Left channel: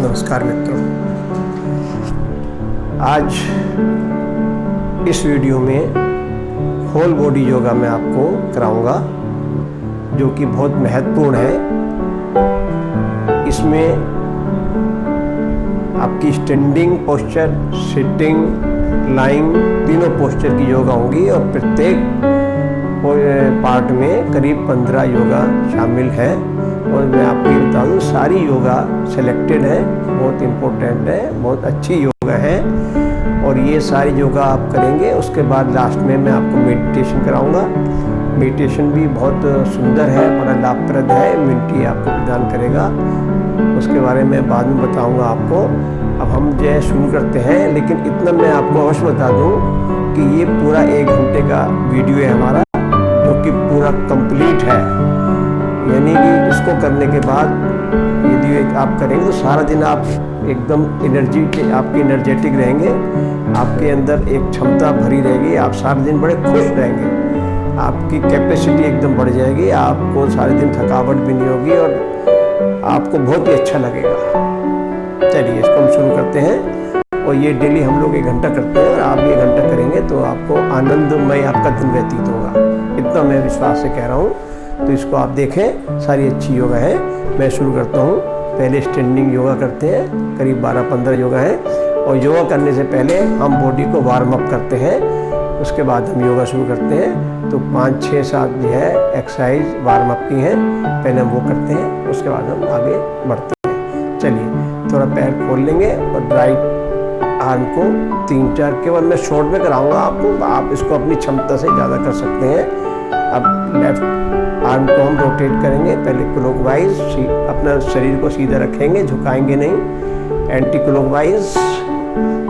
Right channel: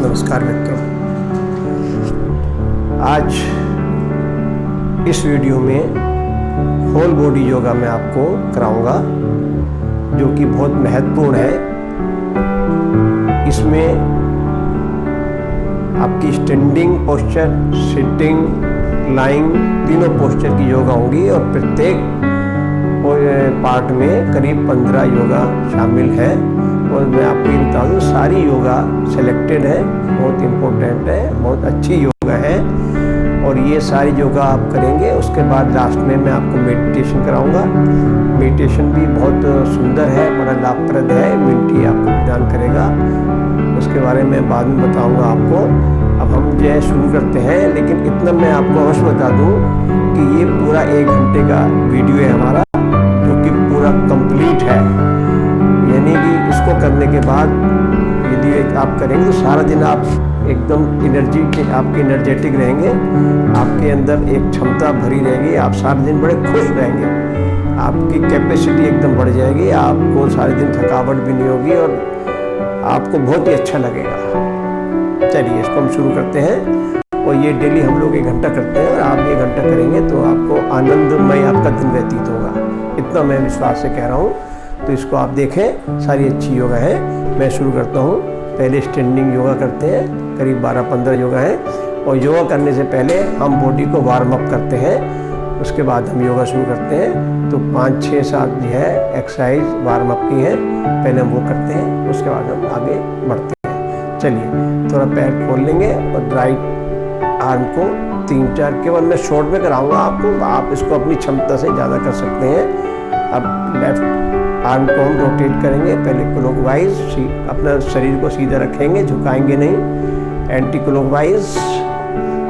नमस्कार मित्रों, आज इस वीडियो में होल बॉडी योगा मैं आपको कराऊंगा, जो कि बहुत महत्वपूर्ण है। इसमें आपकी स्टैंडिंग पोस्चर, सिटिंग, लाइंग तीनों पोस्चर की योगा होंगी और प्रत्येक पार्ट में करीब 15 योगा शामिल है। और मैं आपको ये बता दूँ, सारी योगा सिलेक्टेड है, बहुत इम्पोर्टेंट है, बहुत अच्छी योगा है। और ये सारी योगा आप करेंगे। उसके बाद लास्ट में मैं आपको मेडिटेशन कराऊंगा। मेडिटेशन भी बहुत सुंदर है, बड़ा लाभप्रद है, इम्यूनिटी आपको प्रदान करेगा। उसके बारे में बाद में बताऊंगा आपको। अब हम जो है शुरू करते हैं, लेकिन इतना मैं आपको अवश्य बता दूं कि ये पूरा 1 घंटे का वीडियो है हमारा, जो कि पूरा कंप्लीट है। यानी कि इसको करने के बाद यदि आप करेंगे तो सारा दिन आप एकदम आपके एनर्जेटिक रहेंगे, आपके अंदर एक क्षमता भरी रहेगी, आप सारा दिन बड़े खुश रहेंगे, आपकी कैपेसिटी एकदम बढ़ जाएगी, आपको सारे दिन थकावट भी नहीं होगी और आपको बहुत ही अच्छा लगेगा। चलिए इसको हम शुरू करते हैं। और ये डेली हम लोग 1 घंटा करते हैं और आप भी 1 घंटा करेंगे तो आपको आनंदमय आपका दिन व्यतीत होगा, इतना मैं विश्वास से कह रहा हूँ। तो इसको आप देखें, सारी अच्छी योगा है। मैं शुरू करता हूँ। पहले स्टैंडिंग योगा करते हैं, करीब 12-15 योगा है। और योगा करने से पहले हम बॉडी को वार्म अप करते हैं, उसके बाद हम योगा शुरू करते हैं। तो 5, 6, 7 जो है एक्सरसाइज वार्म अप की हैं, पहले हम वो करते हैं, उसके बाद हम आगे बढ़ते हैं। चलिए थोड़ा पैर खोल लेंगे और राइट आर्म को 3-4, केवल मैं शॉर्ट में कराऊंगा आपको, आप इसको अपनी क्षमता से ज़्यादा कर सकते हैं। अब लेफ्ट आर्म को हम रोटेट करेंगे, पहले क्लॉकवाइज, अपना शरीर को सीधा रखेंगे, झुकाएंगे नहीं, एंटी क्लॉकवाइज,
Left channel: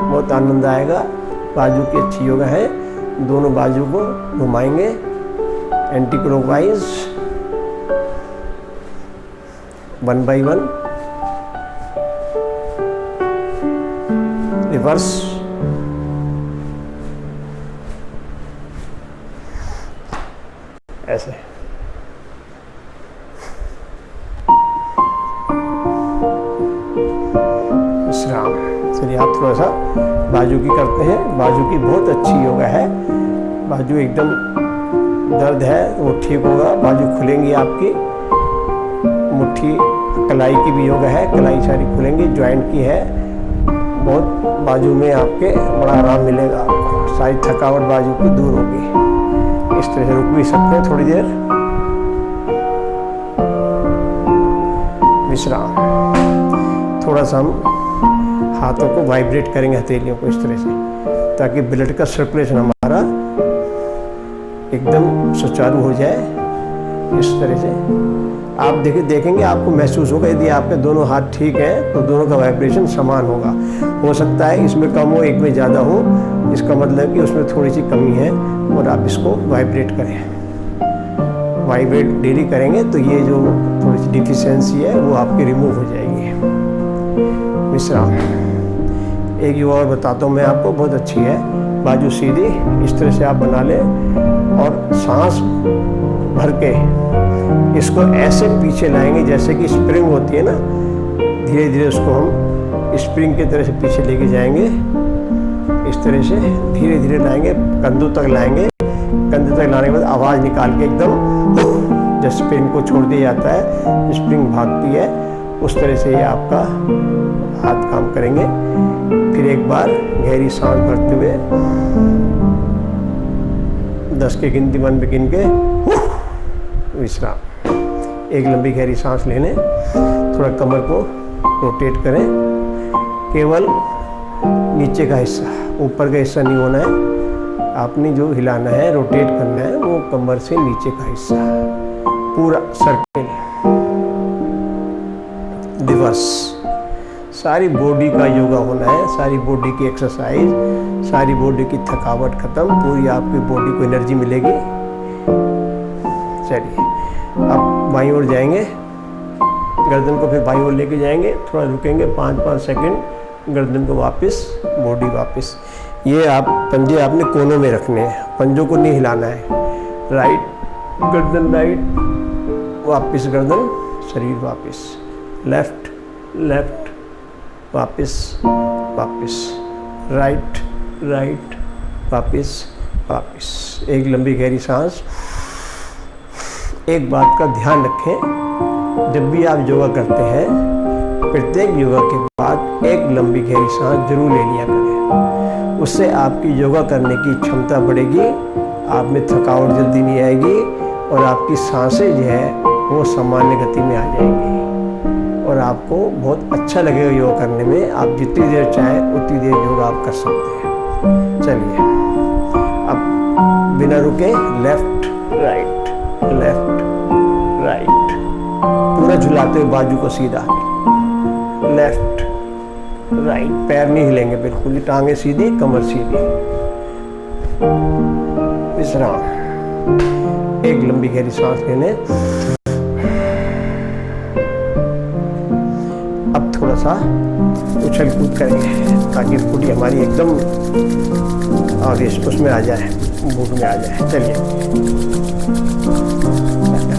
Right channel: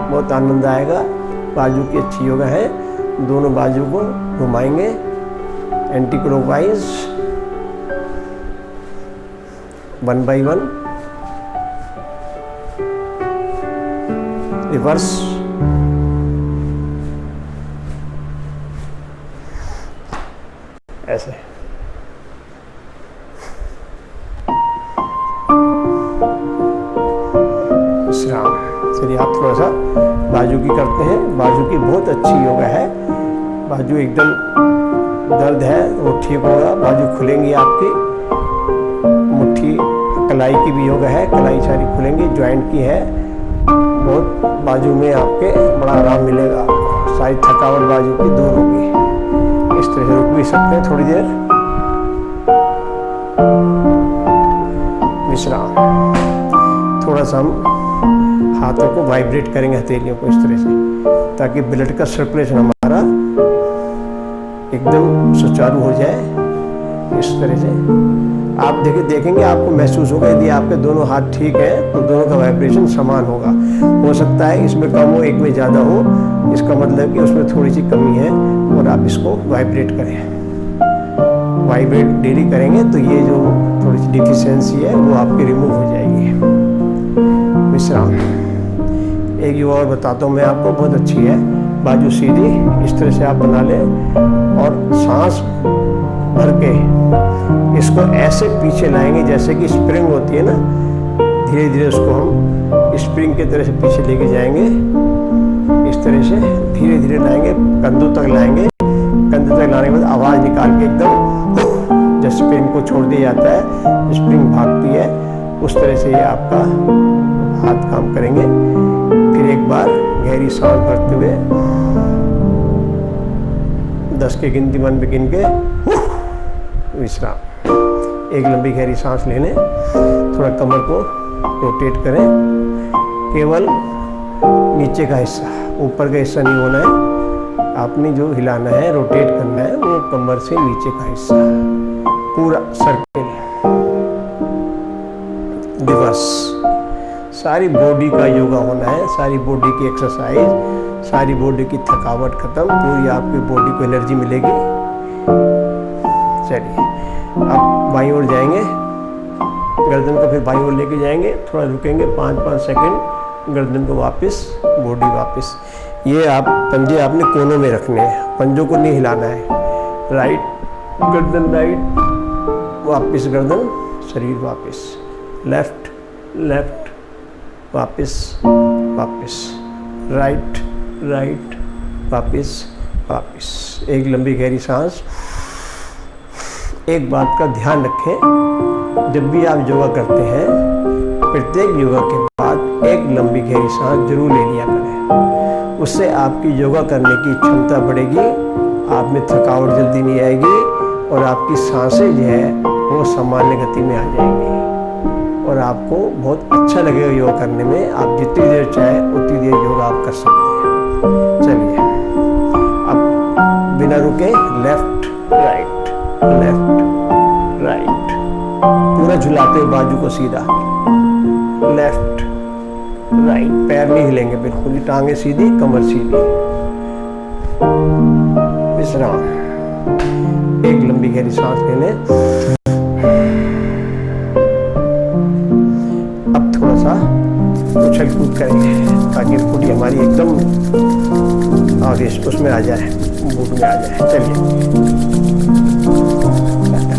बहुत आनंद आएगा। बाजू की अच्छी योगा है, दोनों बाजू को घुमाएंगे, एंटी क्लॉकवाइज, 1 by 1, रिवर्स, ऐसे। विश्राम। चलिए आप थोड़ा सा बाजू की करते हैं। बाजू की बहुत अच्छी योगा है। बाजू एकदम दर्द है वो ठीक होगा, बाजू खुलेंगी आपकी। मुट्ठी कलाई की भी योगा है, कलाई सारी खुलेंगी, जॉइंट की है। बहुत बाजू में आपके बड़ा आराम मिलेगा आपको, सारी थकावट बाजू की दूर होगी। इस तरह से रुक भी सकते हैं थोड़ी देर। विश्राम। थोड़ा सा हम हाथों को वाइब्रेट करेंगे, हथेलियों को इस तरह से, ताकि ब्लड का सर्कुलेशन हमारा एकदम सुचारू हो जाए। इस तरह से आप देखेंगे, आपको महसूस होगा, यदि आपके दोनों हाथ ठीक हैं तो दोनों का वाइब्रेशन समान होगा। हो सकता है इसमें कम हो, एक में ज़्यादा हो, इसका मतलब कि उसमें थोड़ी सी कमी है और आप इसको वाइब्रेट करें। वाइब्रेट डेली करेंगे तो ये जो थोड़ी सी डिफिशियंसी है वो आपकी रिमूव हो जाएगी। विश्राम। एक योगा और बताता हूँ मैं आपको, बहुत अच्छी है। बाजू सीधी इस तरह से आप बना लें और सांस भर के इसको ऐसे पीछे लाएंगे जैसे कि स्प्रिंग होती है ना, धीरे धीरे उसको हम स्प्रिंग की तरह से पीछे लेके जाएंगे। इस तरह से धीरे धीरे लाएंगे, कंधों तक लाएंगे। कंधों तक लाने के बाद आवाज़ निकाल के एकदम, जब स्प्रिंग को छोड़ दिया जाता है, स्प्रिंग भागती है, उस तरह से ये आपका हाथ काम करेंगे। फिर एक बार गहरी सांस भरते हुए 10 के गिनती मन में गिन के विश्राम। एक लंबी गहरी सांस ले लें, थोड़ा कमर को रोटेट करें, केवल नीचे का हिस्सा, ऊपर का हिस्सा नहीं होना है। आपने जो हिलाना है, रोटेट करना है, वो कमर से नीचे का हिस्सा, पूरा सर्किल। रिवर्स। सारी बॉडी का योगा होना है, सारी बॉडी की एक्सरसाइज, सारी बॉडी की थकावट खत्म, पूरी आपकी बॉडी को एनर्जी मिलेगी। चलिए अब बाईं ओर जाएंगे, गर्दन को फिर बाईं ओर लेके जाएंगे, थोड़ा रुकेंगे 5-5 सेकंड, गर्दन को वापस, बॉडी वापस। ये आप पंजे आपने कोनों में रखने हैं, पंजों को नहीं हिलाना है। राइट गर्दन, राइट, वापस गर्दन, शरीर वापस, लेफ्ट लेफ्ट वापस वापस, राइट राइट, वापस वापस। एक लंबी गहरी सांस। एक बात का ध्यान रखें, जब भी आप योगा करते हैं प्रत्येक योगा के बाद एक लंबी गहरी सांस जरूर ले लिया करें। उससे आपकी योगा करने की क्षमता बढ़ेगी, आप में थकावट जल्दी नहीं आएगी और आपकी सांसें जो है वो सामान्य गति में आ जाएंगी और आपको बहुत अच्छा लगेगा योगा करने में। आप जितनी देर चाहें उतनी देर योगा आप कर सकते हैं। चलिए अब बिना रुके लेफ्ट राइट, लेफ्ट राइट, पूरा झुलाते हुए बाजू को सीधा, लेफ्ट राइट, पैर नहीं हिलेंगे बिल्कुल ही, टांगे सीधी, कमर सीधी, विश्राम। एक लंबी गहरी सांस लेने। अब थोड़ा सा उछल कूद करेंगे ताकि बॉडी हमारी एकदम आगे उसमें आ जाए, मूड में आ जाए। चलिए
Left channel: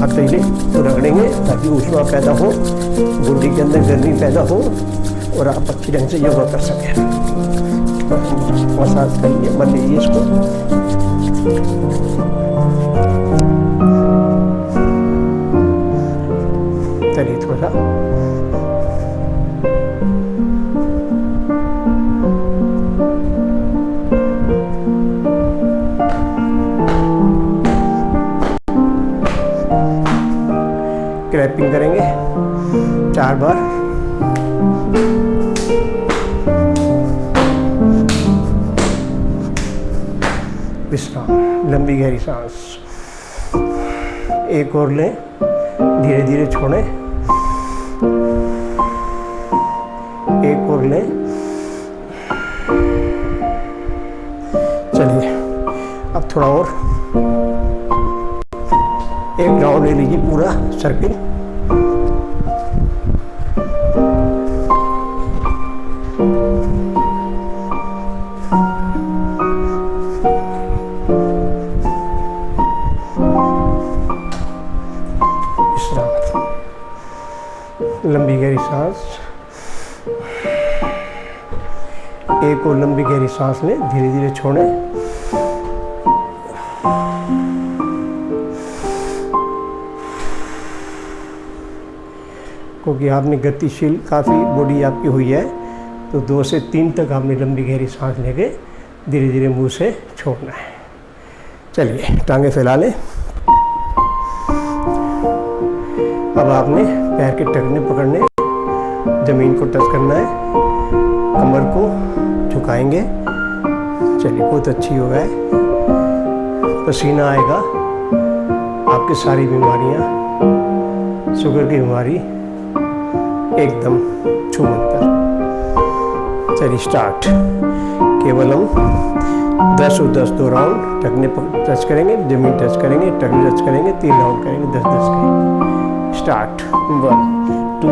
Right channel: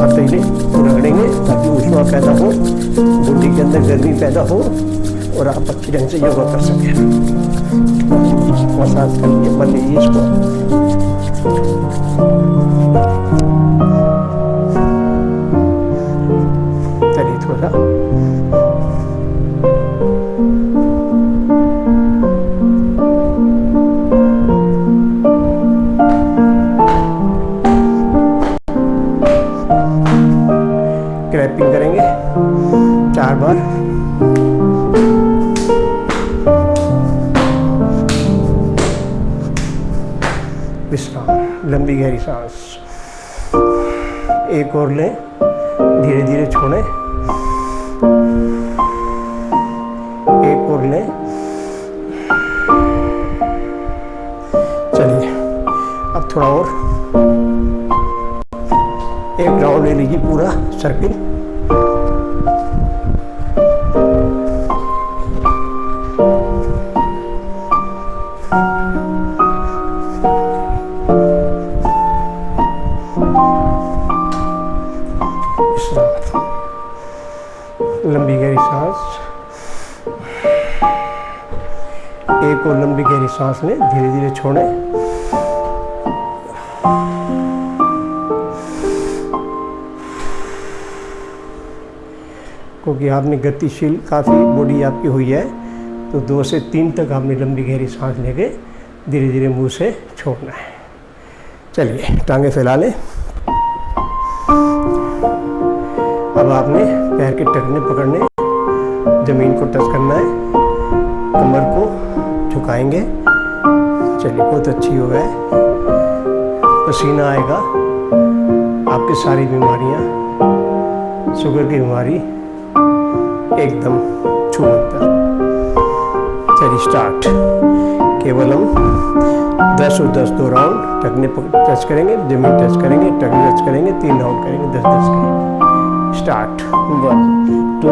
हथेली तो रगड़ेंगे ताकि ऊष्मा पैदा हो, बॉडी के अंदर गर्मी पैदा हो और आप अच्छी ढंग से योगा कर सकें। मसाज करिए, मल लीजिए इसको। चलिए थोड़ा सा क्रैपिंग करेंगे 4 बार। विश्राम, लंबी गहरी सांस। एक और लें, धीरे धीरे छोड़ें। एक और लें। चलिए अब थोड़ा और, एक राउंड ले लीजिए पूरा सर्किल। लंबी गहरी सांस। एक और लंबी गहरी सांस लें, धीरे धीरे छोड़ें। क्योंकि आपने गतिशील काफ़ी बॉडी आपकी हुई है तो 2 से 3 तक आपने लंबी गहरी सांस लेके धीरे धीरे मुंह से छोड़ना है। चलिए टांगे फैला लें। अब आपने पैर के टखने पकड़ने, ज़मीन को टच करना है, कमर को झुकाएंगे। चलिए बहुत अच्छी योगा है, पसीना आएगा, आपकी सारी बीमारियां, शुगर की बीमारी एकदम छूमंतर। चलिए स्टार्ट। केवल हम 10 और 10 2 राउंड टखने टच करेंगे, जमीन टच करेंगे, टखने टच करेंगे, 3 राउंड करेंगे 10-10 के। स्टार्ट। 1 2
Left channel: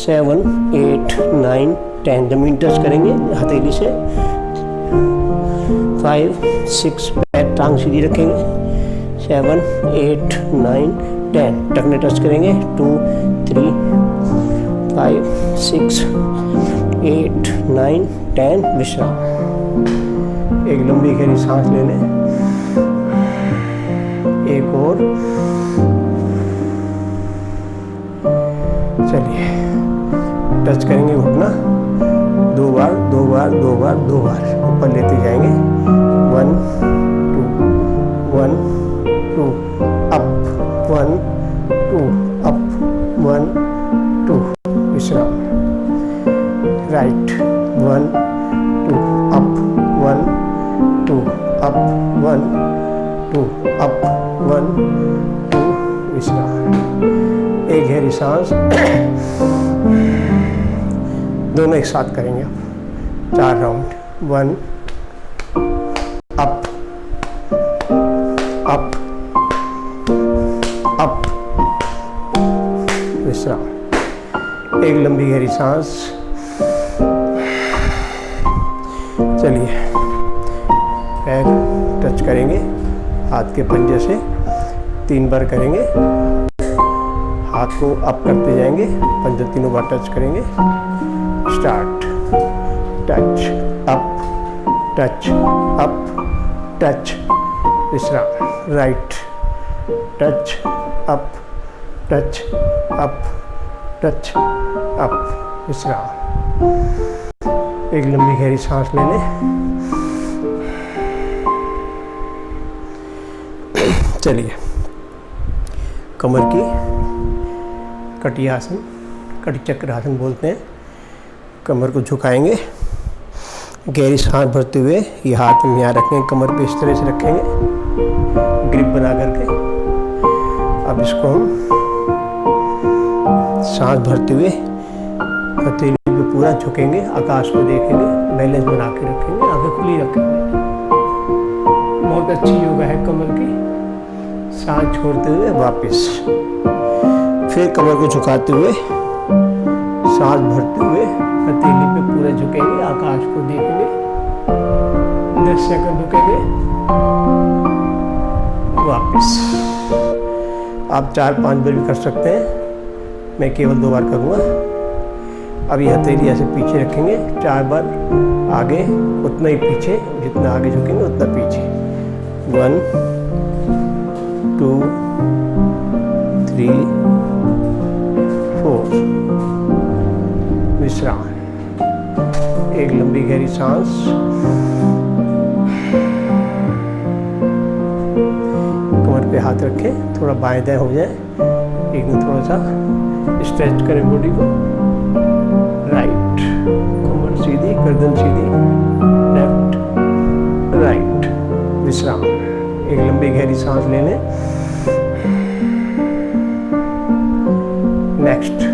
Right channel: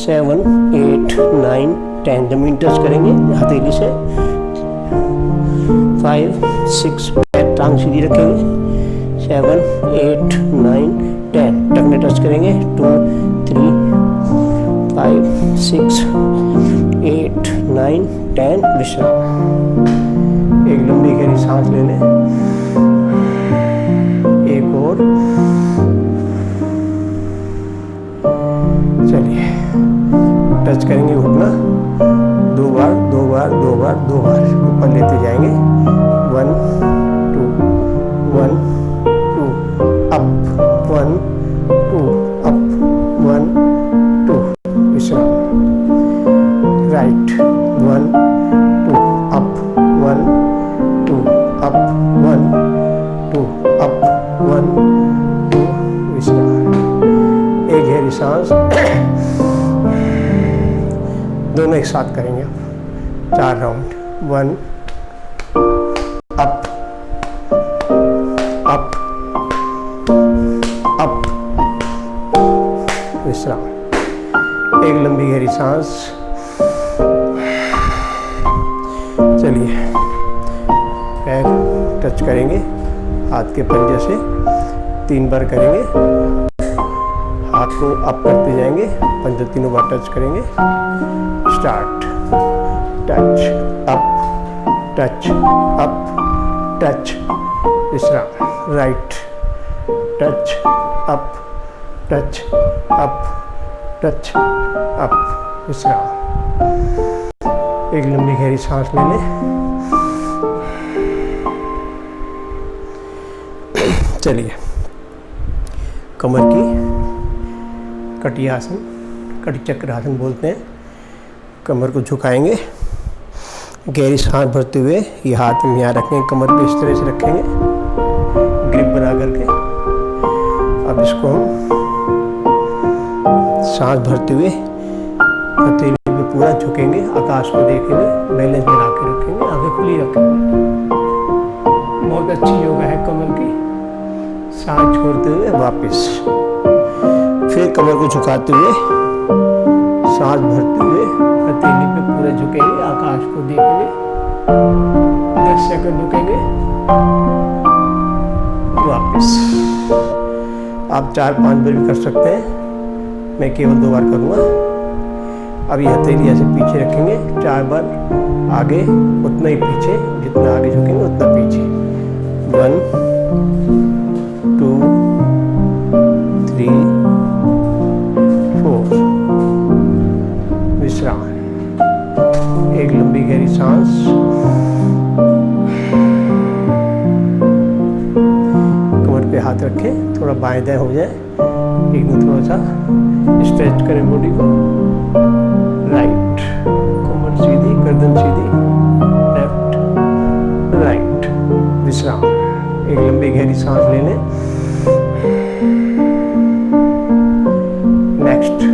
7 8 9 10, जमीन टच करेंगे हथेली से। 5 6, पैर टांग सीधी रखेंगे। 7 8 9 10, टखने टच करेंगे। 2 3 5 6 8 9 10, विश्राम। एक लंबी गहरी सांस लेने। एक और। चलिए टच करेंगे घुटना 2 बार 2 बार 2 बार 2 बार ऊपर लेते जाएंगे। 1 2 1 2 अप 1 2 अप 1 2, विश्राम। राइट 1 2 अप 1 2 अप 1 2 अप 1 2, विश्राम। एक गहरी सांस। दोनों एक साथ करेंगे अब 4 राउंड। 1 अप अप अप, विश्राम। एक लंबी गहरी सांस। चलिए पैर टच करेंगे हाथ के पंजे से, 3 बार करेंगे। हाथ को अप करते जाएंगे, पंजे तीनों बार टच करेंगे। Start, touch up, touch up, touch, विश्राम। Right, touch up, touch up, touch up, विश्राम। एक लंबी गहरी सांस ले लें। चलिए, कमर की कटी आसन, कटी चक्र आसन बोलते हैं। कमर को झुकाएंगे, गहरी सांस भरते हुए ये हाथ हम यहाँ रखेंगे, कमर पे इस तरह से रखेंगे ग्रिप बना करके। अब इसको हम सांस भरते हुए हथेली पे पूरा झुकेंगे, आकाश को देखेंगे, बैलेंस बना के रखेंगे, आंखें खुली रखेंगे। बहुत अच्छी योगा है कमर की। सांस छोड़ते हुए वापस, फिर कमर को झुकाते हुए सांस भरते हुए हथेली पे पूरा झुकेंगे, आकाश को देखेंगे, 10 सेकंड रुकेंगे, वापस। आप 4-5 बार भी कर सकते हैं, मैं केवल 2 बार करूँगा। अब ये हथेली ऐसे पीछे रखेंगे, 4 बार आगे, उतना ही पीछे, जितना आगे झुकेंगे उतना पीछे। 1 2 3 4, विश्राम। एक लंबी गहरी सांस। कमर पे हाथ रखें, थोड़ा बाएं दाएं हो जाए, एकदम थोड़ा सा स्ट्रेच करें बॉडी को। राइट, कमर सीधी, गर्दन सीधी, लेफ्ट राइट, विश्राम। एक लंबी गहरी सांस ले लें। नेक्स्ट,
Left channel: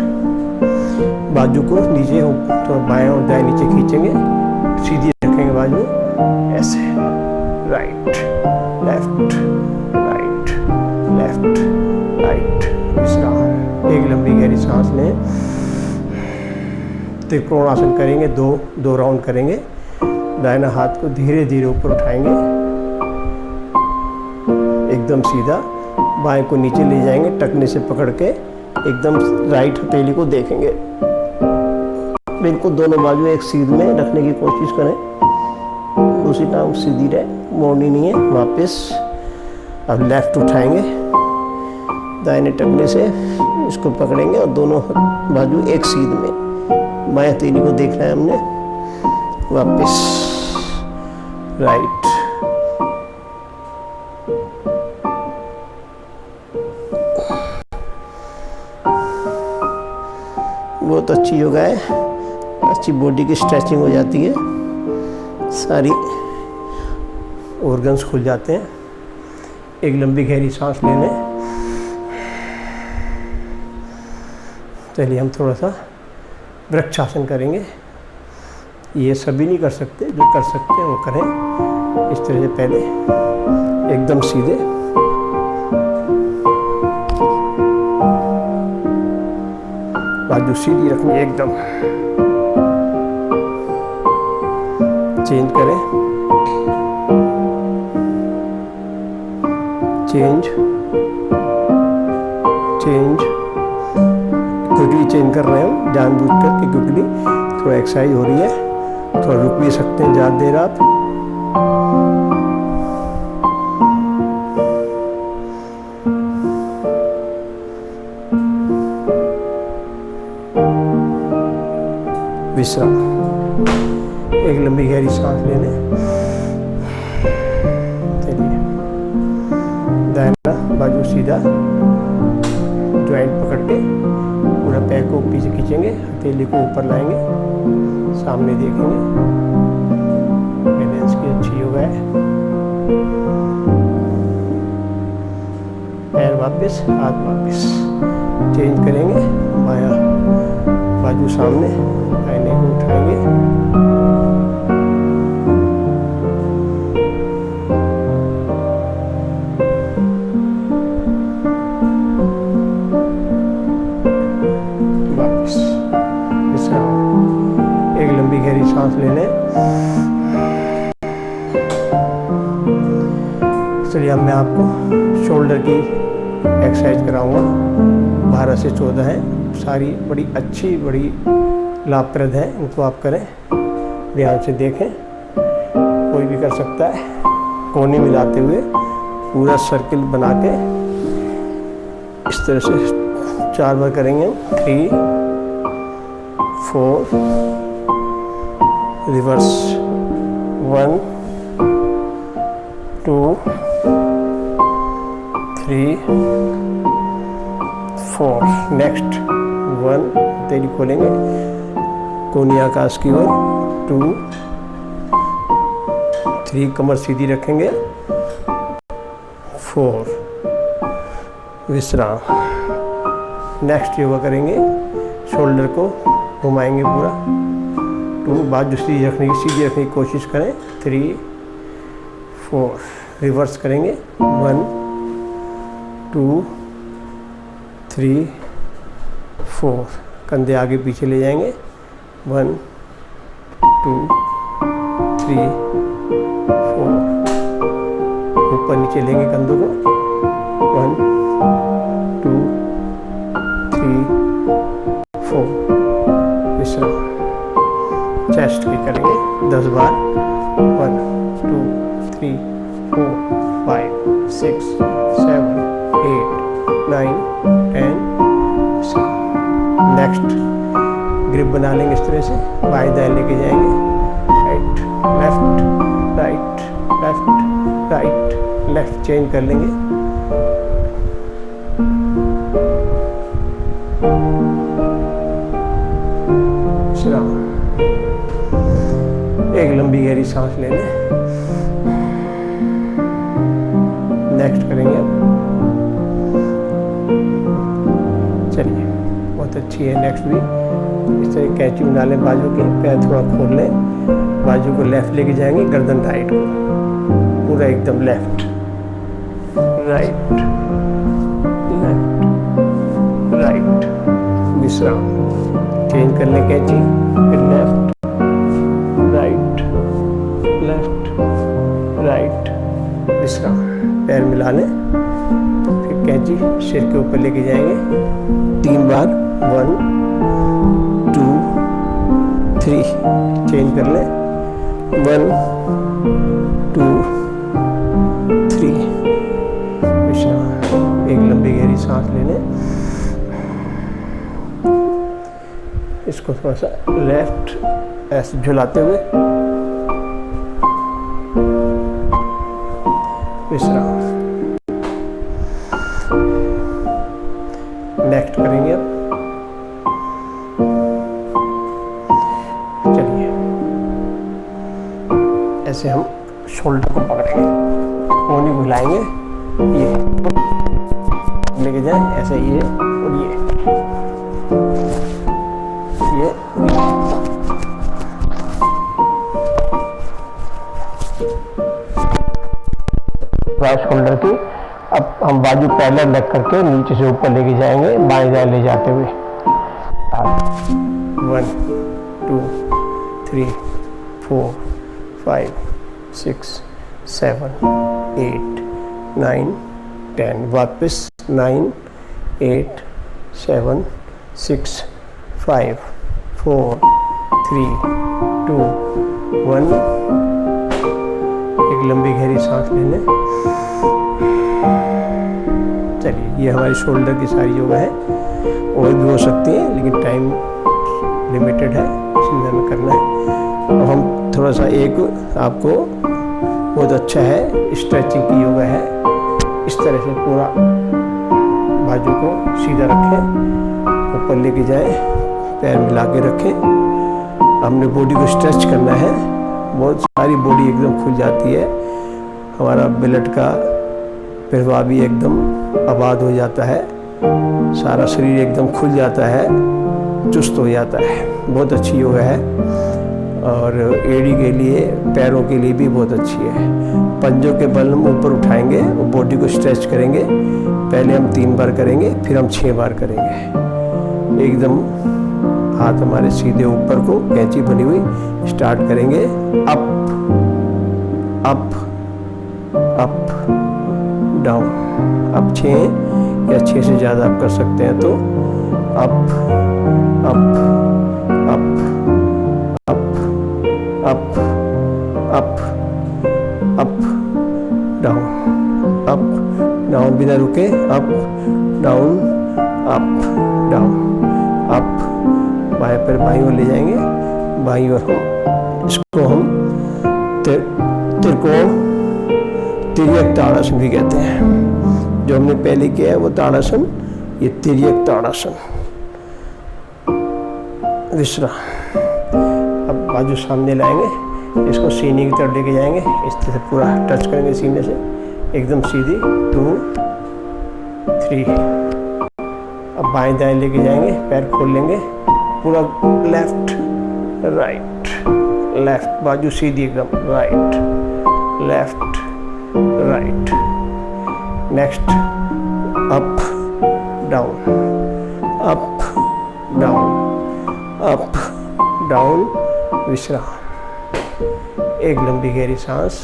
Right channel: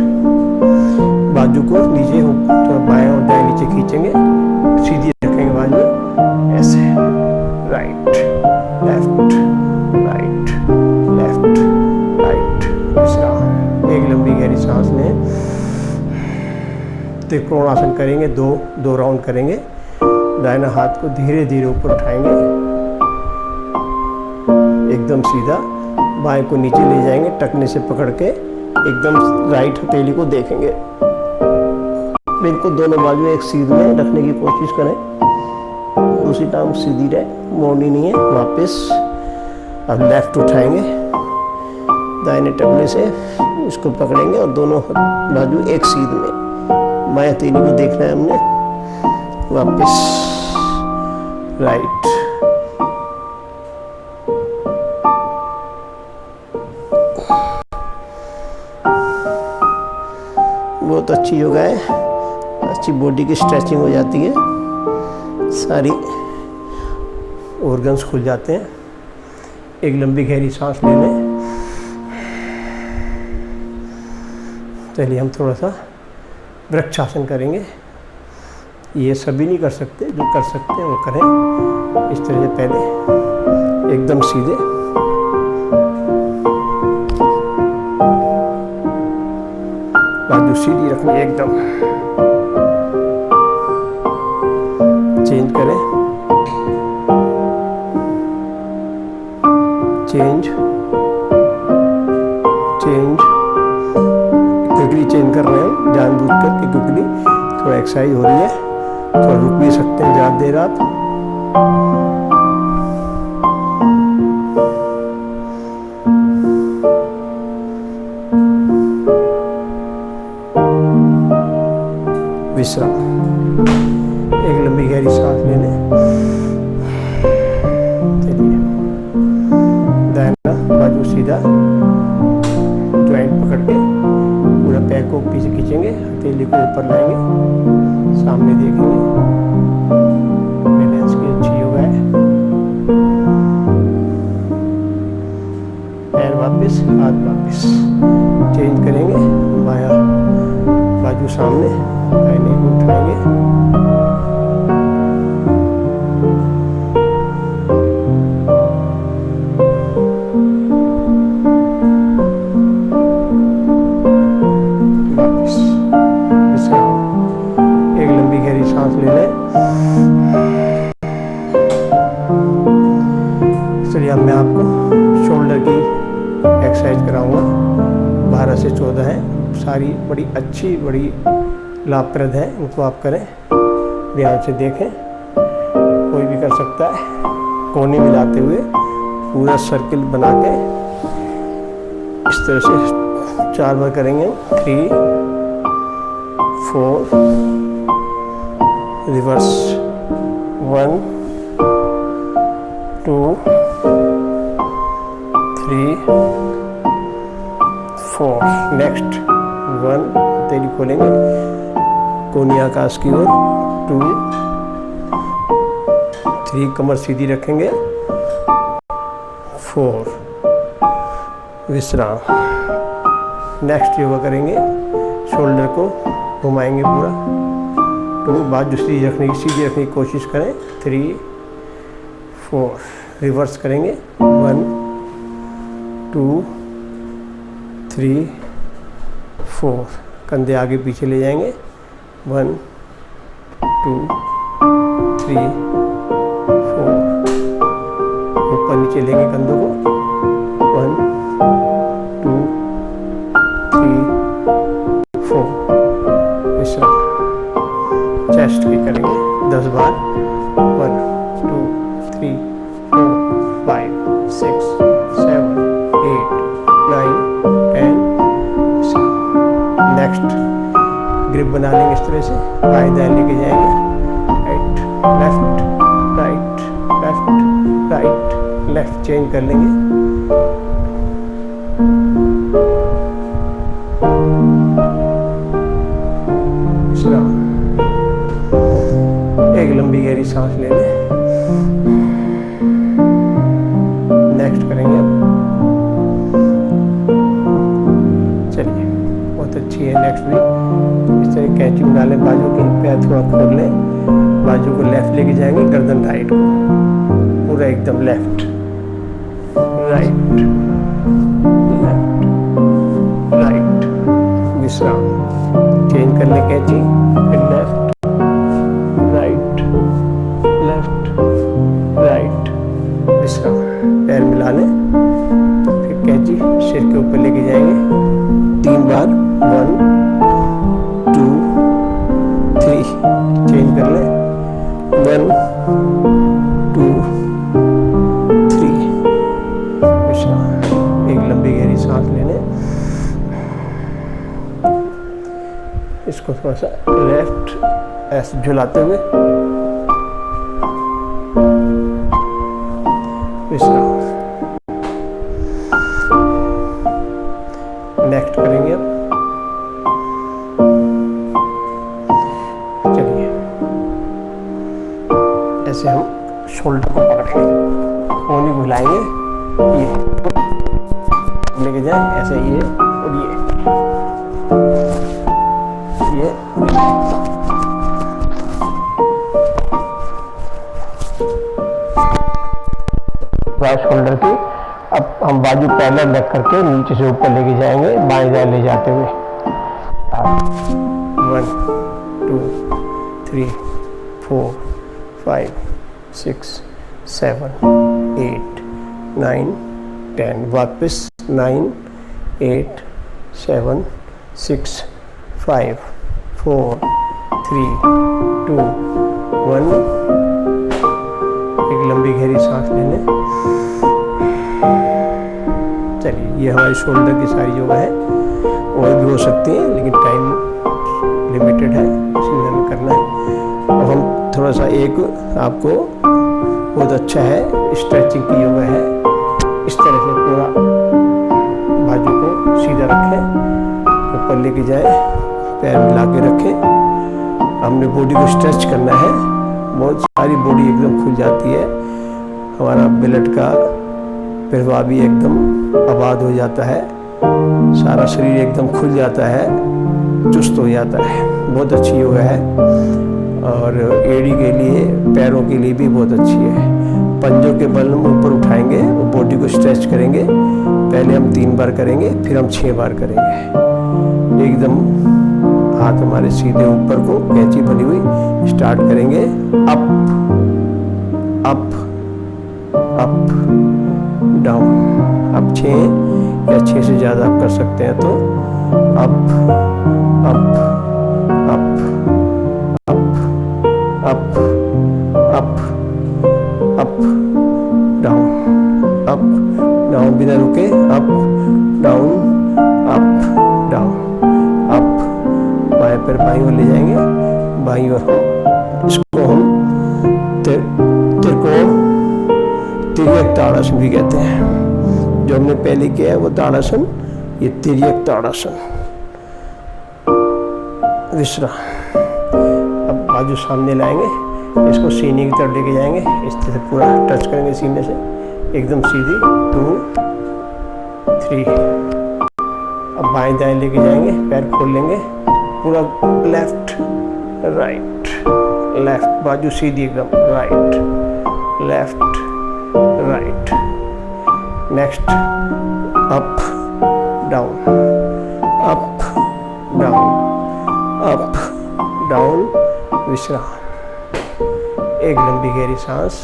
बाजू को नीचे थोड़ा बाएं और दाएं नीचे खींचेंगे, सीधी रखेंगे बाजू ऐसे। Right left, right left, right, विश्राम। एक लंबी गहरी सांस लें। त्रिकोण आसन करेंगे, दो राउंड करेंगे। दाहिना हाथ को धीरे धीरे ऊपर उठाएंगे, एकदम सीधा। बाएं को नीचे ले जाएंगे, टखने से पकड़ के एकदम राइट हथेली को देखेंगे। बिल्कुल दोनों बाजू एक सीध में रखने की कोशिश करें, दूसरी टांग सीधी रहे, मोड़नी नहीं है। वापस अब लेफ्ट उठाएंगे, दाहिने टखने से इसको पकड़ेंगे और दोनों बाजू एक सीध में। बाएं हथेली को देखना है हमने। वापस राइट, बहुत अच्छी योगा है, अच्छी बॉडी की स्ट्रेचिंग हो जाती है, सारी ऑर्गन्स खुल जाते हैं। एक लंबी गहरी सांस ले लें। चलिए हम थोड़ा सा वृक्षासन करेंगे। ये सभी नहीं कर सकते, जो कर सकते हैं वो करें। इस तरह से पहले एकदम सीधे, बाजू सीधी रखनी एकदम। चेंज करें, चेंज चेंज, क्विकली चेंज कर रहे हैं हम जानबूझ कर के, क्विकली थोड़ा एक्सरसाइज हो रही है। थोड़ा रुक भी सकते हैं ज़्यादा देर आप। विश्राम। एक लंबी गहरी सांस ले लें। चलिए, दाहिना बाजू सीधा, ज्वाइंट पकड़ के पूरा पैर को पीछे खींचेंगे, हथेली को ऊपर लाएंगे, सामने देखेंगे। बैलेंस की अच्छी योगा है। पैर वापस, हाथ वापस। चेंज करेंगे, बायां बाजू सामने, दाहिने को उठाएंगे। वापस विश्राम। एक लंबी गहरी सांस ले लें। चलिए अब मैं आपको शोल्डर की एक्सरसाइज कराऊंगा। 12 से 14 हैं, सारी बड़ी अच्छी, बड़ी लाभप्रद है। इनको आप करें, ध्यान से देखें, कोई भी कर सकता है। कोने मिलाते हुए पूरा सर्किल बना के इस तरह से 4 बार करेंगे। 3 4 रिवर्स, 1 2 3 4। नेक्स्ट 1 तेरी खोलेंगे कोनी आकाश की ओर, 2 3 कमर सीधी रखेंगे, 4 विश्राम। नेक्स्ट योगा करेंगे, शोल्डर को घुमाएंगे पूरा, 2 बाजू सीधी रखने की कोशिश करें, 3 4 रिवर्स करेंगे, 1 2 3 4 कंधे आगे पीछे ले जाएंगे, 1 2 3 4 ऊपर नीचे लेंगे कंधों को, 1 2 3 4 विश्राम। चेस्ट की करेंगे 10 बार, 1 2 3 4 5 6 7 8 9 10 विश्राम। नेक्स्ट ग्रिप बना लेंगे इस तरह से, बाएं दाएं लेके जाएंगे, right left right left right left, change कर लेंगे। विश्राम। एक लंबी गहरी सांस ले लें। नेक्स्ट करेंगे अब, चलिए बहुत अच्छी है। नेक्स्ट भी इस तरह कैंची बना लें, बाजू के पैर थोड़ा खोल लें, बाजू को लेफ्ट लेके जाएंगे, गर्दन राइट को पूरा एकदम लेफ्ट राइट लेफ्ट राइट, विश्राम। चेंज कर लें कैंची, फिर लेफ्ट राइट लेफ्ट राइट, विश्राम। पैर मिला लें, फिर कैंची सिर के ऊपर लेके जाएंगे 3 बार, 1 2 3 चेंज कर लें, 1 2 3 विश्राम। एक लंबी गहरी सांस ले लें। इसको थोड़ा सा लेफ्ट ऐसे झुलाते हुए विश्राम। नेक्स्ट करेंगे अब, चलिए ऐसे हम शोल्डर को पकड़ेंगे, कोहनी को हिलाएंगे, ये लेके जाए ऐसे, ये और ये शोल्डर की। अब हम बाजू पहले रख करके नीचे से ऊपर लेके जाएंगे, बाएं दाएं ले जाते हुए, 1 2 3 4 5 6 7 8 9 10 वापस, 9 8 7 6 5 4 3 2 1। एक लंबी गहरी सांस ले लें। चलिए, ये हमारी शोल्डर की सारी योगा है, और भी हो सकती हैं लेकिन टाइम लिमिटेड है, इसमें हमें करना है। और हम थोड़ा सा एक आपको बहुत अच्छा है स्ट्रेचिंग की योगा है। इस तरह से पूरा बाजू को सीधा रखें, ऊपर लेके जाएं, पैर मिला के रखें। हमने बॉडी को स्ट्रेच करना है, बहुत सारी बॉडी एकदम खुल जाती है, हमारा ब्लड का प्रवाह भी एकदम आबाद हो जाता है, सारा शरीर एकदम खुल जाता है, चुस्त हो जाता है। बहुत अच्छी योगा है, और एड़ी के लिए, पैरों के लिए भी बहुत अच्छी है। पंजों के बल हम ऊपर उठाएंगे और बॉडी को स्ट्रेच करेंगे। पहले हम 3 बार करेंगे, फिर हम 6 बार करेंगे। एकदम हाथ हमारे सीधे ऊपर को, कैंची बनी हुई, स्टार्ट करेंगे। Up up up down. अब 6 या 6 से ज़्यादा आप कर सकते हैं तो up up up up up up up down up down, बिना रुके up down up down up. बाएं पैर बाईं ओर ले जाएंगे, बाईं ओर हम इसको हम त्रिकोण तिर्यक ताड़ासन भी कहते हैं। जो हमने पहले किया है वो ताड़ासन, ये तिर्यक ताड़ासन। विश्राम। अब बाजू सामने लाएंगे, इसको सीने की तरफ लेके जाएंगे, इस तरह से पूरा टच करेंगे सीने से एकदम सीधी। 2 3। अब बाएं दाएं लेके जाएंगे, पैर खोल लेंगे पूरा, लेफ्ट राइट लेफ्ट, बाजू सीधी एकदम, right left right. Next up down up down up down. विश्राम। एक लंबी गहरी सांस,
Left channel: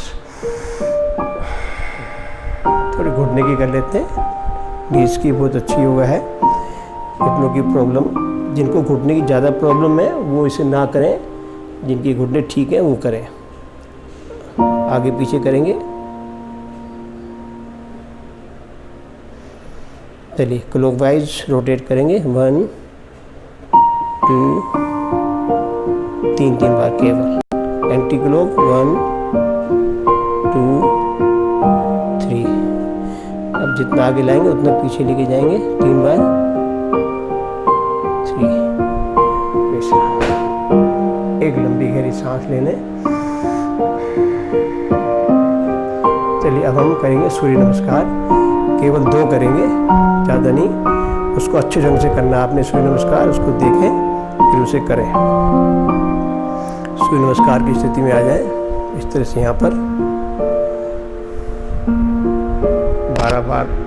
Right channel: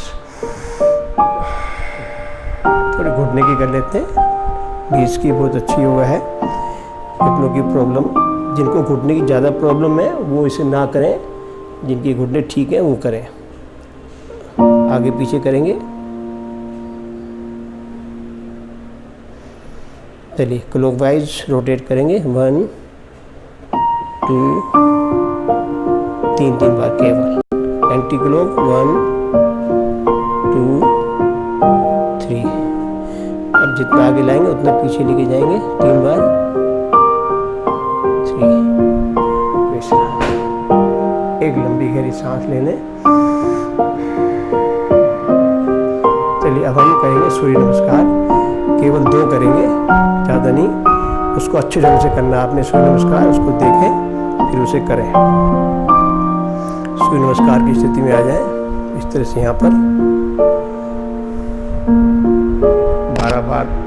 थोड़ी घुटने की कर लेते हैं। नीज की बहुत अच्छी योगा है। घुटनों की प्रॉब्लम, जिनको घुटने की ज़्यादा प्रॉब्लम है वो इसे ना करें, जिनकी घुटने ठीक है वो करें। आगे पीछे करेंगे। चलिए क्लॉकवाइज रोटेट करेंगे। 1 2 3 बार केवल। Anti clock 1 2 3। अब जितना आगे लाएंगे उतना पीछे लेके जाएंगे 3 बार। 3। विश्राम। एक लंबी गहरी सांस लेने। चलिए अब हम करेंगे सूर्य नमस्कार। केवल 2 करेंगे, ज़्यादा नहीं। उसको अच्छे ढंग से करना आपने सूर्य नमस्कार, उसको देखें फिर उसे करें। सूर्य नमस्कार की स्थिति में आ जाएं, इस तरह से यहाँ पर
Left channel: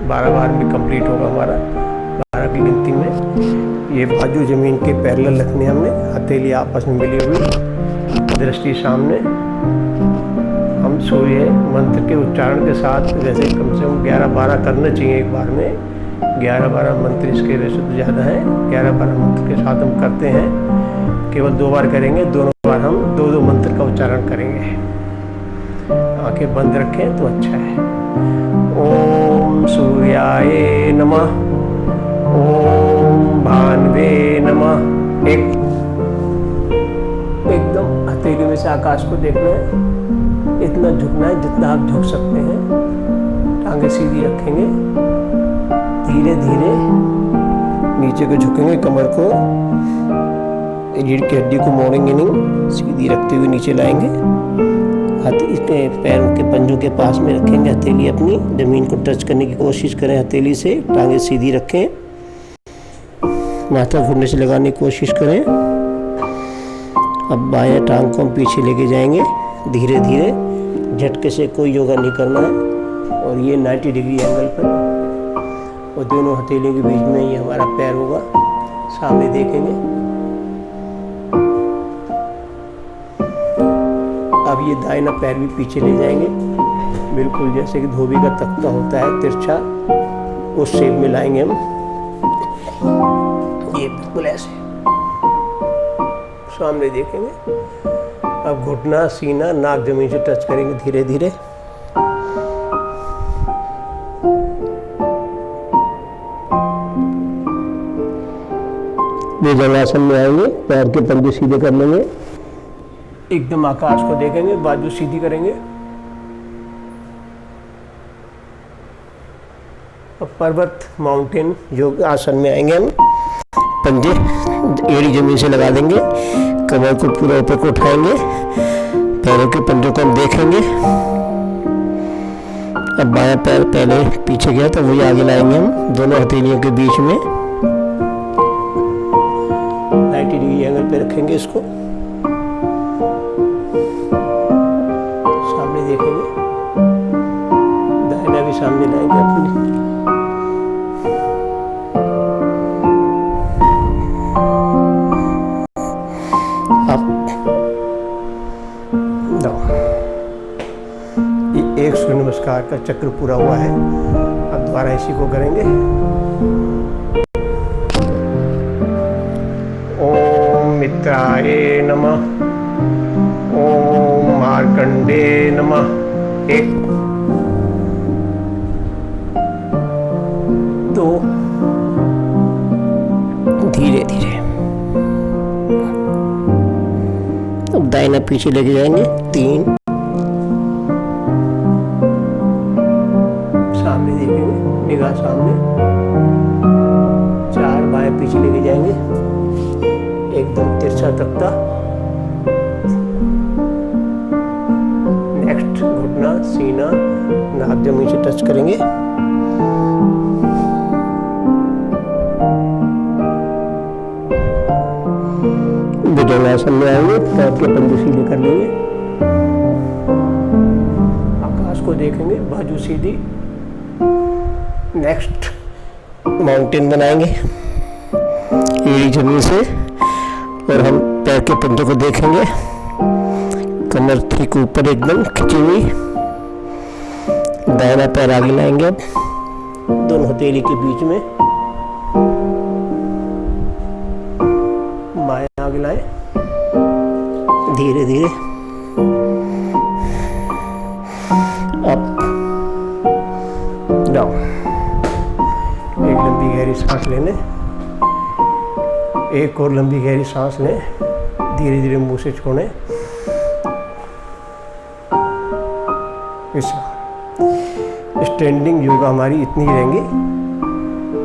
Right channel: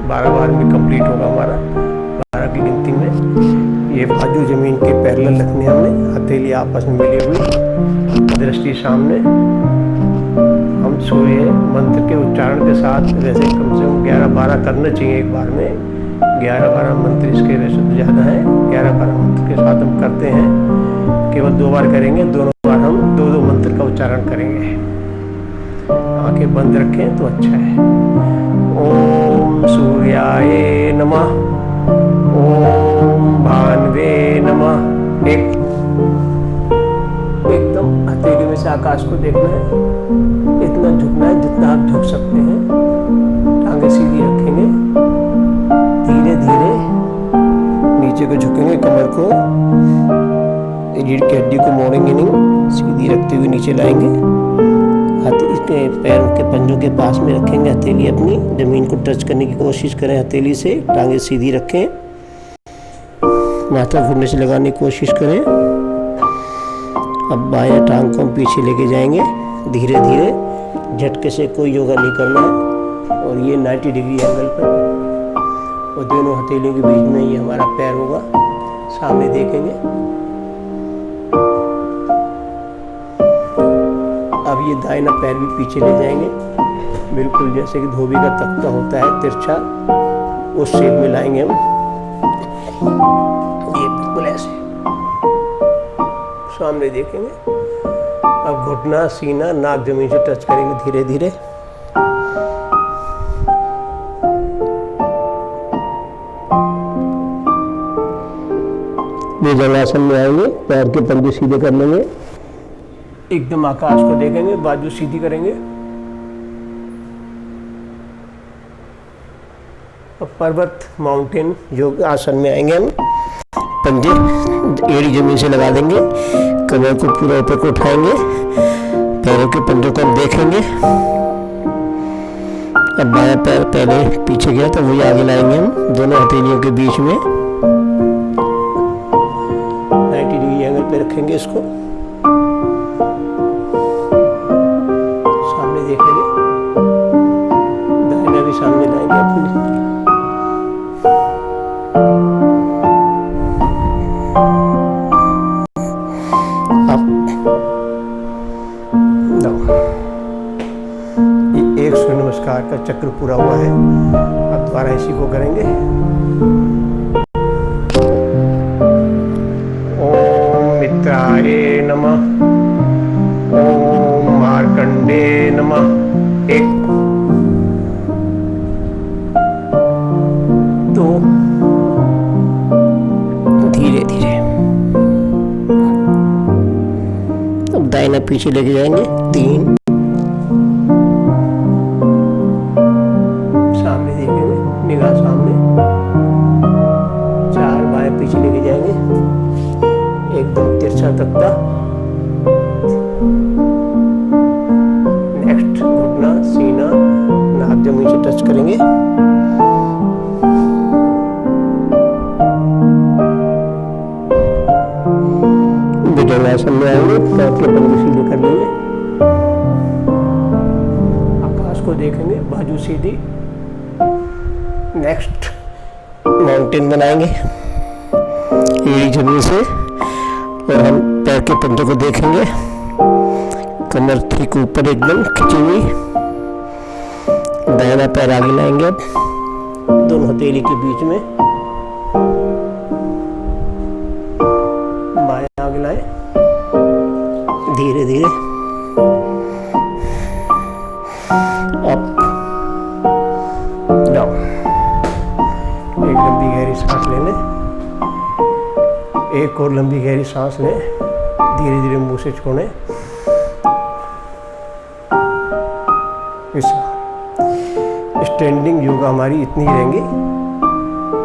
12 बार में कंप्लीट होगा हमारा। 12 की गिनती में ये बाजू जमीन के पैरेलल रखने हमने, हथेली आपस में मिली हुई, दृष्टि सामने। हम सूर्य मंत्र के उच्चारण के साथ वैसे कम से कम 11-12 करना चाहिए एक बार में। 11-12 मंत्र इसके वैसे तो ज़्यादा है, 11-12 मंत्र के साथ हम करते हैं। केवल 2 बार करेंगे, दोनों बार हम 2-2 मंत्र का उच्चारण करेंगे। आंखें बंद रखें तो अच्छा है। ओम सूर्याय नमः, ओम भानवे नमः। एकदम हथेली में से आकाश को देखना है, इतना झुकना है जितना आप झुक सकते हैं। टांगे सीधी रखेंगे, धीरे धीरे नीचे को झुकेंगे, कमर को, रीढ़ की हड्डी को मोड़ेंगे नहीं, सीधी रखते हुए नीचे लाएंगे। हाथ इसके पैरों के पंजों के पास में रखेंगे, हथेली अपनी जमीन को टच करने की कोशिश करें हथेली से। टांगे सीधी रखें, माथा घुटने से लगाने की कोशिश करें। अब बायां टांग को हम पीछे लेके जाएंगे धीरे धीरे। झटके से कोई योगा नहीं करना है। और ये 90 डिग्री एंगल पर, और दोनों हथेलियों के बीच में ये हमारा पैर होगा, सामने देखेंगे। अब ये दाहिना पैर भी पीछे ले जाएंगे, बिल्कुल जैसे कि धोबी का तख्ता होता है तिरछा, उस शेप में लाएंगे हम। ये बिल्कुल ऐसे सामने देखेंगे। अब घुटना, सीना, नाक जमीन से टच करेंगे धीरे धीरे। भुजंगासन में आएंगे, पैर के पंजे सीधे कर लेंगे, एकदम आकाश को देखेंगे, बाजू सीधी करेंगे। अब पर्वत माउंटेन योग आसन में आएंगे हम। पंजे एड़ी जमीन से लगा देंगे, कमर को पूरा ऊपर को उठाएंगे, पैरों के पंजों को हम देखेंगे। अब बायां पैर पहले पीछे गया तो वही आगे लाएंगे हम, दोनों हथेलियों के बीच में 90 डिग्री एंगल पे रखेंगे इसको। सामने देखेंगे, दाहिना भी सामने लाएंगे अपनी। Up down. ये एक सूर्य नमस्कार का चक्र पूरा हुआ है। अब दोबारा इसी को करेंगे। मित्राय नमः। ओम मार्कंडे नमः। 1 2 धीरे धीरे। अब दाहिना पीछे लेके जाएंगे। 3 सामने देखेंगे, निगाह सामने। 4 बाएं पीछे लेके जाएंगे, एकदम तिरछा तख्ता। नेक्स्ट घुटना, सीना, नाक जमीन से टच करेंगे। भुजंगासन में आएंगे, पैर के पंजे सीधे कर लेंगे, आकाश को देखेंगे, बाजू सीधी। नेक्स्ट माउंटेन बनाएंगे एड़ी जमीन से, और हम पैर के पंजों को देखेंगे, कमर ठीक ऊपर एकदम खिंची हुई। दाहिना पैर आगे लाएंगे, अब दोनों हथेली के बीच में, बाएं आगे लाएं, धीरे धीरे अप डाउन। एक लंबी गहरी सांस ले लें, एक और लंबी गहरी सांस लें, धीरे धीरे मुंह से छोड़ें। स्टैंडिंग योगा हमारी इतनी रहेंगी,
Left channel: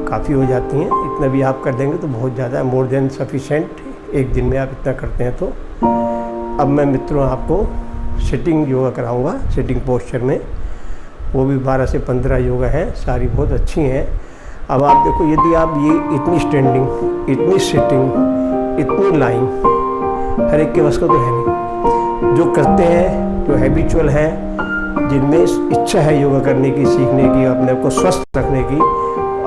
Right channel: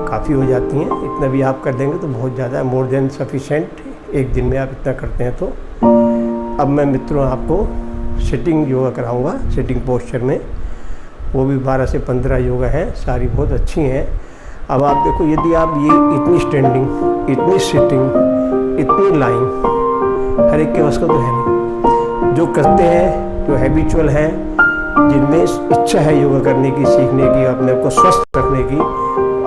काफ़ी हो जाती हैं। इतना भी आप कर देंगे तो बहुत ज़्यादा है, मोर देन सफिशेंट। एक दिन में आप इतना करते हैं तो। अब मैं मित्रों आपको सिटिंग योगा कराऊंगा, सिटिंग पोस्चर में। वो भी 12 से 15 योगा हैं, सारी बहुत अच्छी हैं। अब आप देखो, यदि आप ये इतनी स्टैंडिंग, इतनी सिटिंग, इतनी लाइंग, हर एक के बस का तो है नहीं। जो करते हैं, जो हैबिचुअल हैं, जिनमें इच्छा है योगा करने की, सीखने की, अपने आप को स्वस्थ रखने की,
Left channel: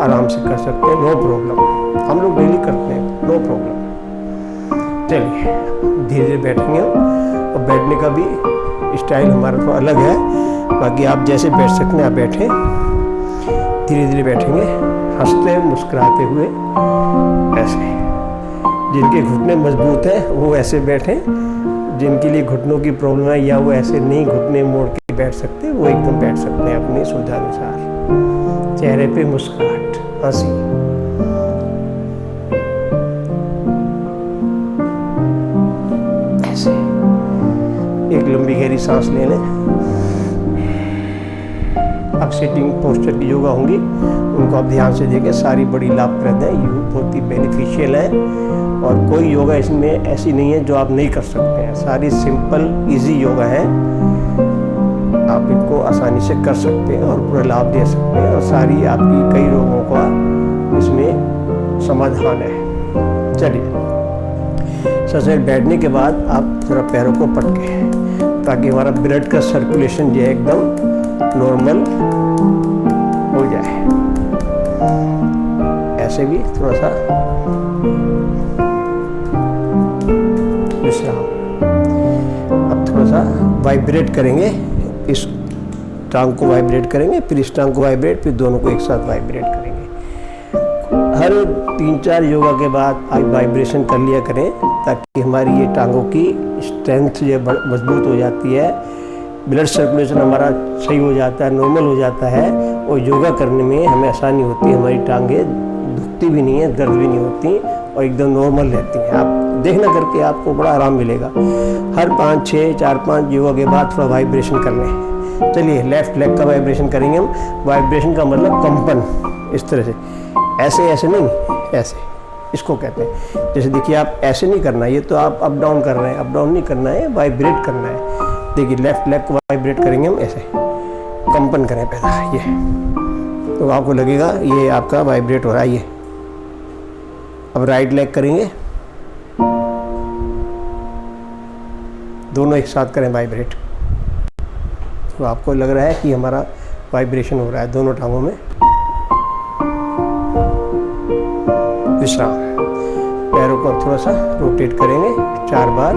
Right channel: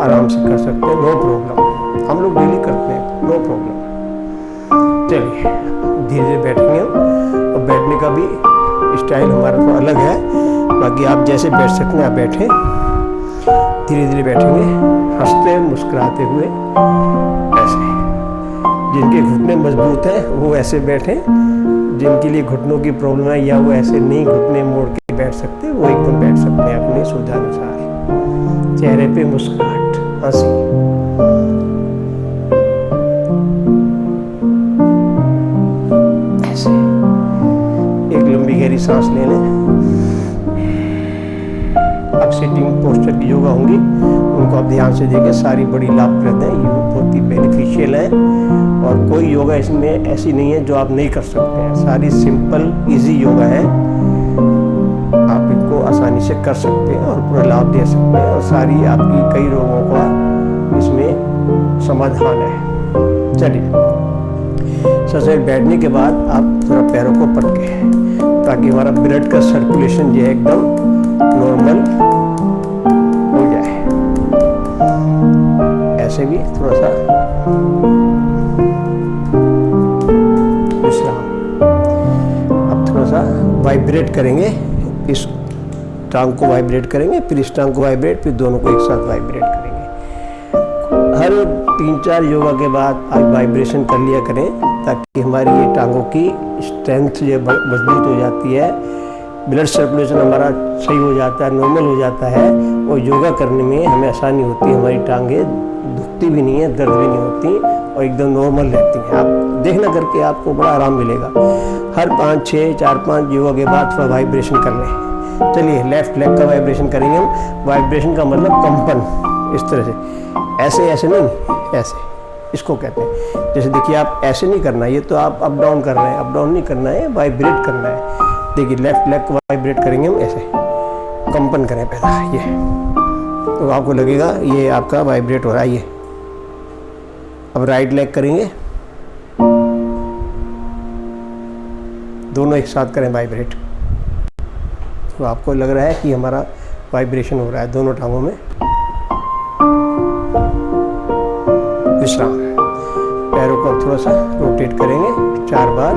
आराम से कर सकते हैं, नो प्रॉब्लम। हम लोग डेली करते हैं, नो प्रॉब्लम। चलिए धीरे धीरे बैठेंगे हम, और बैठने का भी स्टाइल हमारा थोड़ा अलग है। बाकी आप जैसे बैठ सकते हैं आप बैठें, धीरे धीरे बैठेंगे, हंसते मुस्कुराते हुए ऐसे। जिनके घुटने मजबूत हैं वो ऐसे बैठें, जिनके लिए घुटनों की प्रॉब्लम है या वो ऐसे नहीं घुटने मोड़ के बैठ सकते, वो एकदम बैठ सकते हैं अपनी सुविधा अनुसार। चेहरे पे मुस्कुराहट, हंसी। ऐसे एक लंबी गहरी सांस ले लें। अब सिटिंग पोस्चर की योगा होंगी, उनको आप ध्यान से देखें, सारी बड़ी लाभप्रद है, ये बहुत ही बेनिफिशियल है। और कोई योगा इसमें ऐसी नहीं है जो आप नहीं कर सकते हैं, सारी सिंपल इजी योगा है, आप इनको आसानी से कर सकते हैं और पूरा लाभ दे सकते हैं। और सारी आपकी कई रोगों का इसमें समाधान है। चलिए, सबसे बैठने के बाद आप थोड़ा पैरों को पटके, ताकि हमारा ब्लड का सर्कुलेशन जो है एकदम नॉर्मल हो जाए। ऐसे भी थोड़ा सा विश्राम। अब थोड़ा सा वाइब्रेट करेंगे, इस टांग को वाइब्रेट करेंगे, फिर इस टांग को वाइब्रेट, फिर दोनों को एक साथ वाइब्रेट करेंगे। हर 3-4 योगा के बाद आप वाइब्रेशन कर लिया करें, ताकि हमारी ये टांगों की स्ट्रेंथ जो मजबूत हो जाती है, ब्लड सर्कुलेशन हमारा सही हो जाता है, नॉर्मल हो जाता है, और योगा करने में हमें आसानी होती है। हमारी टांगें दुखती भी नहीं है, दर्द भी नहीं होती, और एकदम नॉर्मल रहती हैं। आप देखना करके आपको बड़ा आराम मिलेगा। हर 5-6, 4-5 योगा के बाद थोड़ा वाइब्रेशन कर लें। चलिए, लेफ्ट लेग का वाइब्रेशन करेंगे हम। वाइब्रेशन का मतलब कंपन, इस तरह से, ऐसे ऐसे नहीं, ऐसे इसको कहते हैं। जैसे देखिए, आप ऐसे नहीं करना है, ये तो आप अप डाउन कर रहे हैं, अप डाउन नहीं करना है, वाइब्रेट करना है। देखिए, लेफ्ट लेग को वाइब्रेट करेंगे हम, ऐसे कंपन करें पैदा, ये तो आपको लगेगा ये आपका वाइब्रेट हो रहा है। ये अब राइट लेग करेंगे, दोनों एक साथ करें वाइब्रेट, तो आपको लग रहा है कि हमारा वाइब्रेशन हो रहा है दोनों टांगों में। विश्राम। पैरों को थोड़ा सा रोटेट करेंगे 4 बार,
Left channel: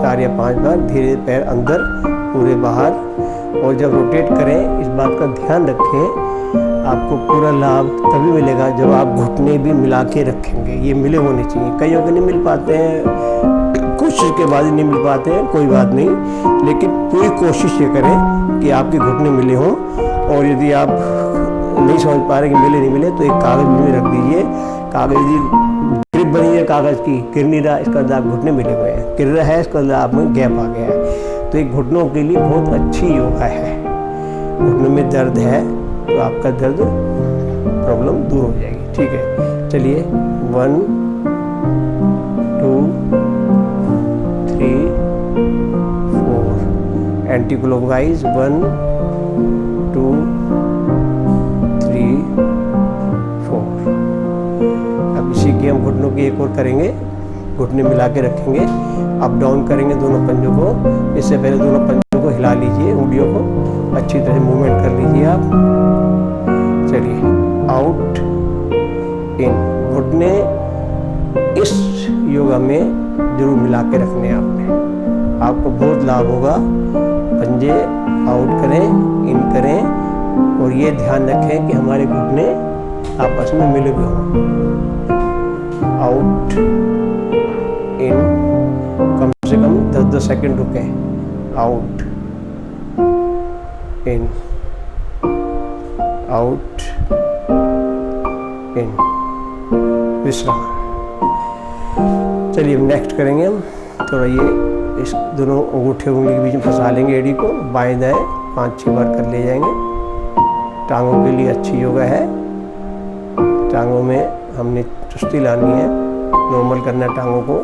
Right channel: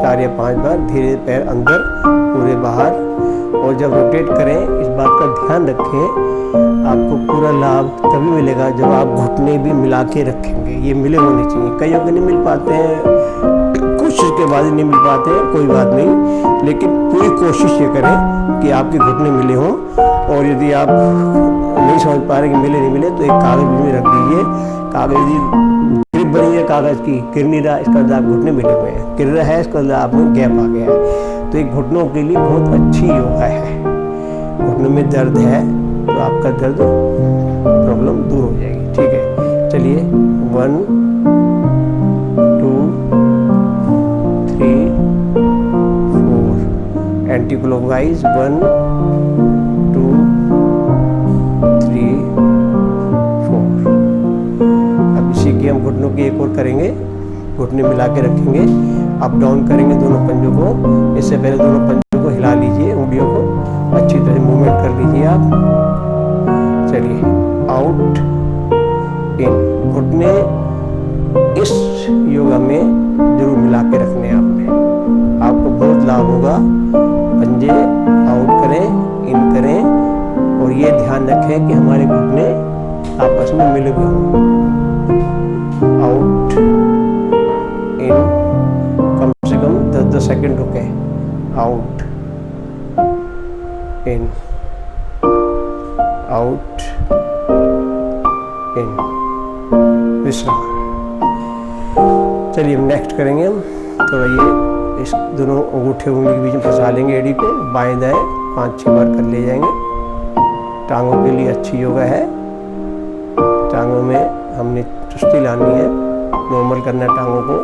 4 या 5 बार, धीरे पैर अंदर, पूरे बाहर। और जब रोटेट करें, इस बात का ध्यान रखें, आपको पूरा लाभ तभी मिलेगा जब आप घुटने भी मिला के रखेंगे। ये मिले होने चाहिए। कईयों के नहीं मिल पाते हैं, कोशिश के बाद ही नहीं मिल पाते हैं, कोई बात नहीं, लेकिन पूरी कोशिश ये करें कि आपके घुटने मिले हों। और यदि आप नहीं समझ पा रहे कि मिले नहीं मिले, तो एक कागज़ में रख दीजिए। कागज़ यदि ग्रिप बनी है कागज़ की, गिर नहीं रहा, इसका मतलब आप घुटने मिले हुए हैं। गिर रहा है, इसका मतलब आप में गैप आ गया है। तो एक घुटनों के लिए बहुत अच्छी योगा है। घुटनों में दर्द है तो आपका दर्द प्रॉब्लम दूर हो जाएगी। ठीक है, चलिए 1 2 3 4 एंटी क्लॉकवाइज 1 2 3 4। अब इसी की हम घुटनों की एक और करेंगे। घुटने मिला के रखेंगे, अप डाउन करेंगे दोनों पंजों को। इससे पहले दोनों पंजों को हिला लीजिए, उंगलियों को अच्छी तरह मूवमेंट कर लीजिए आप। चलिए, आउट इन। घुटने इस योगा में जरूर मिला के रखने हैं आपने, आपको बहुत लाभ होगा। पंजे आउट करें, इन करें, और ये ध्यान रखें कि हमारे घुटने आपस में मिले हुए हों। आउट इन, कम से कम 10-10 सेकंड रुकें। आउट इन, आउट इन, विश्राम। चलिए नेक्स्ट करेंगे हम थोड़ा ये इस दोनों अंगूठे उंगली के बीच में फंसा लेंगे एड़ी को, बाएं दाएं 5-6 बार कर ले जाएंगे। टांगों के लिए अच्छी योगा है। टांगों में हमने चुस्ती लानी है, नॉर्मल करना है टांगों को,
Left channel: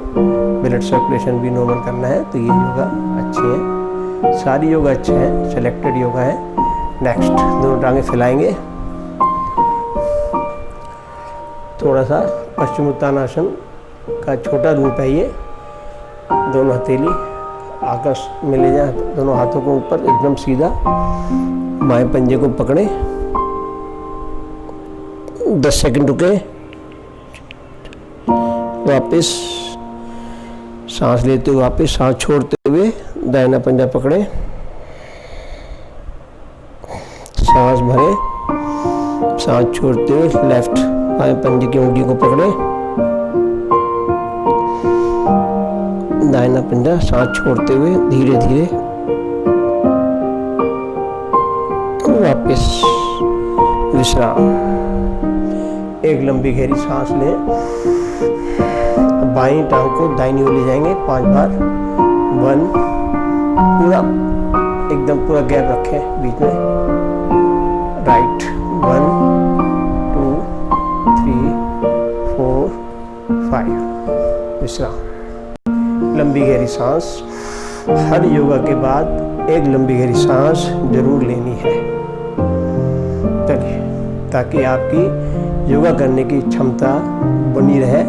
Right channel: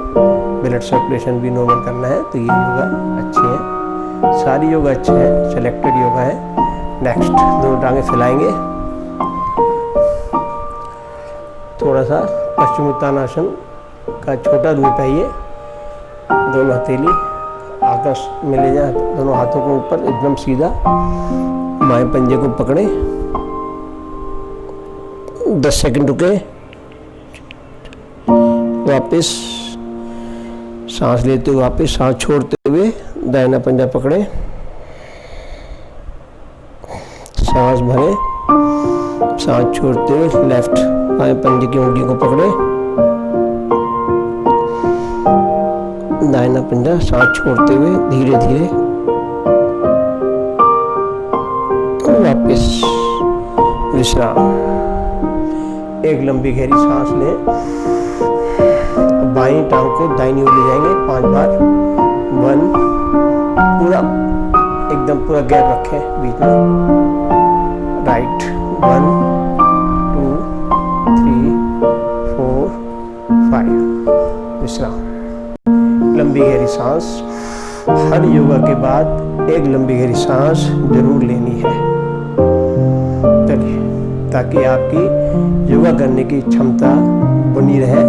ब्लड सर्कुलेशन भी नॉर्मल करना है। तो ये योगा अच्छी है, सारी योगा अच्छे हैं, सेलेक्टेड योगा है। नेक्स्ट, दोनों टांगें फैलाएंगे। थोड़ा सा पश्चिमोत्तानासन का छोटा रूप है ये। दोनों हथेली आकाश में ले जाए, दोनों हाथों को ऊपर एकदम सीधा, बाएं पंजे को पकड़ें, 10 सेकंड रुके, वापस सांस लेते हुए वापस सांस छोड़ते हुए दाहिना पंजा पकड़ें, सांस भरें, सांस छोड़ते हुए लेफ्ट बाएं पंजे की उंगली को पकड़ें, दाहिना पंजा सांस छोड़ते हुए धीरे धीरे वापस विश्राम। एक लंबी गहरी सांस लें। बाईं टांग को दाहिनी ओर ले जाएंगे 5 बार। 1, पूरा एकदम पूरा गैप रखें बीच में। राइट 1 2 3 4 5, विश्राम। लंबी गहरी सांस। हर योगा के बाद एक लंबी गहरी सांस जरूर लेनी है। चलिए, ताकि आपकी योगा करने की क्षमता बनी रहे,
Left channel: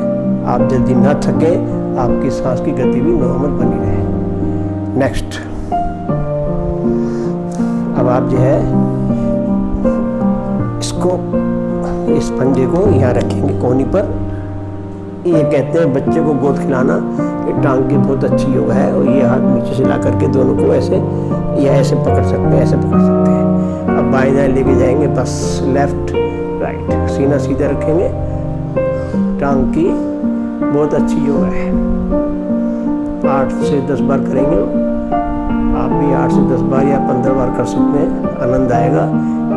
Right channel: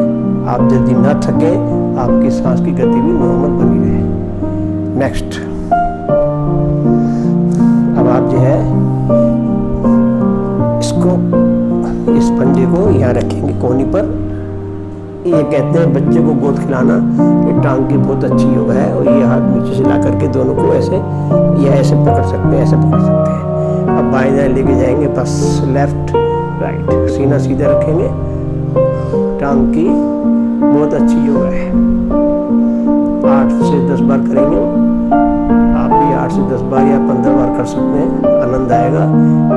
आप जल्दी ना थके, आपकी सांस की गति भी नॉर्मल बनी रहे। नेक्स्ट, अब आप जो है इसको, इस पंजे को यहाँ रखेंगे कोहनी पर। ये कहते हैं बच्चे को गोद खिलाना, ये टांग की बहुत अच्छी योगा है। और ये हाथ नीचे से ला करके दोनों को ऐसे या ऐसे पकड़ सकते हैं, ऐसे पकड़ सकते हैं। अब बाएं दाएं लेके जाएंगे, बस लेफ्ट राइट, सीना सीधा रखेंगे। टांग की बहुत अच्छी योगा है। 8 से 10 बार करेंगे। आप भी 8 से 10 बार या 15 बार कर सकते हैं, आनंद आएगा।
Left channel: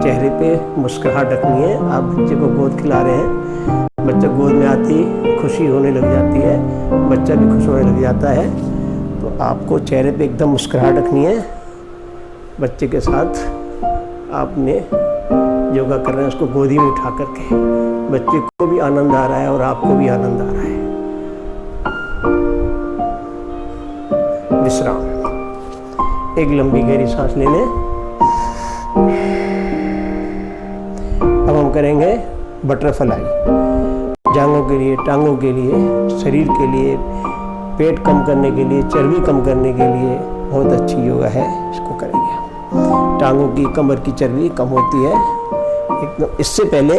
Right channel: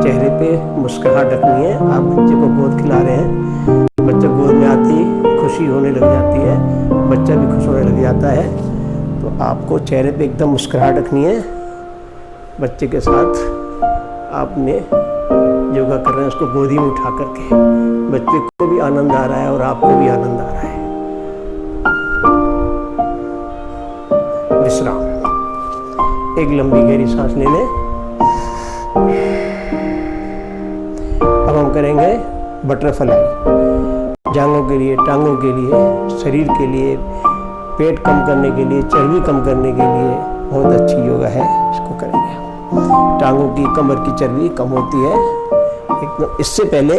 चेहरे पे मुस्कुराहट रखनी है। आप बच्चे को गोद खिला रहे हैं, बच्चा गोद में आती खुशी होने लग जाती है, बच्चा भी खुश होने लग जाता है। तो आपको चेहरे पे एकदम मुस्कुराहट रखनी है। बच्चे के साथ आपने योगा कर रहे हैं, उसको गोदी में उठा करके, बच्चे को भी आनंद आ रहा है और आपको भी आनंद आ रहा है। विश्राम। एक लंबी गहरी सांस ले लें। अब हम करेंगे बटरफ्लाई। जांघों के लिए, टांगों के लिए, शरीर के लिए, पेट कम करने के लिए, चर्बी कम करने के लिए बहुत अच्छी योगा है। इसको करेंगे। टांगों की, कमर की चर्बी कम होती है एकदम। इससे पहले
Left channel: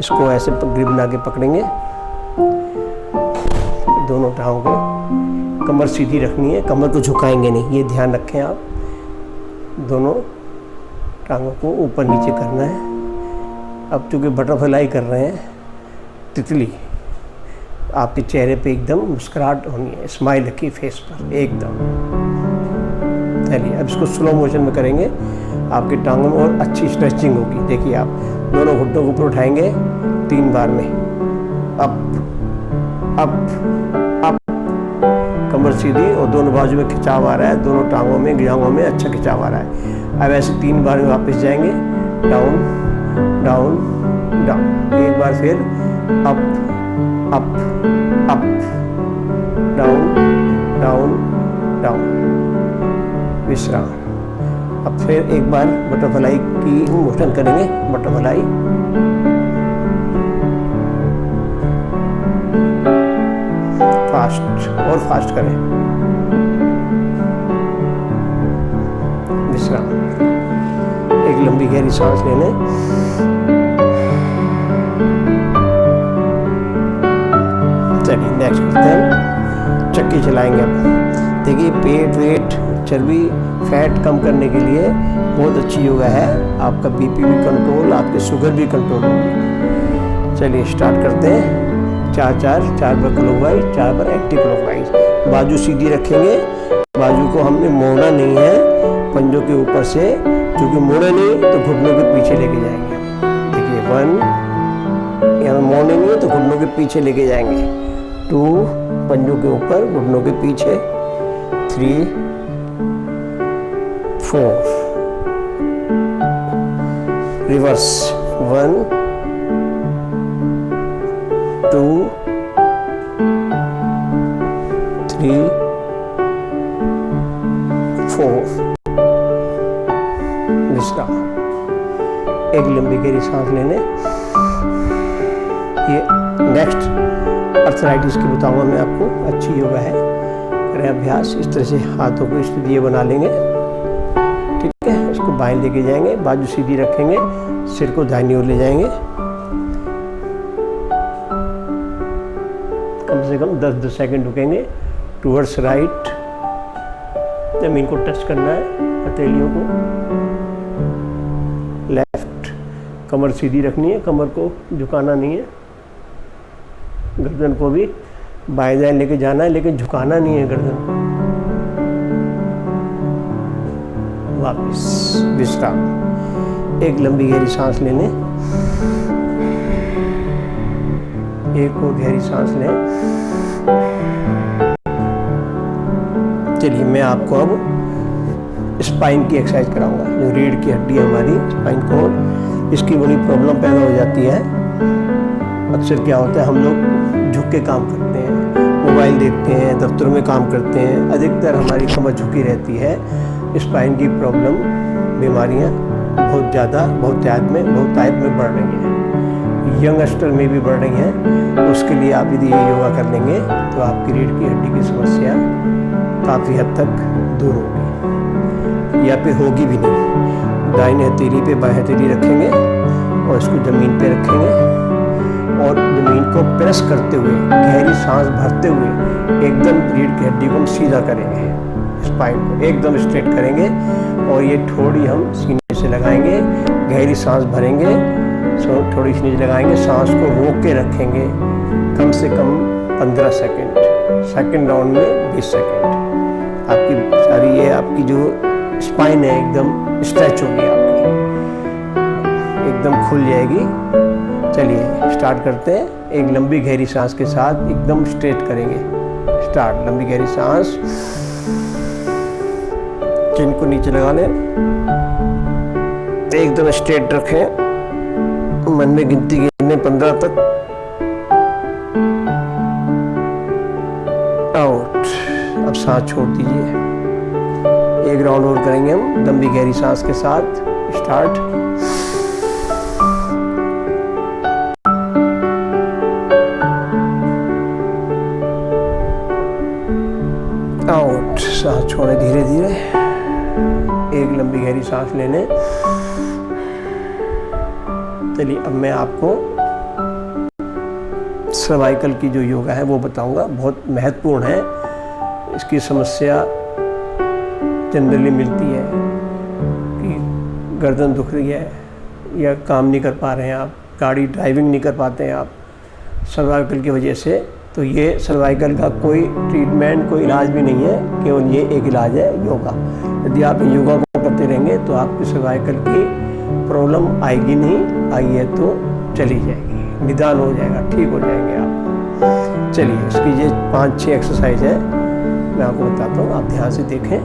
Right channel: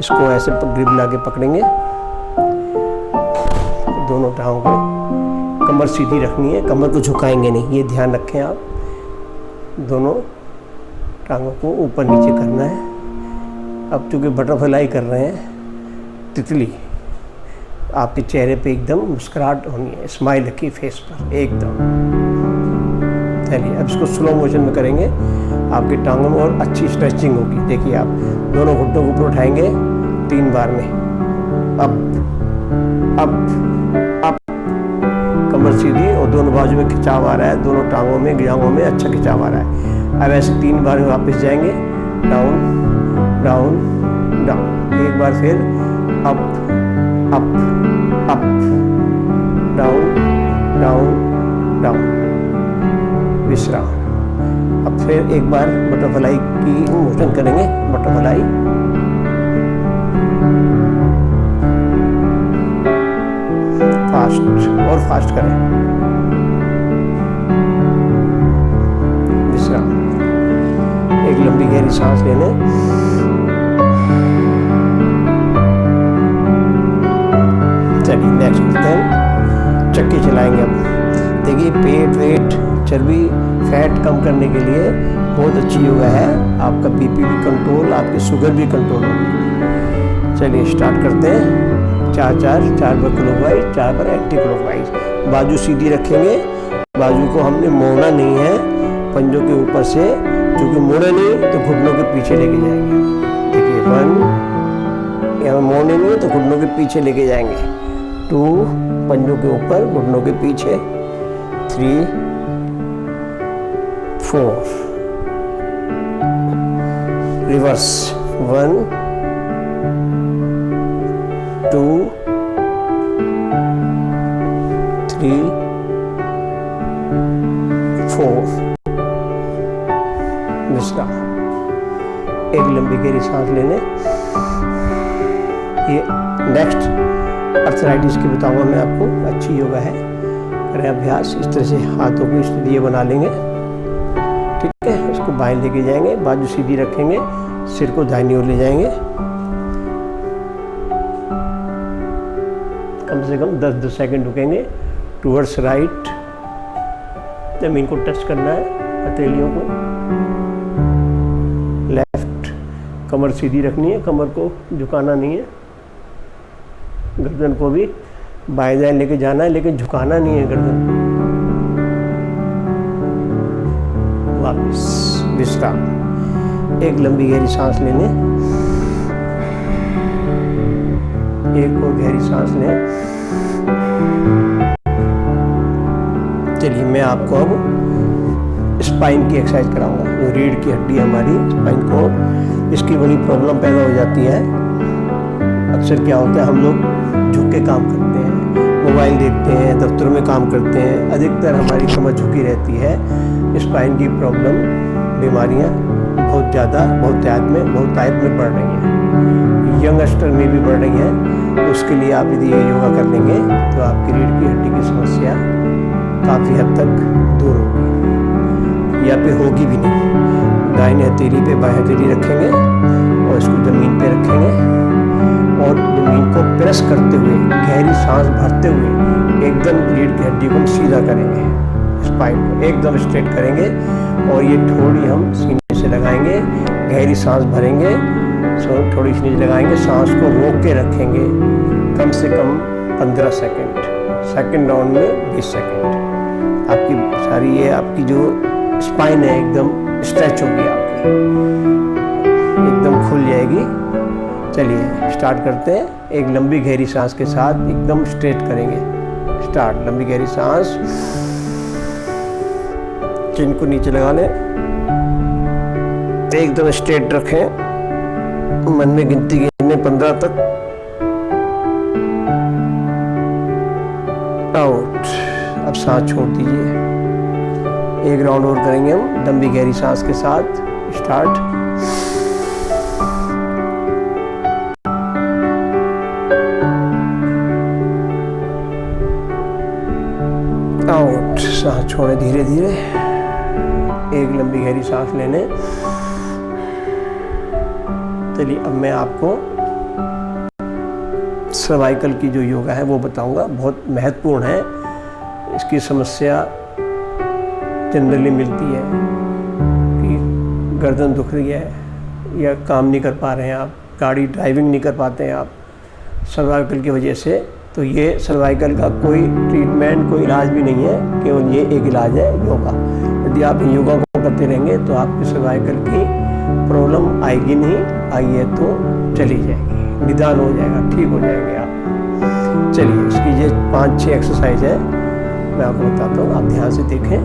इसको ऐसे ग्रिप बना के पकड़ेंगे, दोनों टांगों को। कमर सीधी रखनी है, कमर को झुकाएंगे नहीं, ये ध्यान रखें आप। दोनों टांगों को ऊपर नीचे करना है। अब चूँकि बटरफ्लाई कर रहे हैं, तितली, आपके चेहरे पे एकदम मुस्कुराहट होनी है, स्माइल रखिए फेस पर एकदम। चलिए अब इसको स्लो मोशन में करेंगे, आपकी टांगों में और अच्छी स्ट्रेचिंग होगी। देखिए आप दोनों घुटनों को ऊपर उठाएंगे 3 बार में, अप अप अप, कमर सीधी और दोनों बाजू में खिंचाव आ रहा है, दोनों टांगों में जांघों में अच्छा खिंचाव आ रहा है। अब ऐसे 3 बार में वापस जाएंगे, डाउन डाउन डाउन, एक बार फिर up up up, down down down, विश्राम। अब फिर एक बार बटरफ्लाई की मोशन करेंगे, बटरफ्लाई, फास्ट और फास्ट करें, विश्राम। एक लंबी गहरी सांस लेने, चलिए नेक्स्ट करते हैं, चक्की चलाएंगे। अब देखिए पेट वेट चर्बी फैट कम करने के लिए बहुत अच्छी योगा है, आपका बीपी भी कंट्रोल, आपकी शुगर भी कंट्रोल होगी। चलिए स्टार्ट करते हैं, 4 बार क्लॉकवाइज, 4 बार एंटी क्लॉकवाइज। बाजू सीधी रखेंगे, बाजू को हमने मोड़ना नहीं है पंजों के ऊपर से, क्योंकि मोड़े नहीं तो घुटनों के पीछे लेके जाएंगे। देखिए 1, यहाँ मोड़ने नहीं है तो घुटनों के पीछे लेके जाएंगे, 2 पंजों के ऊपर घुटनों के पीछे, 3 4, रिवर्स, 1 2 3 4, विश्राम। एक लंबी गहरी सांस लेने। ये नेक्स्ट अर्थराइटिस की बताऊंगा मैं आपको, अच्छी योगा है, करें अभ्यास। इस तरह से हाथों को इस तरह बना लेंगे, ठीक है। इसको बाएं लेके जाएंगे, बाजू सीधी रखेंगे, सिर को दाहिनी ओर ले जाएंगे, कम से कम 10 सेकंड रुकेंगे। टूवर्ड्स राइट, जमीन को टच करना है, हथेलियों को। लेफ्ट, कमर सीधी रखनी है, कमर को झुकाना नहीं है, गर्दन को भी बाएं दाएं लेके जाना है, लेकिन झुकाना नहीं है गर्दन। वापस विश्राम। एक लंबी गहरी सांस लेने, एक और गहरी सांस लें। चलिए मैं आपको अब स्पाइन की एक्सरसाइज कराऊंगा। जो रीढ़ की हड्डी है हमारी, स्पाइन कोड, इसकी बड़ी प्रॉब्लम पैदा हो जाती है। अक्सर क्या होता है, हम लोग झुक के काम करते हैं, मोबाइल देखते हैं, दफ्तरों में काम करते हैं, अधिकतर हमारी कमर झुकी रहती है। स्पाइन की प्रॉब्लम, बीमारियां बहुत ज़्यादा बहुतायत में बढ़ रही हैं, यंगस्टर में भी बढ़ रही हैं। तो उसके लिए आप यदि ये योगा कर लेंगे तो आपकी रीढ़ की हड्डी की समस्या काफ़ी हद तक दूर होगी, या फिर होगी भी नहीं। दाहिनी हथेली पे बाएं हथेली रखेंगे और इसको ज़मीन पे रखेंगे और ज़मीन को प्रेस करते हुए, गहरी सांस भरते हुए एकदम रीढ़ की हड्डी को हम सीधा करेंगे, स्पाइन को एकदम स्ट्रेट करेंगे। और ये थोड़ी हम सीने से लगाएंगे, गहरी सांस भरेंगे, थोड़ी सीने से लगाएंगे, सांस को रोक के रखेंगे कम से कम 15 सेकंड, सेकंड राउंड में 20 सेकंड। आपकी सारी ये आपकी जो स्पाइन है एकदम स्ट्रेच होगी, आपकी एकदम खुल जाएगी। चलिए स्टार्ट करते हैं। एक लंबी गहरी सांस के साथ एकदम स्ट्रेट करेंगे। स्टार्ट, लंबी गहरी सांस, चिन को नीचे लगा लें, एकदम स्ट्रेट रखें, मन में गिनती गिनने 15 तक, आउट। अब सांस छोड़ दीजिए। एक राउंड और करेंगे हम लंबी गहरी सांस के साथ। Start, out. सांस छोड़े धीरे धीरे। एक लंबी गहरी सांस लेने। चलिए अब मैं आपको सर्वाइकल की जो योगा है वो बताऊंगा, बहुत महत्वपूर्ण है। इसकी समस्या जनरली मिलती है गर्दन दुख रही है या काम नहीं कर पा रहे हैं आप, गाड़ी ड्राइविंग नहीं कर पाते हैं आप सर्वाइकल की वजह से, तो ये सर्वाइकल का कोई ट्रीटमेंट, कोई इलाज भी नहीं है, केवल ये एक इलाज है योगा। यदि आप योगा को करते रहेंगे तो आपकी सर्वाइकल की प्रॉब्लम आएगी नहीं, आई है तो चली जाएगी, निदान हो जाएगा, ठीक हो जाएंगे आप। चलिए इसकी ये 5-6 एक्सरसाइज है, मैं आपको बताता हूँ, आप ध्यान से देखें,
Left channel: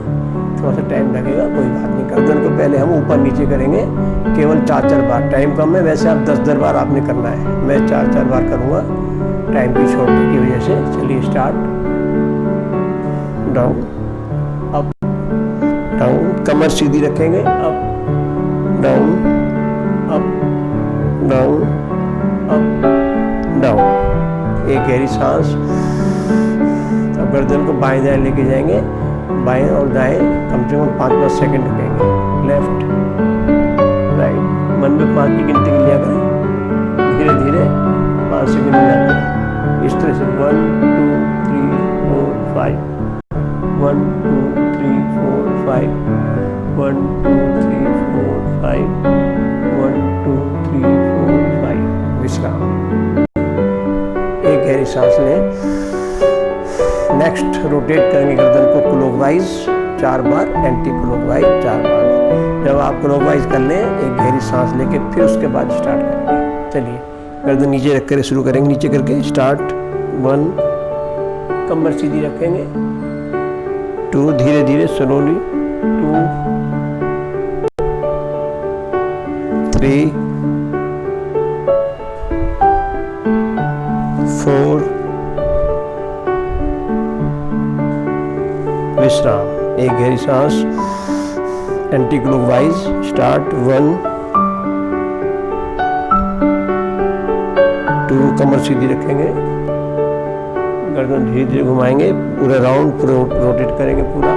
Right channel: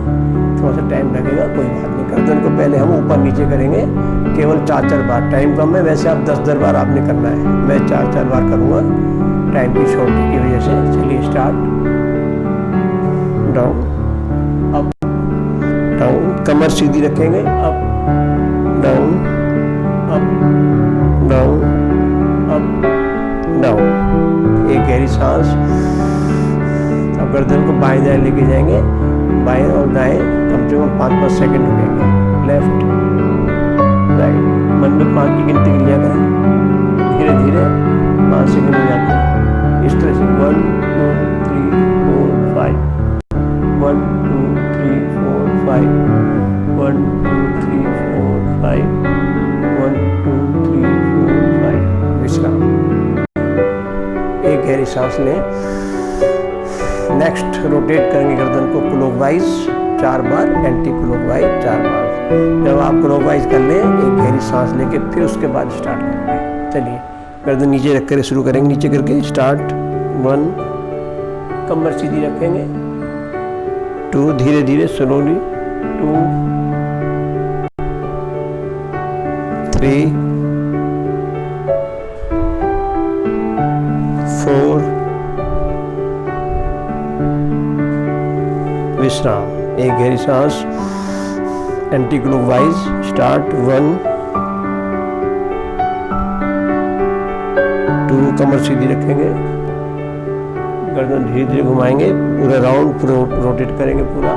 थोड़ा सा टाइम लगेगा, कोई बात नहीं। गर्दन को पहले हम ऊपर नीचे करेंगे केवल 4-4 बार, टाइम कम है, वैसे आप 10-10 बार आपने करना है, मैं 4-4 बार करूँगा टाइम की शॉर्ट की वजह से। चलिए स्टार्ट, डाउन अप डाउन, कमर सीधी रखेंगे, up down up down up down. एक गहरी सांस। अब गर्दन को बाएं दाएं लेके जाएंगे, बाएं और दाएं कम से कम 5-5 सेकंड रुकेंगे, लेफ्ट राइट, मन में 5 की गिनती कर लिया करें, धीरे धीरे 5 सेकंड हो जाते हैं इस तरह से, 1 2 3 4 5, 1 2 3 4 5, 1 2 3 4 5, 1 2 3 4 5। विश्राम। एक गहरी सांस लें। नेक्स्ट रोटेट करेंगे गर्दन को क्लॉकवाइज 4 बार, एंटी क्लॉकवाइज 4 बार। जब आप क्लॉकवाइज कर लें, एक गहरी सांस लेके फिर उसके बाद स्टार्ट करेंगे। चलिए गर्दन नीचे रख कर शुरू करेंगे, नीचे करके स्टार्ट। 1, कमर सीधी रखेंगे। 2, धीरे धीरे स्लोली। 2 3 4, विश्राम। एक गहरी सांस, एंटी क्लॉकवाइज स्टार्ट। 1 2, कमर सीधी रखेंगे, गर्दन धीरे धीरे घुमाएंगे, पूरा राउंड रोटेट करेंगे पूरा।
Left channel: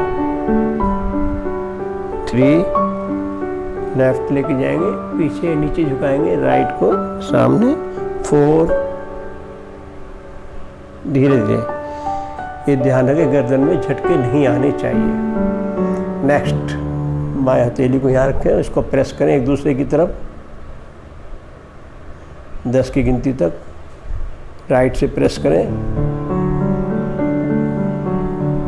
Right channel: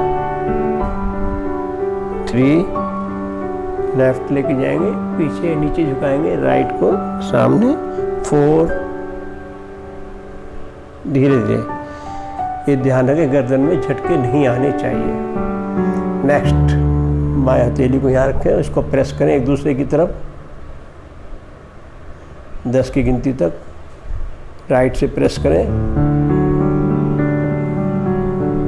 3, लेफ्ट लेके जाएंगे, पीछे नीचे झुकाएंगे, राइट को सामने। 4, धीरे धीरे। ये ध्यान रखें गर्दन में झटके नहीं आने चाहिए। नेक्स्ट, बाएं हथेली को यहाँ रखें, इसको प्रेस करें एक दूसरे की तरफ 10 की गिनती तक, राइट से प्रेस करें।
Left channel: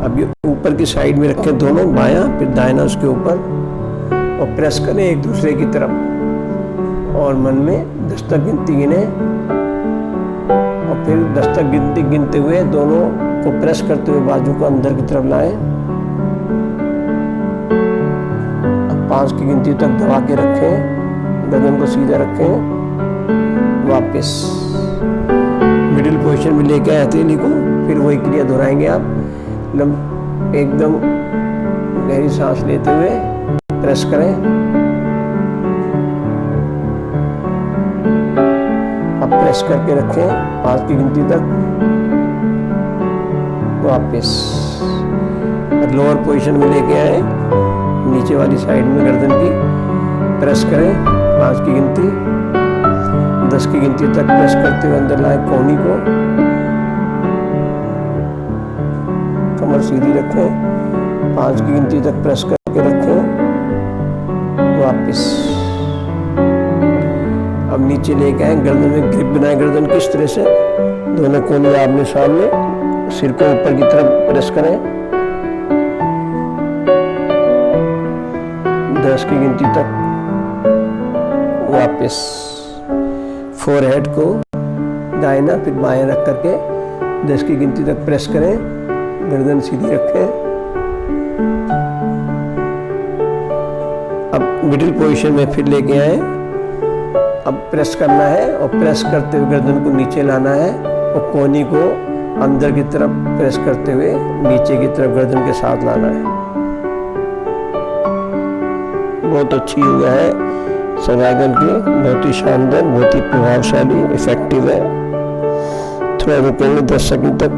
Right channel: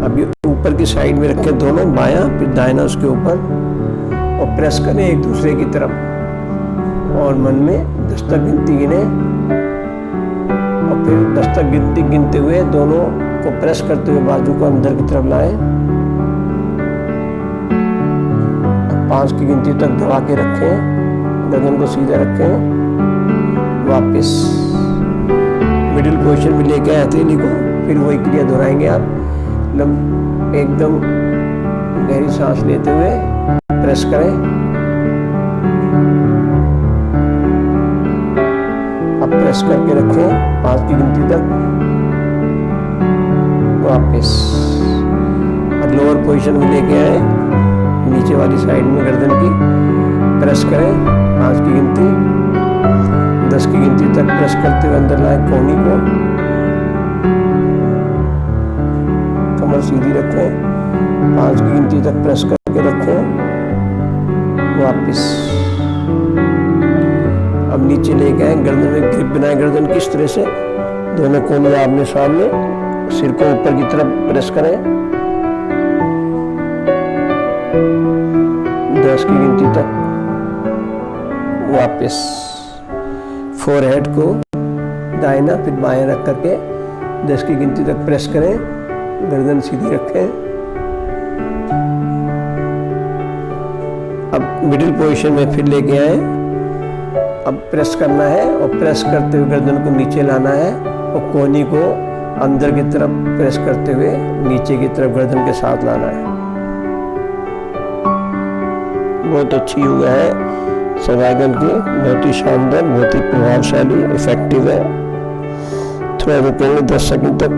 अभी ऊपर की साइड में रखें दोनों, बायां फिर दाहिना उसके ऊपर, और प्रेस करें एक दूसरे की तरफ, और मन में 10 तक गिनती गिने, और फिर 10 तक गिनती गिनते हुए दोनों को प्रेस करते हुए बाजू को अंदर की तरफ लाएं। 5 की गिनती तक दबा के रखें, गर्दन को सीधा रखें, वापस मिडिल पोजीशन में लेके आए हथेली को, फिर वही क्रिया दोहराएंगे आप। एकदम गहरी सांस लेते हुए प्रेस करें, अब प्रेस करके रखें 5 की गिनती तक, वापस और लोअर पोजीशन में लेके आए, नीचे वाली साइड में गर्दन की प्रेस करें 5 की गिनती, 10 की गिनती तक प्रेस करते हुए अंदर लाएं कोहनी को, कमर सीधी रखें, 5 की गिनती तक प्रेस करके रखें, वापस। अब नीचे लेके आए, गर्दन में ग्रिप बनाए गर्दन की इस तरह से, दोनों कोहनी आमने सामने, सिर को ऊपर की तरफ प्रेस करें, 10 की गिनती तक, वापस। फोरहेड को दाहिना फिर बाएं रख करके 10 की गिनती तक प्रेस करें, गर्दन सीधी रखें। अब मिडिल पोजीशन में फिर लेके आए, अब प्रेस करना है, और प्रेस करते हुए गर्दन को नीचे लाना है, और कोहनी को अंदर की तरफ प्रेस करते हुए नीचे की तरफ गर्दन के साथ लाना है। बहुत अच्छी योगा है सर्वाइकल की, बहुत ही शानदार, बहुत ही प्रभावशाली, इफेक्टिव है। थोड़ा रुकेंगे 10 सेकंड तक।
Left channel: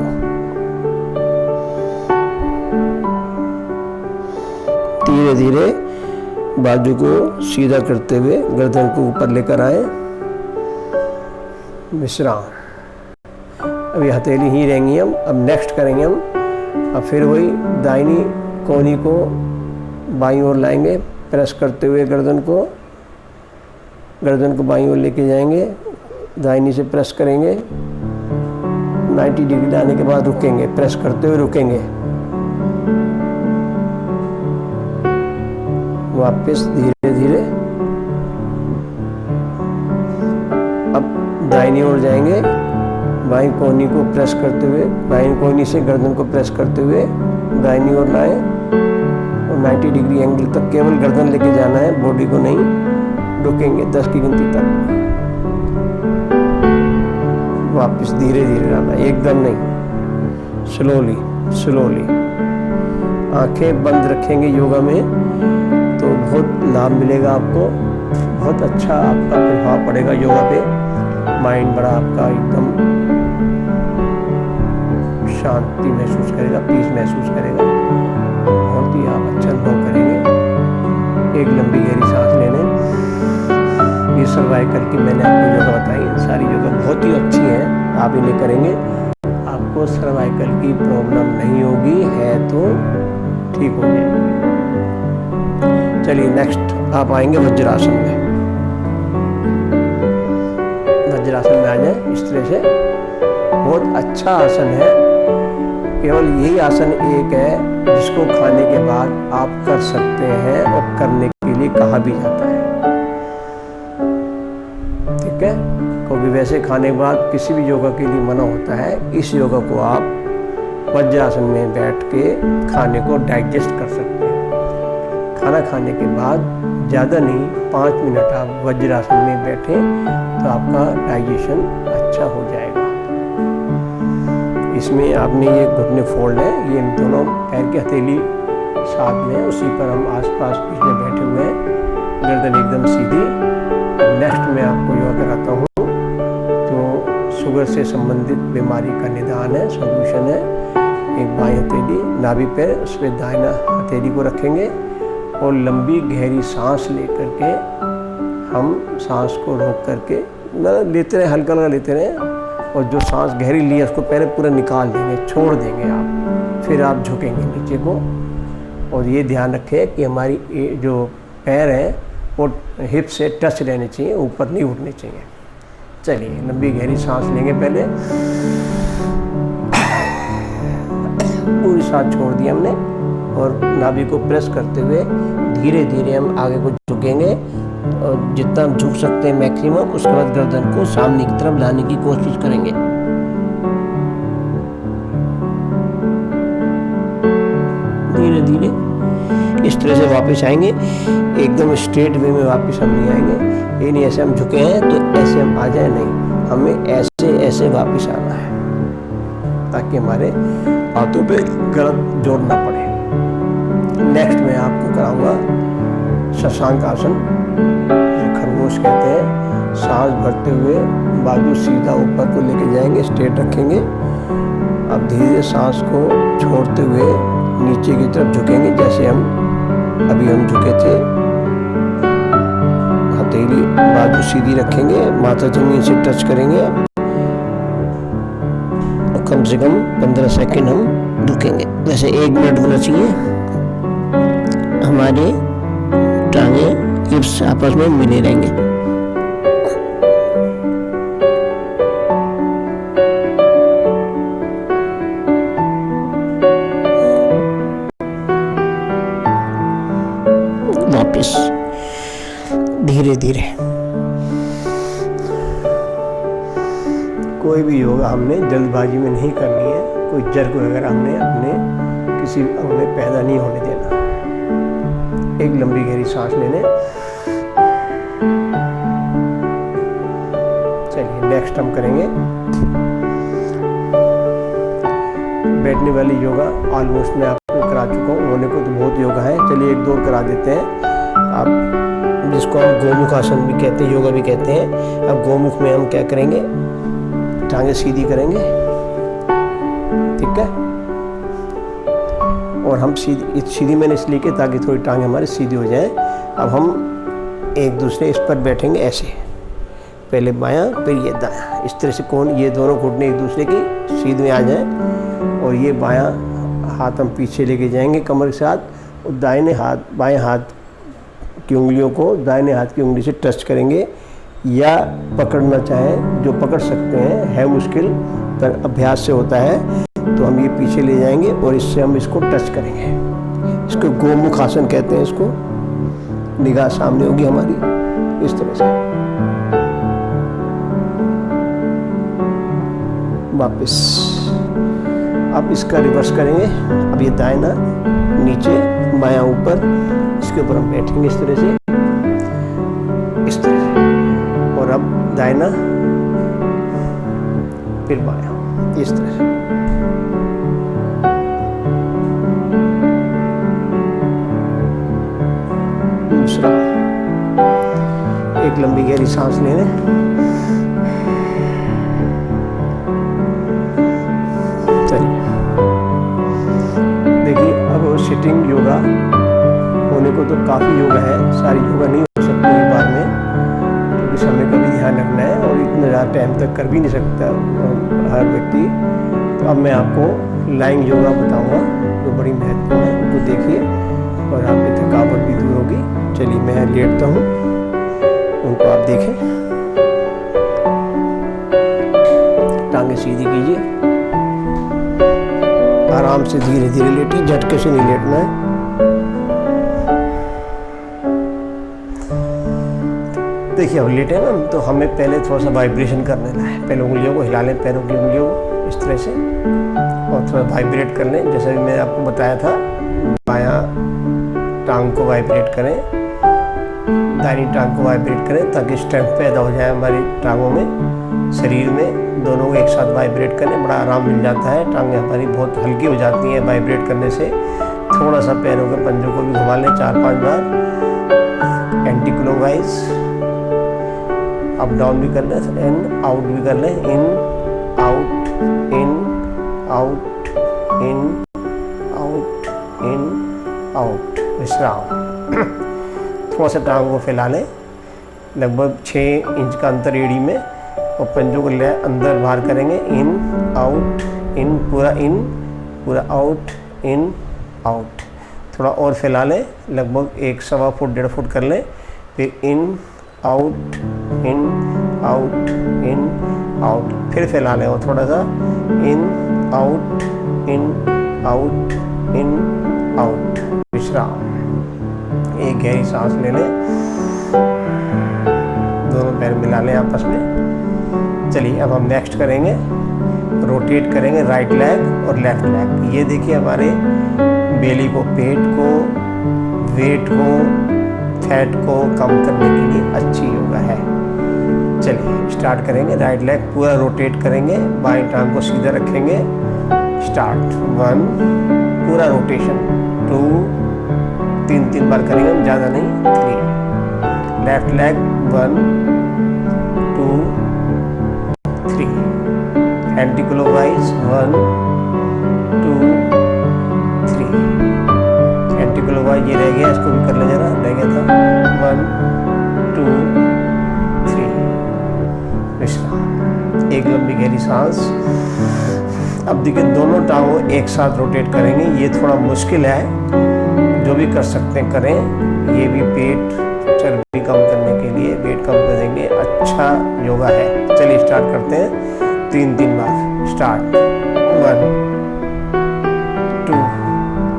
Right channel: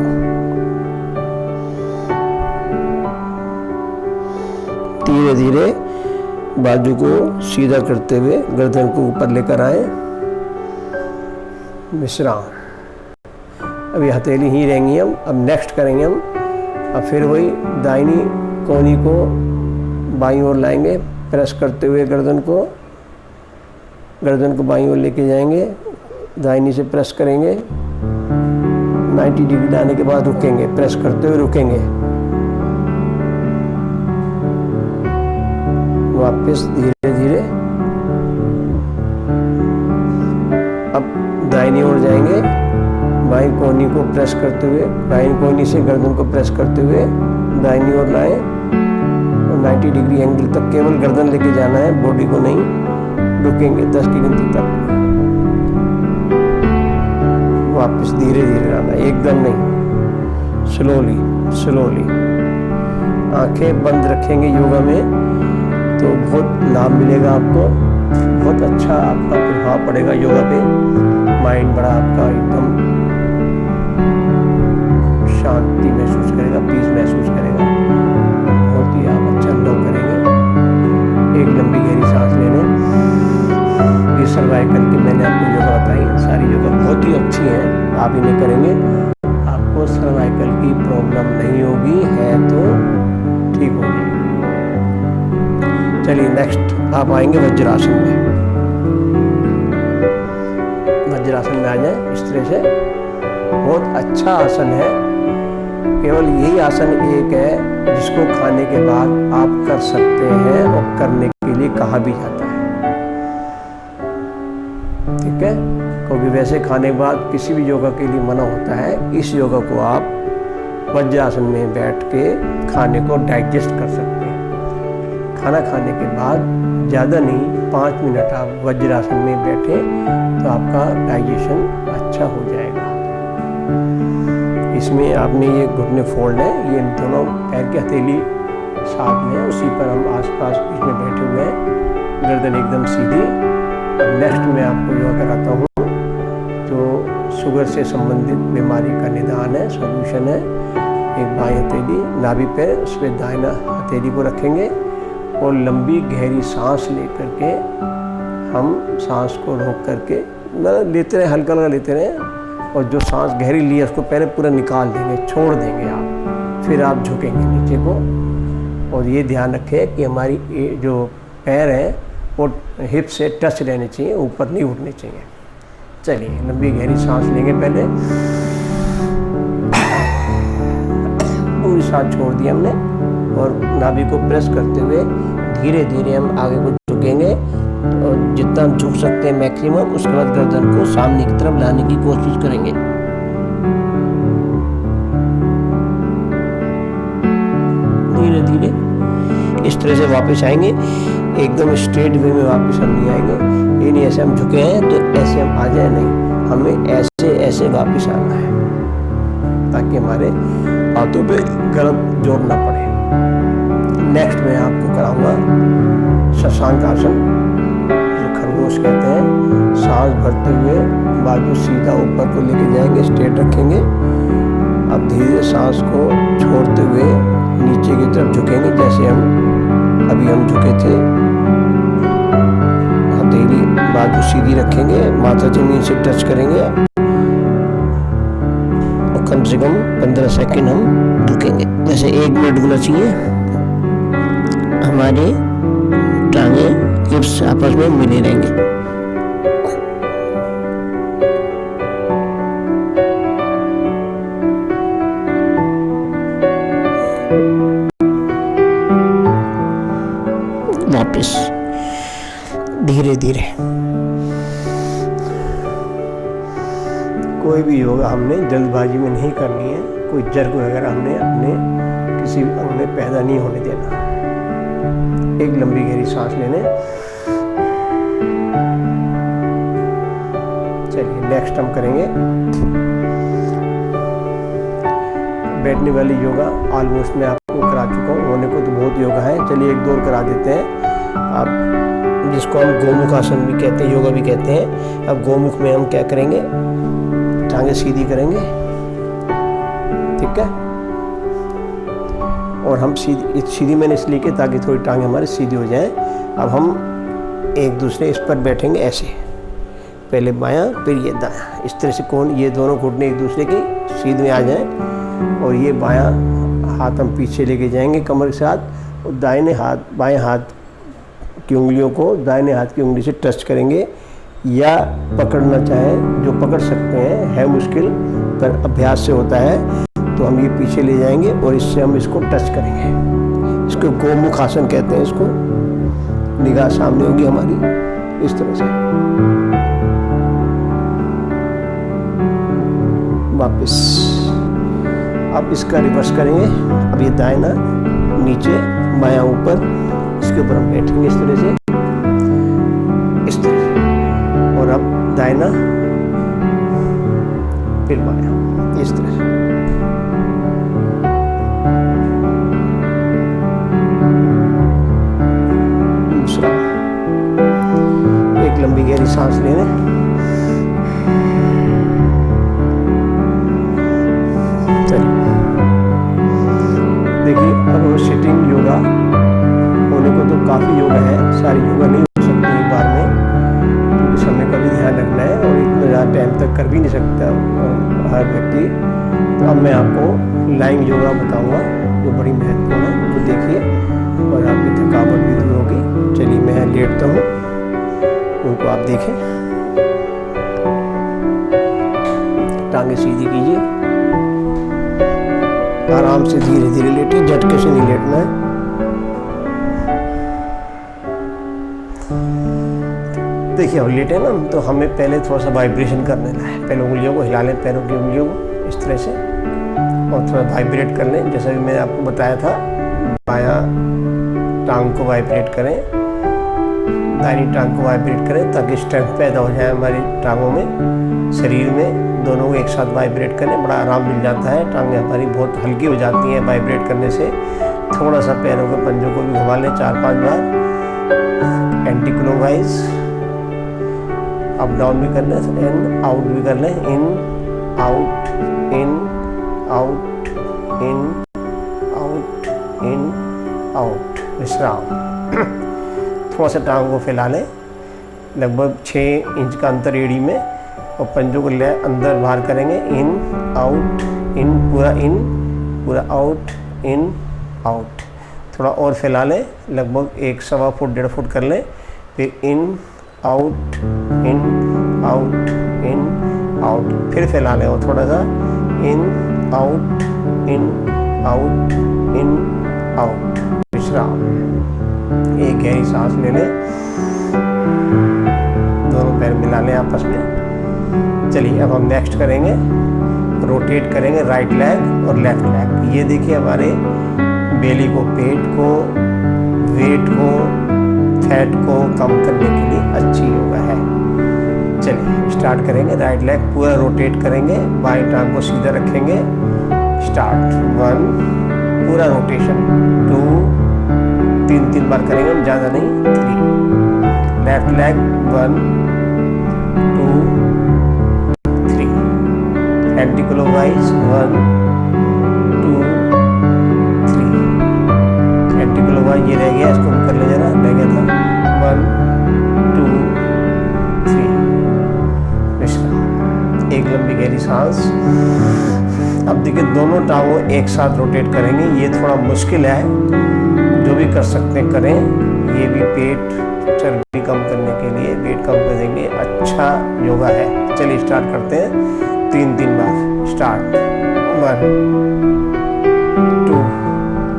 धीरे धीरे बाजू को सीधा करते हुए गर्दन को ऊपर लेकर आए, विश्राम। अभी हथेली ही रहेंगी हम, अब नेक्स्ट करेंगे हम, अब फिर वही दाहिनी कोहनी को बाईं ओर लाएंगे, प्रेस करते हुए गर्दन को गर्दन को बाईं ओर लेके जाएंगे, दाहिनी से प्रेस करेंगे, 90 डिग्री लाने के बाद रुकेंगे, प्रेस करते हुए रुकेंगे, वापस धीरे धीरे। अब दाहिनी ओर जाएंगे, बाईं कोहनी को प्रेस करते हुए, बाईं कोहनी से गर्दन को प्रेस करते हुए दाहिनी ओर लाएं और 90 डिग्री एंगल तक केवल गर्दन लेके जाना है, बॉडी को नहीं। रुकेंगे 10 की गिनती तक, वापस धीरे धीरे लाना, एकदम नहीं, स्लोली स्लोली। आंखें बंद रखेंगे योगा में तो बहुत लाभ मिलेगा आपको, बहुत अच्छा आपका प्रभाव पड़ेगा योगा पे। माइंड बड़ा आपका एकदम शांति महसूस करेगा, पीस महसूस करेगा, बहुत ही आप अच्छा अनुभव करेंगे। एक लंबी गहरी सांस लेने, ये सर्वाइकल की मैंने आपको योगा बताई, सारी योगा बहुत ही अच्छी हैं, आप इन्हें करेंगे आपको सर्वाइकल की प्रॉब्लम नहीं होगी, है तो ठीक हो जाएगी। चलिए नेक्स्ट आप आएंगे वज्रासन में। वज्रासन में आ जाए इस तरह से, बहुत अच्छा आसन है। केवल यही आसन एक है जिसको खाने के बाद आप कर सकते हैं और करने के लिए कहा भी जाता है, ठीक है। क्योंकि वैसे खाने के बाद किसी भी योगा के लिए मना होता है, इस योगा को आप वज्रासन में बैठ के खाने को डाइजेस्ट कर सकते हैं। खाना खाने के बाद ज़्यादा नहीं, 5 मिनट आप वज्रासन में बैठें तो आपका डाइजेशन अच्छा हो जाएगा। इसमें आपने ये घुटने फोल्ड है, ये दोनों पैर की हथेली साथ में है, उसी पर हम आसपास बीच में बैठे हुए हैं, गर्दन एकदम सीधी। अब नेक्स्ट में आपको योगा कराता हूँ जो शुगर से संबंधित बीमारी का निदान है, सॉल्यूशन है। एक बाईं हथेली नाभि पे, उस पर दाहिना हथेली को रखेंगे और लंबी गहरी सांस लेकर के हम सांस को रोक करके लेते रहे, हल्का हल्का लेते रहे, और जो सांस गहरी ली है उसको पहले पूरा निकाल देंगे, छोड़ देंगे आप, फिर आप झुकेंगे नीचे को। और ये ध्यान रखें कि हमारी जो पैर हैं वो हिप से टच रहने चाहिए, ऊपर नहीं उठने चाहिए। चलिए लंबी गहरी सांस लेंगे, पहले पूरी सांस छोड़ दी हमने और नाभि को प्रेस करते हुए धीरे धीरे हम आगे को झुकेंगे, और जितना हम झुक सकते हैं मैक्सिमम, उसके बाद गर्दन को सामने की तरफ लाने की कोशिश करेंगे। धीरे धीरे इस तरह से वापस आएंगे, एकदम स्ट्रेट वे में वापस हम नहीं आएंगे। ये नहीं ऐसे हम झुके हैं तो ऐसे हम आ जाए, नहीं, हमें ऐसे ऐसे वापस आना है ताकि हमारे हाथों पे गलत जोर ना पड़े। नेक्स्ट मैं आपको कराऊंगा शशांक आसन, जो खरगोश कहते हैं। सांस भरते हुए बाजू सीधा ऊपर को लेके जाएंगे, स्ट्रेट रखेंगे। अब धीरे धीरे सांस को छोड़ते हुए नीचे की तरफ झुकेंगे, जैसे अभी हम झुके थे। हथेली बाजू सीधी रखेंगे, माथा जमीन से टच करेंगे और कम से कम 15 सेकंड हम रुकेंगे। वैसे 1 मिनट होना चाहिए, हमारे टांगे हिप्स आपस में मिले रहेंगे। वापस धीरे धीरे। कोई भी योगा हमने जल्दबाजी में नहीं करनी है, कोई जर्क वगैरह हमने अपने किसी अंग में पैदा नहीं होने देना। एक लंबी गहरी सांस लेने। चलिए नेक्स्ट हम करेंगे बैठने वाली योगा। ऑलमोस्ट मैं आपको करा चुका हूँ, होने को तो बहुत योगा है, चलिए 1-2 और करा देते हैं। आप जिसको हम गोमुख आसन भी कहते हैं, योगा भी कहते हैं। अब गोमुख में हम क्या करेंगे, टांगे सीधी करेंगे, ठीक है। और हम सीधी मैंने इसलिए की ताकि थोड़ी टांगे हमारी सीधी हो जाए। अब हम एक दूसरे इस पर बैठेंगे ऐसे, पहले बायां फिर ये दायां, इस तरह से कोण, ये दोनों घुटने एक दूसरे की सीध में आ जाएं। और ये बायां हाथ हम पीछे लेके जाएंगे कमर के साथ, और दाहिने हाथ बाएं हाथ की उंगलियों को दाहिने हाथ की उंगली से टच करेंगे। या पकड़ना चाहे जो पकड़ सकते हैं, है मुश्किल पर अभ्यास से होता है। तो हम ये पीछे ले जाएंगे और इससे हम इसको टच करेंगे। इसको गोमुख आसन कहते हैं। इसको निगाह सामने होगी हमारी इस तरह से। वापस अब इसका रिवर्स करेंगे। अब ये दाहिना नीचे बायां ऊपर, इसके ऊपर हम बैठेंगे इस तरह से, इस तरह से। और अब दाहिना फिर बायां, इस तरह से। दूसरा, एक लंबी गहरी सांस लेने। चलिए देखिए, अब सिटिंग योगा होने को तो काफ़ी योगा है, सारी योगा नहीं हो सकती एक बार में, क्योंकि समय का भी ध्यान रखना है और इतना ज़्यादा टाइम तक कर भी नहीं सकता हर व्यक्ति। तो अब मैं आपको लाइंग योगा बताऊंगा जो बड़ी महत्वपूर्ण है, उनको देखिए और आपकी थकावट भी दूर होगी। चलिए मैं लेटता हूँ, उनको आप देखें। टांगे सीधी कीजिए, आराम से धीरे धीरे लेटिए, झटके से नहीं लेटना है। देखिए अब लेटे ना, तो हमें पहले थोड़ा सा वाइब्रेशन करने है। पहले उंगलियों को हिला लें, पैरों की उंगलियों को इस तरह से, और थोड़ा वाइब्रेट कर लें। जैसा भी मैंने आपको बताया था, बायां टांग को वाइब्रेट करें, दाहिनी टांग को वाइब्रेट करें, ताकि स्ट्रेंथ पैदा हो जाए हमारी टांगों में, शरीर में। दोनों को एक साथ वाइब्रेट करें, बड़ा आराम मिल जाता है। टांगें हमारी बहुत हल्की हो जाती हैं वाइब्रेट करने से। थोड़ा सा पैरों के पंजों को भी घुमा लें 4-5 बार, एंटी क्लॉकवाइज। अप डाउन भी कर लें, इन आउट भी कर लें, इन out, in out, in out, in out. विश्राम। थोड़ा सा टांगों को फैला लें, लगभग 6 इंच का अंतर एड़ी में, और पंजों को ले अंदर बाहर करेंगे। इन आउट, इन पूरा आउट, इन आउट। थोड़ा और फैला लें, लगभग 1-1.25 फुट 1.5 फुट कर लें। फिर इन out, in out, in out. फिर फैला लें और थोड़ा सा, इन out, in out, in out. विश्राम। एक गहरी सांस ले लें, दोनों पैर मिला लें आपस में। चलिए अब हम नेक्स्ट करेंगे, रोटेट करेंगे राइट लेग और लेफ्ट लेग। ये देखिए हमारे बेली को, पेट को, वेट को, फैट को कम करने के लिए अच्छी योगा है। चलिए स्टार्ट करेंगे। राइट लेग पूरा रोटेट करेंगे, बाएं टांग को सीधा रखेंगे। स्टार्ट। 1 पूरा रोटेशन, 2 3 बार करेंगे हम, ज़्यादा नहीं, 3। Left leg 1 2 3। Anti clockwise 1 2 3। Anti clockwise ये रह गया, इसको भी कर लें जरा, रह गया था। 1 2 3। विश्राम। एक लंबी गहरी सांस। अब देखिए दोनों टांगों एक साथ रोटेट करेंगे। ये थोड़ा मुश्किल है, जो भी कर सकते हैं करें। ये भी पेट चर्बी कम करने के लिए, वेट कम कर देंगे, अच्छा योगा है। चलिए स्टार्ट करते हैं 3 बार। स्टार्ट। 1 2,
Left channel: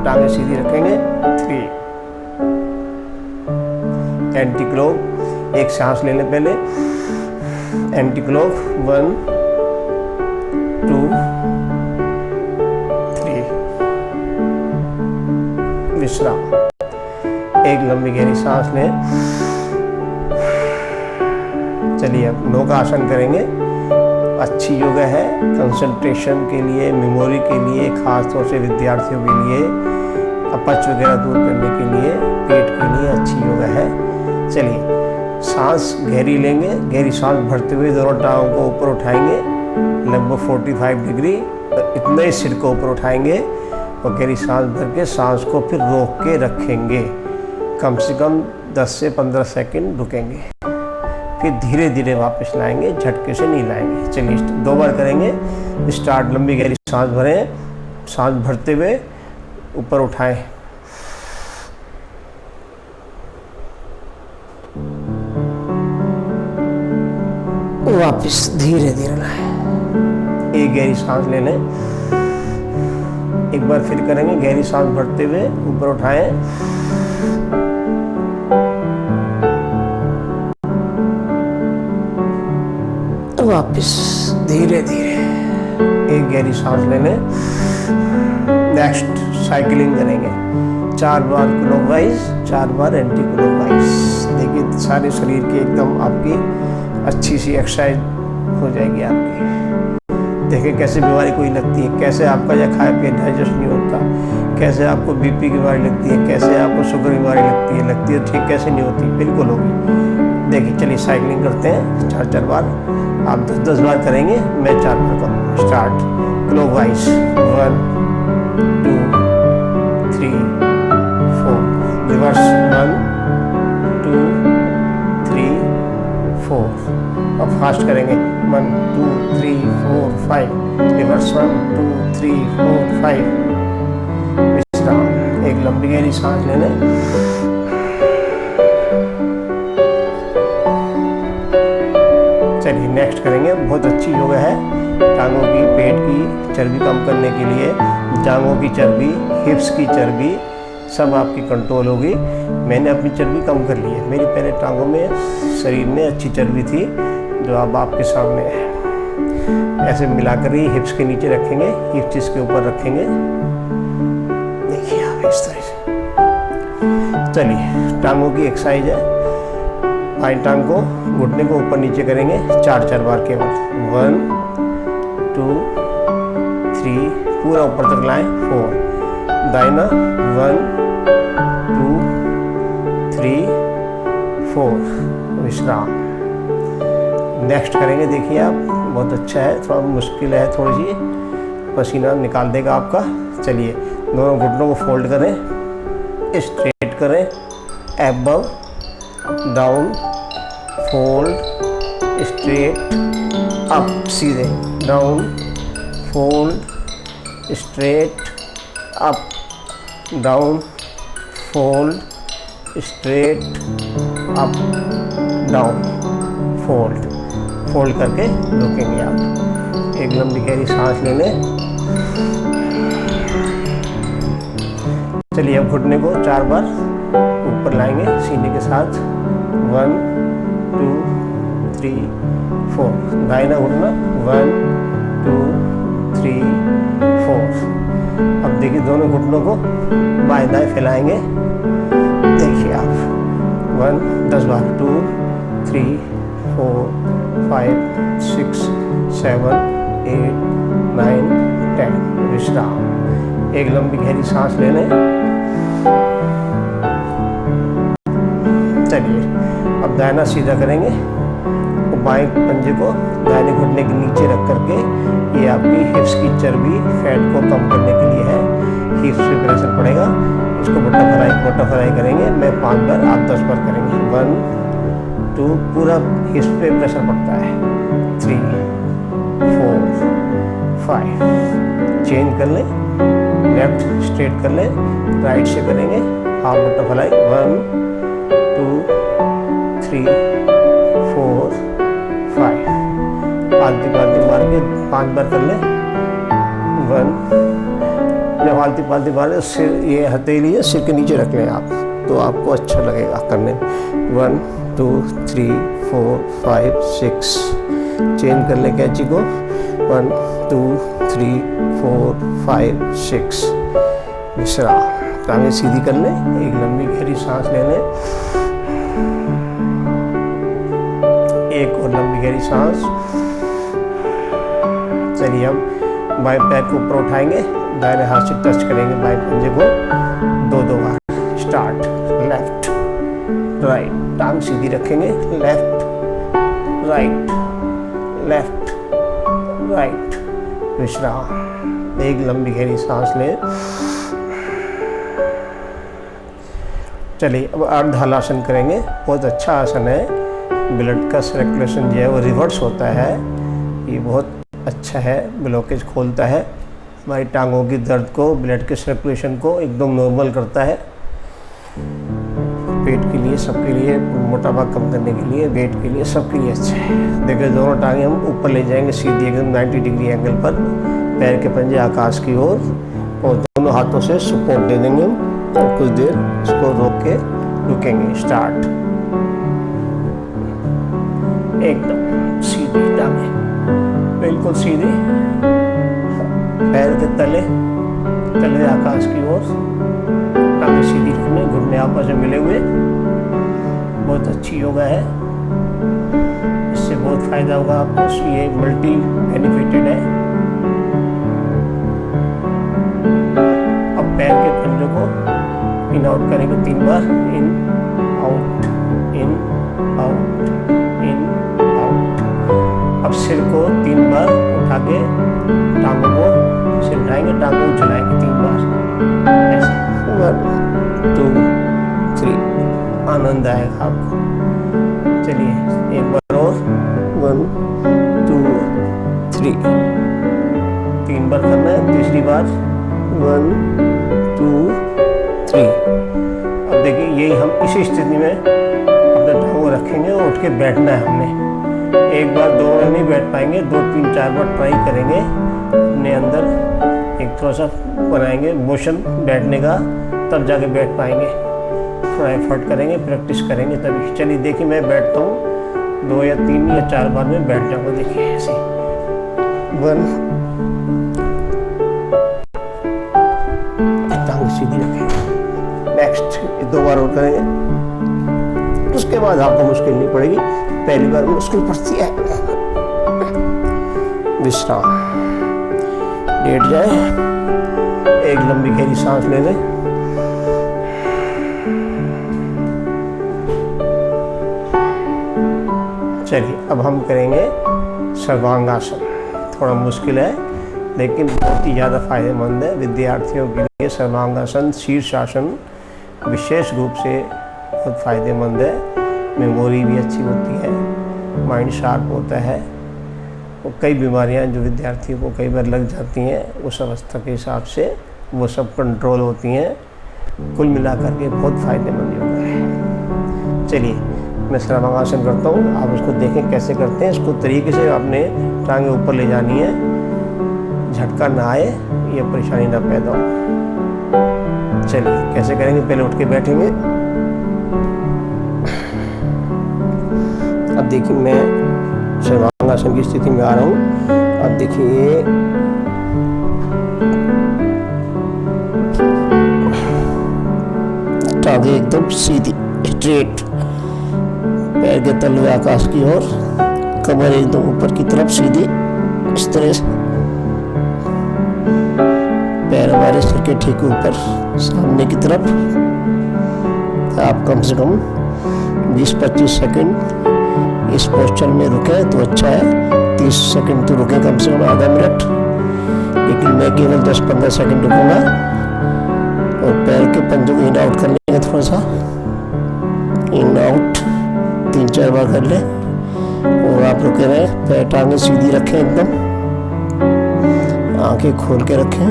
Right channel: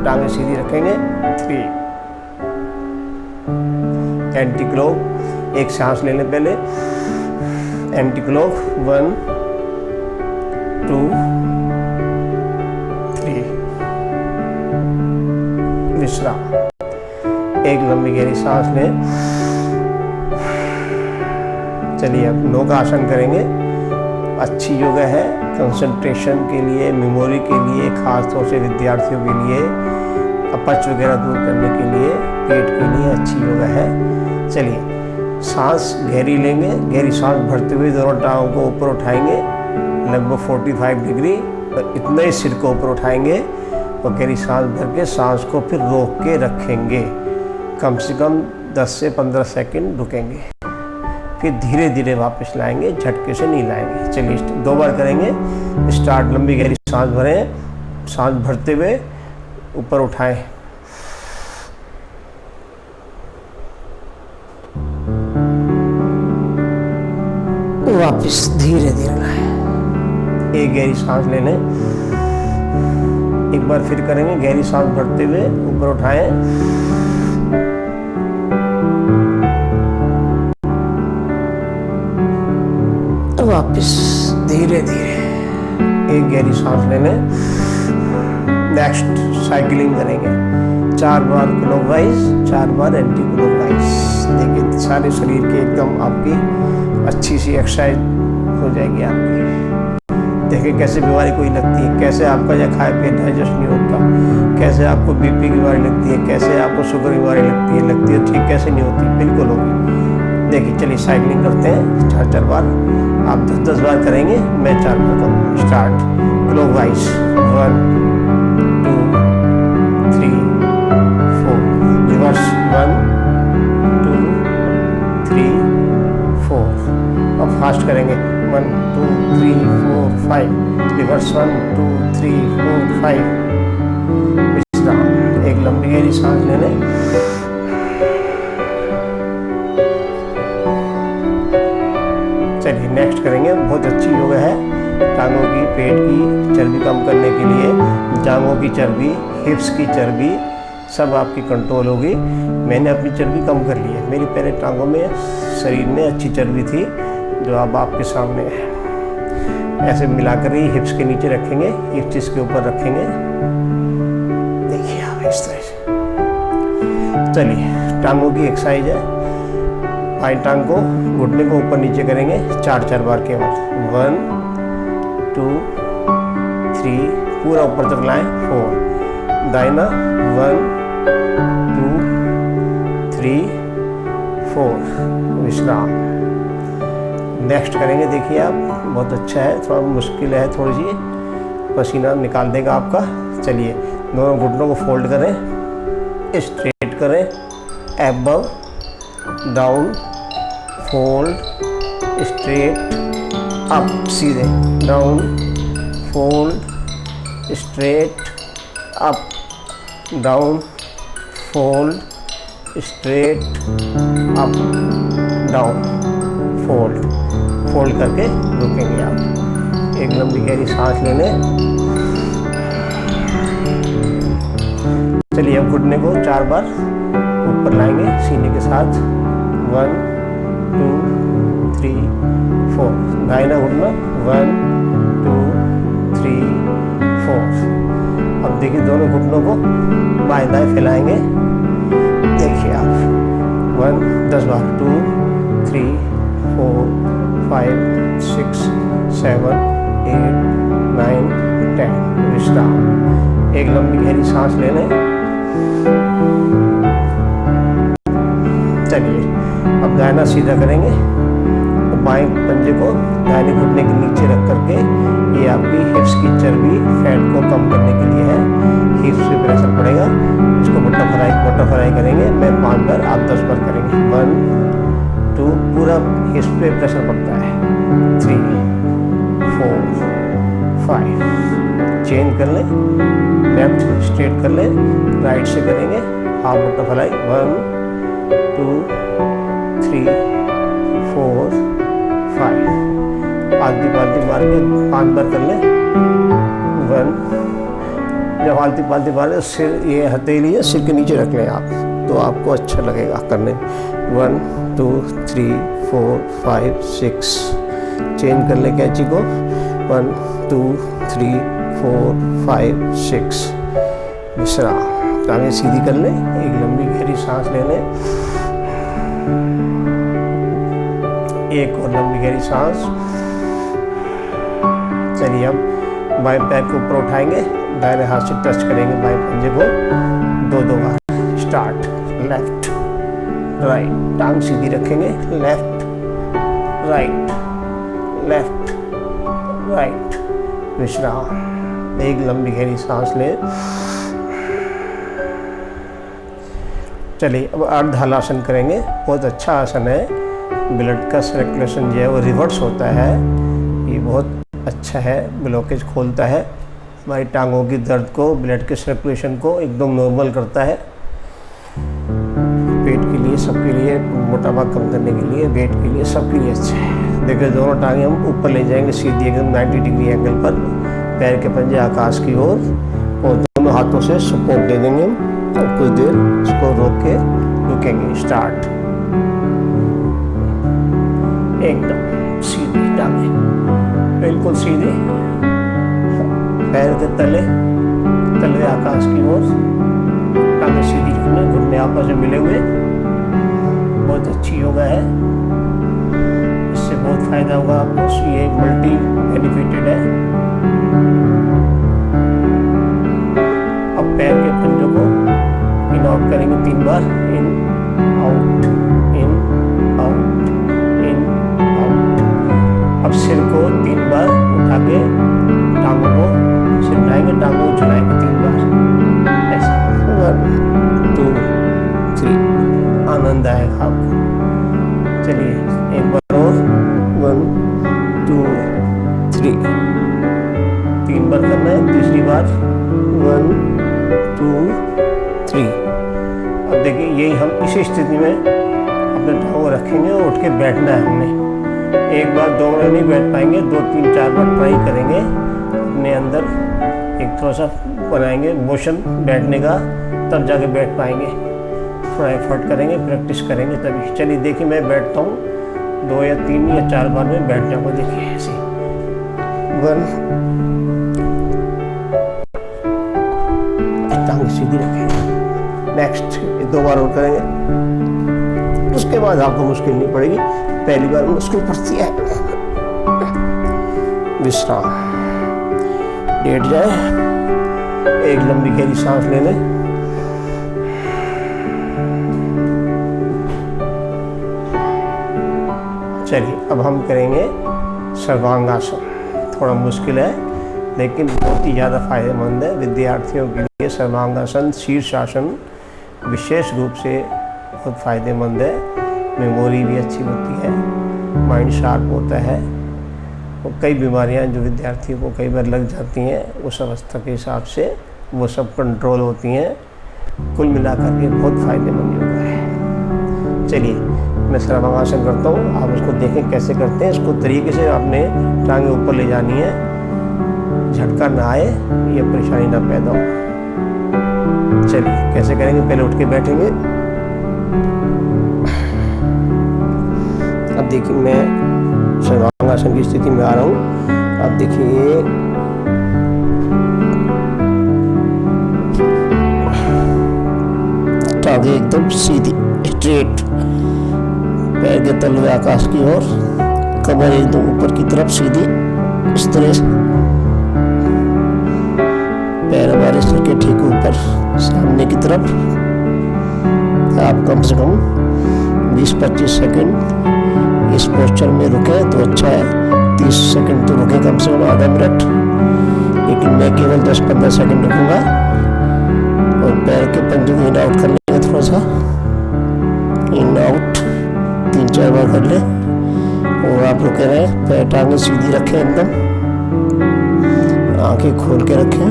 टांगें सीधी रखेंगे। 3। एंटी क्लॉक, एक सांस ले लें पहले। Anti clock 1 2 3। विश्राम। एक लंबी गहरी सांस लें। चलिए अब नौका आसन करेंगे। अच्छी योगा है, कंसंट्रेशन के लिए, मेमोरी के लिए, खास तौर से विद्यार्थियों के लिए, अपच वगैरह दूर करने के लिए, पेट के लिए अच्छी योगा है। चलिए सांस गहरी लेंगे। गहरी सांस भरते हुए दोनों टांगों को ऊपर उठाएंगे, लगभग 45 डिग्री, और इतना ही सिर को ऊपर उठाएंगे और गहरी सांस भर के सांस को फिर रोक के रखेंगे। कम से कम 10 से 15 सेकंड रुकेंगे, फिर धीरे धीरे वापस लाएंगे, झटके से नहीं लाएंगे। चलिए 2 बार करेंगे। स्टार्ट। लंबी गहरी सांस भरें, सांस भरते हुए ऊपर उठाएं। वापस धीरे धीरे लाएं। एक गहरी सांस ले लें। एक बार फिर करेंगे, गहरी सांस भरते हुए ऊपर उठाएं। वापस धीरे धीरे एक गहरी सांस ले लें। नेक्स्ट साइकिलिंग करेंगे 4 बार क्लॉकवाइज, 4 बार एंटी क्लॉकवाइज। देखिए सारे शरीर की एकदम आपकी अच्छी सी एक्सरसाइज हो जाएगी आपकी। देखिए कैसे बीमारी कोई लगती है, कैसे आपका या खाए पिए डाइजेस्ट नहीं होता, कैसे आपको बीपी की बीमारी लगती है, कैसे आपको शुगर की बीमारी लगती है ठीक कैसे नहीं होती, बिल्कुल होगी। देखिए चलिए साइकिलिंग करते हैं 4-4 बार। आप 10-10 बार करेंगे, मैं 4 बार करूँगा। Start clockwise 1 2 3 4, reverse 1 2 3 4। अब फास्ट करेंगे 1 2 3 4 5, रिवर्स 1 2 3 4 5। विश्राम। एक लंबी गहरी सांस ले लें। चलिए नेक्स्ट करेंगे, बहुत अच्छी योगा है टांगों की, पेट की चर्बी कम करने के लिए। जांघों की चर्बी, हिप्स की चर्बी सब आपकी कंट्रोल होगी। मैंने अपनी चर्बी कम कर ली है। मेरी पहले टांगों में, शरीर में अच्छी चर्बी थी जो अब आपके सामने है। ऐसे मिलाकर ही हिप्स के नीचे रखेंगे, हिप्स इसके ऊपर रखेंगे। देखिए आप इस तरह से। चलिए टांगों की एक्सरसाइज है। बाईं टांग को, घुटने को ऊपर नीचे करेंगे 4-4 बार केवल। 1 2 3, पूरा ऊपर तक लाएं। 4, दाहिना 1 2 3 4, विश्राम। नेक्स्ट करेंगे, देखिए आप बहुत अच्छा है, थोड़ा मुश्किल है, थोड़ी सी पसीना निकाल देगा आपका। चलिए दोनों घुटनों को फोल्ड करें, स्ट्रेट करें, above down, fold, straight, up, सीधे down, fold, straight, up, down, fold, straight, up, down, fold. Fold करके रुकेंगे आप। एक लंबी गहरी सांस ले लें। चलिए अब घुटने को 4 बार ऊपर लाएंगे सीने के साथ। 1 2 3 4, दाहिना घुटना 1 2 3 4। अब देखिए दोनों घुटनों को बाएं दाएं फैलाएंगे। देखिए आप 10 बार 2 3 4 5 6 7 8 9 10, विश्राम। एक लंबी गहरी सांस ले लें। चलिए अब दाहिना सीधा करेंगे और बाएं पंजे को दाहिने घुटने के नीचे रख करके, ये आपकी हिप्स की चर्बी, फैट को कम करने के लिए है। हिप्स पे प्रेशर पड़ेगा, इसको बटरफ्लाई करेंगे। मैं 5 बार, आप 10 बार करेंगे। 1 2, पूरा हिप्स पे प्रेशर पड़ता है। 3 4 5, चेंज कर लें, लेफ्ट स्ट्रेट कर लें, राइट से करेंगे हाफ बटरफ्लाई। 1 2 3 4 5, पालती मार के 5 बार कर लें। 1, जब पालती मारे सिर, ये हथेली है सिर के नीचे रख लें आप, तो आपको अच्छा लगेगा करने में। 1 2 3 4 5 6, चेंज कर लें कैंची को। 1 2 3 4 5 6, विश्राम। टांगें सीधी कर लें। एक लंबी गहरी सांस ले लें। एक और लंबी गहरी सांस। चलिए अब बाएं पैर को ऊपर उठाएंगे, दाहिने हाथ से टच करेंगे बाएं पंजे को 2-2 बार। स्टार्ट, लेफ्ट राइट, टांग सीधी रखेंगे। लेफ्ट राइट, लेफ्ट राइट, विश्राम। एक लंबी गहरी सांस लें। चलिए अब अर्ध हलासन करेंगे। बहुत अच्छा आसन है, ब्लड का सर्कुलेशन जो है वो रिवर्स होता है। ये बहुत अच्छा है, ब्लॉकेज खोलता है, हमारी टांगों की दर्द को, ब्लड के सर्कुलेशन को एकदम नॉर्मल करता है। पेट के लिए, सबके लिए, मोटापा कम करने के लिए, वेट के लिए, सबके लिए अच्छा है। देखिए दोनों टांगें हम ऊपर ले जाएंगे सीधी एकदम 90 डिग्री एंगल पर, पैर के पंजे आकाश की ओर, और दोनों हाथों से सपोर्ट दे देंगे हम, और कुछ देर इसको रोक के रुकेंगे। स्टार्ट। एकदम सीधी टांगें, बिल्कुल सीधी, पैर के तले आकाश की ओर, टांगें सीधी रखने, घुटने आपस में मिले हुए। बहुत अच्छी योगा है, इससे बहुत फायदा होगा आपको। ये मल्टी बेनिफिटेड है। अब पैर के पंजों को इन आउट करेंगे 3 बार, in out, in out, in out. अब सिर को 3 बार उठा के टांगों को, सिर उठाएंगे, टांगों को झुलाएंगे 3 बार ऐसे। 1 2 3। आनंद आएगा आपको। चलिए एक बार और, 1 2 3। 3 बार करना है। तीसरी बार 1 2 3। अब देखिए यही हम इसी स्थिति में अपने टांगों रखेंगे और उठ के बैठना है हमने। एक बार 2 बार नहीं बैठ पाएंगे, 2 3 4 बार ट्राई करेंगे। अपने अंदर एक थोड़ा सा बनाएंगे मोशन बैठने का, तब जाके बैठ पाएंगे। थोड़ा एफर्ट करेंगे, प्रैक्टिस करेंगे तभी। चलिए देखिए मैं बैठता हूँ, 2 या 3 या 4 बार में बैठ जाऊँगा। देखिए ऐसे 1, टांग सीधी रखेंगे। नेक्स्ट 2 बार और करेंगे, उसके बाद आपको मुश्किल नहीं पड़ेगी। पहली बार मुश्किल पड़ती है। विश्राम, लेट जाए, एक लंबी गहरी सांस ले लें। चलिए अब हम करेंगे सर्वांगासन। थोड़ा मुश्किल है लेकिन बहुत ही ज़्यादा फायदेमंद है विद्यार्थियों के लिए। सर्वांगासन, शीर्षासन विशेष रूप से बहुत फायदेमंद है। मेमोरी भी अच्छी होती है, माइंड शार्प होता है, और कई बीमारियां जो विद्यार्थियों को कई बार लग जाती हैं उस अवस्था के हिसाब से वो सब कंट्रोल होती हैं। कुल मिलाकर के बहुत फायदेमंद योगा है। चलिए मैं सर्वांगासन करता हूँ, आप इसको देखें कैसे करते हैं। इसको तरीके से आपने टांगें ऊपर ले जानी है, झटका ना आए, ये परेशानी ना पैदा हो। चलिए कैसे करेंगे, पहले उठ के बैठेंगे। अब देखिए मैं सर्वांगासन की स्थिति में आ रहा हूँ। अब देखिए टांगें एकदम सीधी स्ट्रेट, पैर के तलवे आकाश की ओर, कमर एकदम ऊपर की तरफ सीधी, इस तरह से पैर हमारे सिर के ठीक ऊपर सामने की तरफ। आप कम से कम 20-25 सेकंड इस पोस्चर में रुके तो अच्छा है। 30 सेकंड तो रुके, कम से कम आधा मिनट, लेकिन मैं केवल 10-15 सेकंड रुकूंगा। और पैर के पंजों को इन आउट कर लेंगे, थोड़ा सा इन आउट 3-4 बार कर ले। और आप रुके रहे, पैर टांगें सीधी रखें एकदम, आंखें खोल के रखें।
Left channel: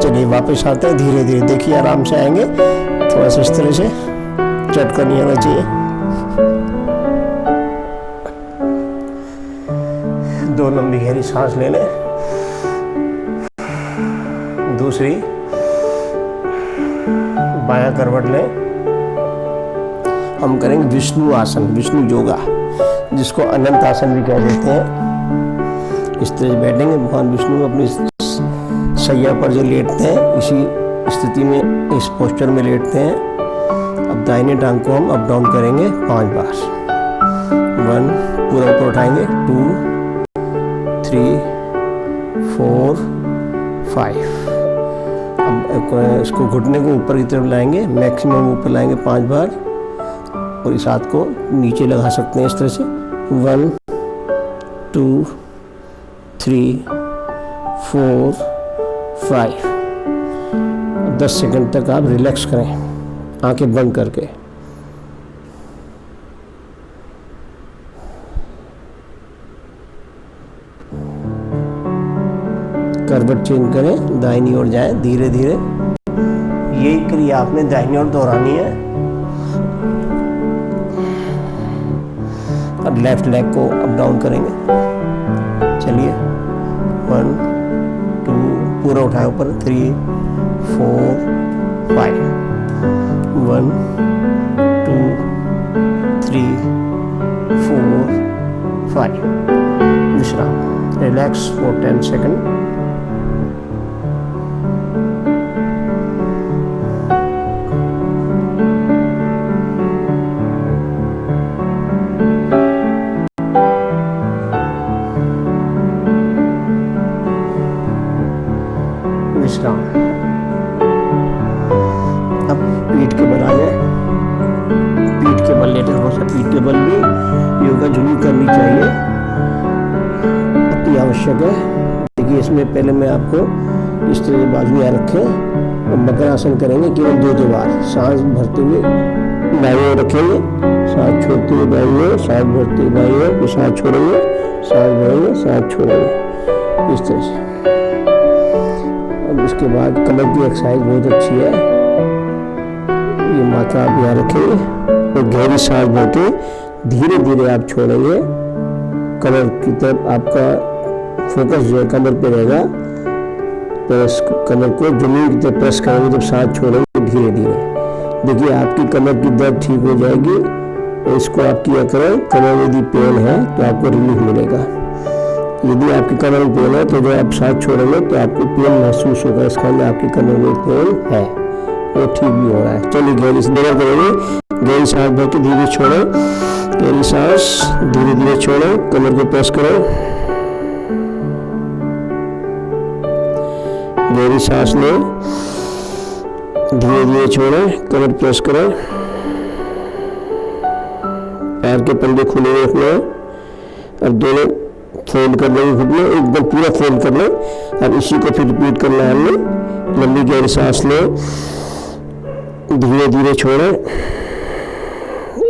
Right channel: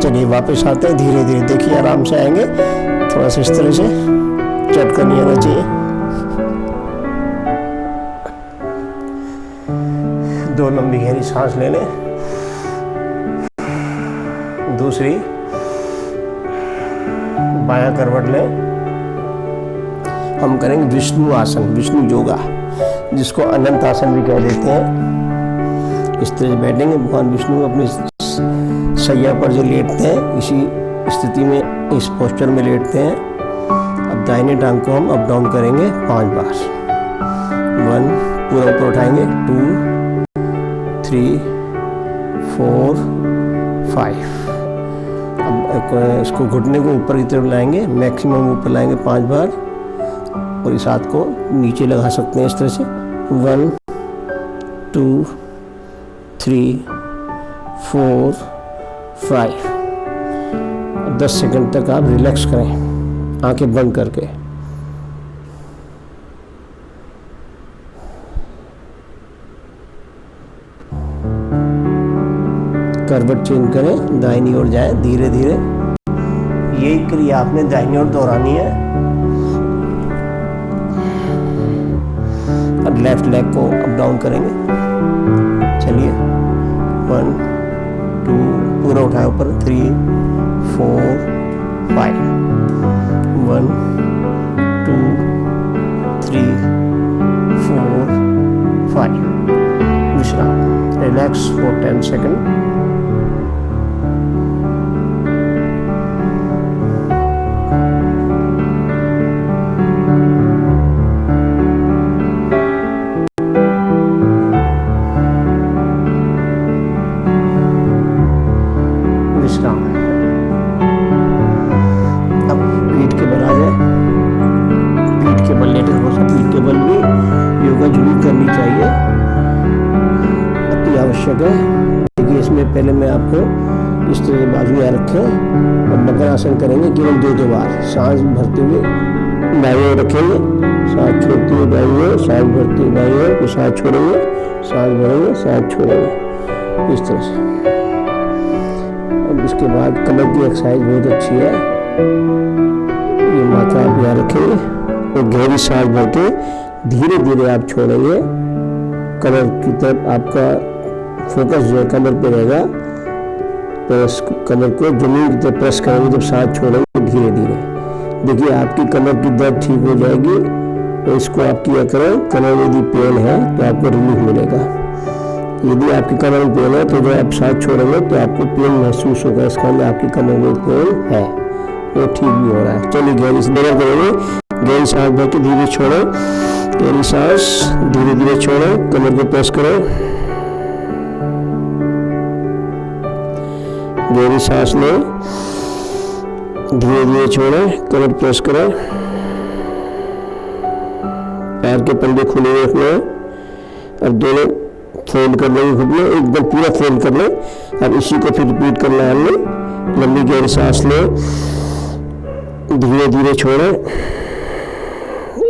चलिए वापस आते हैं धीरे धीरे। देखिए आराम से आएंगे, थोड़ा सा इस तरह से, झटका नहीं आना चाहिए। 2 लंबी गहरी सांस ले लें। दूसरी बायां करवट लें। हम करेंगे विष्णु आसन, विष्णु योगा, जिसको अनंत आसन भी कह देते हैं। इस तरह से बैठेंगे, भगवान विष्णु अपनी सैया पर जो लेटते हैं, इसी स्थिति में, इस पोस्चर में लेटते हैं। अब दाहिने टांग को हम अप डाउन करेंगे 5 बार। 1, पूरा ऊपर उठाएंगे, 2 3 4 5। अब इसको घुटने को ऊपर की तरफ लाएंगे, मैक्सिमम ऊपर लाएंगे 5 बार, और इस हाथ को नीचे लगा सकते हैं इस तरह से। 1 2 3 4 5। 10 सेकंड तक आप रिलैक्स करें, आंखें बंद करके। करवट चेंज करें, दाहिनी ओर जाए धीरे धीरे। यही क्रिया आपने दाहिनी ओर दोहरानी है। अब लेफ्ट लेग को अप डाउन करेंगे। चलिए 1 2 पूरा उठाए ऊपर, 3 4 5, 1 2 3 4 5। विश्राम, रिलैक्स फॉर 10 सेकेंड। विश्राम। अब पीठ के बल आ जाए, पीठ के बल लेटे हो सकता, पीठ के बल भी योगा जरूर करनी चाहिए, अति आवश्यक है। देखिए इसमें पहले मैं आपको इस तरह से बाजू यहाँ रखें और मकर आसन करेंगे केवल 2 बार। सांस भरते हुए बाईं ओर रखेंगे, सांस छोड़ते हुए बाईं ओर, सांस भरते हुए बाईं ओर, फिर सांस छोड़ेंगे, सांस भरेंगे, सांस छोड़ेंगे, इस तरह से। अब इसके बाद कमर की एक्सरसाइज बहुत अच्छी है। ये माथा आप यहाँ रखेंगे और गहरी सांस भर के धीरे धीरे आप छोड़ेंगे। कमर की तरफ आपका फोकस जो है कमर पे रहेगा। प्रेस कमर को जमीन की तरफ प्रेस करेंगे जब सांस छोड़ेंगे धीरे धीरे। देखिए आपकी कमर की दर्द ठीक हो जाएगी। और इसको आप किया करें, कमर में यदि पेन है तो आपको रिलीफ मिलेगा। यदि आपकी कमर में पेन है तो जब आप सांस छोड़ेंगे तो आपको पेन महसूस होगा, इसका मतलब आपकी कमर में पेन है, वो ठीक भी हो रहा है। चलिए गहरी सांस करेंगे, गहरी सांस भर के धीरे छोड़ें, गहरी सांस धीरे धीरे छोड़ें, कमर को प्रेस करें, गहरी सांस लें, धीरे धीरे छोड़ें, कमर प्रेस करें, पैर के पंजे खुले रखने। अब दोनों फोल्ड कर लेंगे, घुटने एकदम पूरा फोल्ड कर लें। अब इसी को फिर रिपीट करना है हमने। लंबी गहरी सांस लें, धीरे धीरे छोड़ें।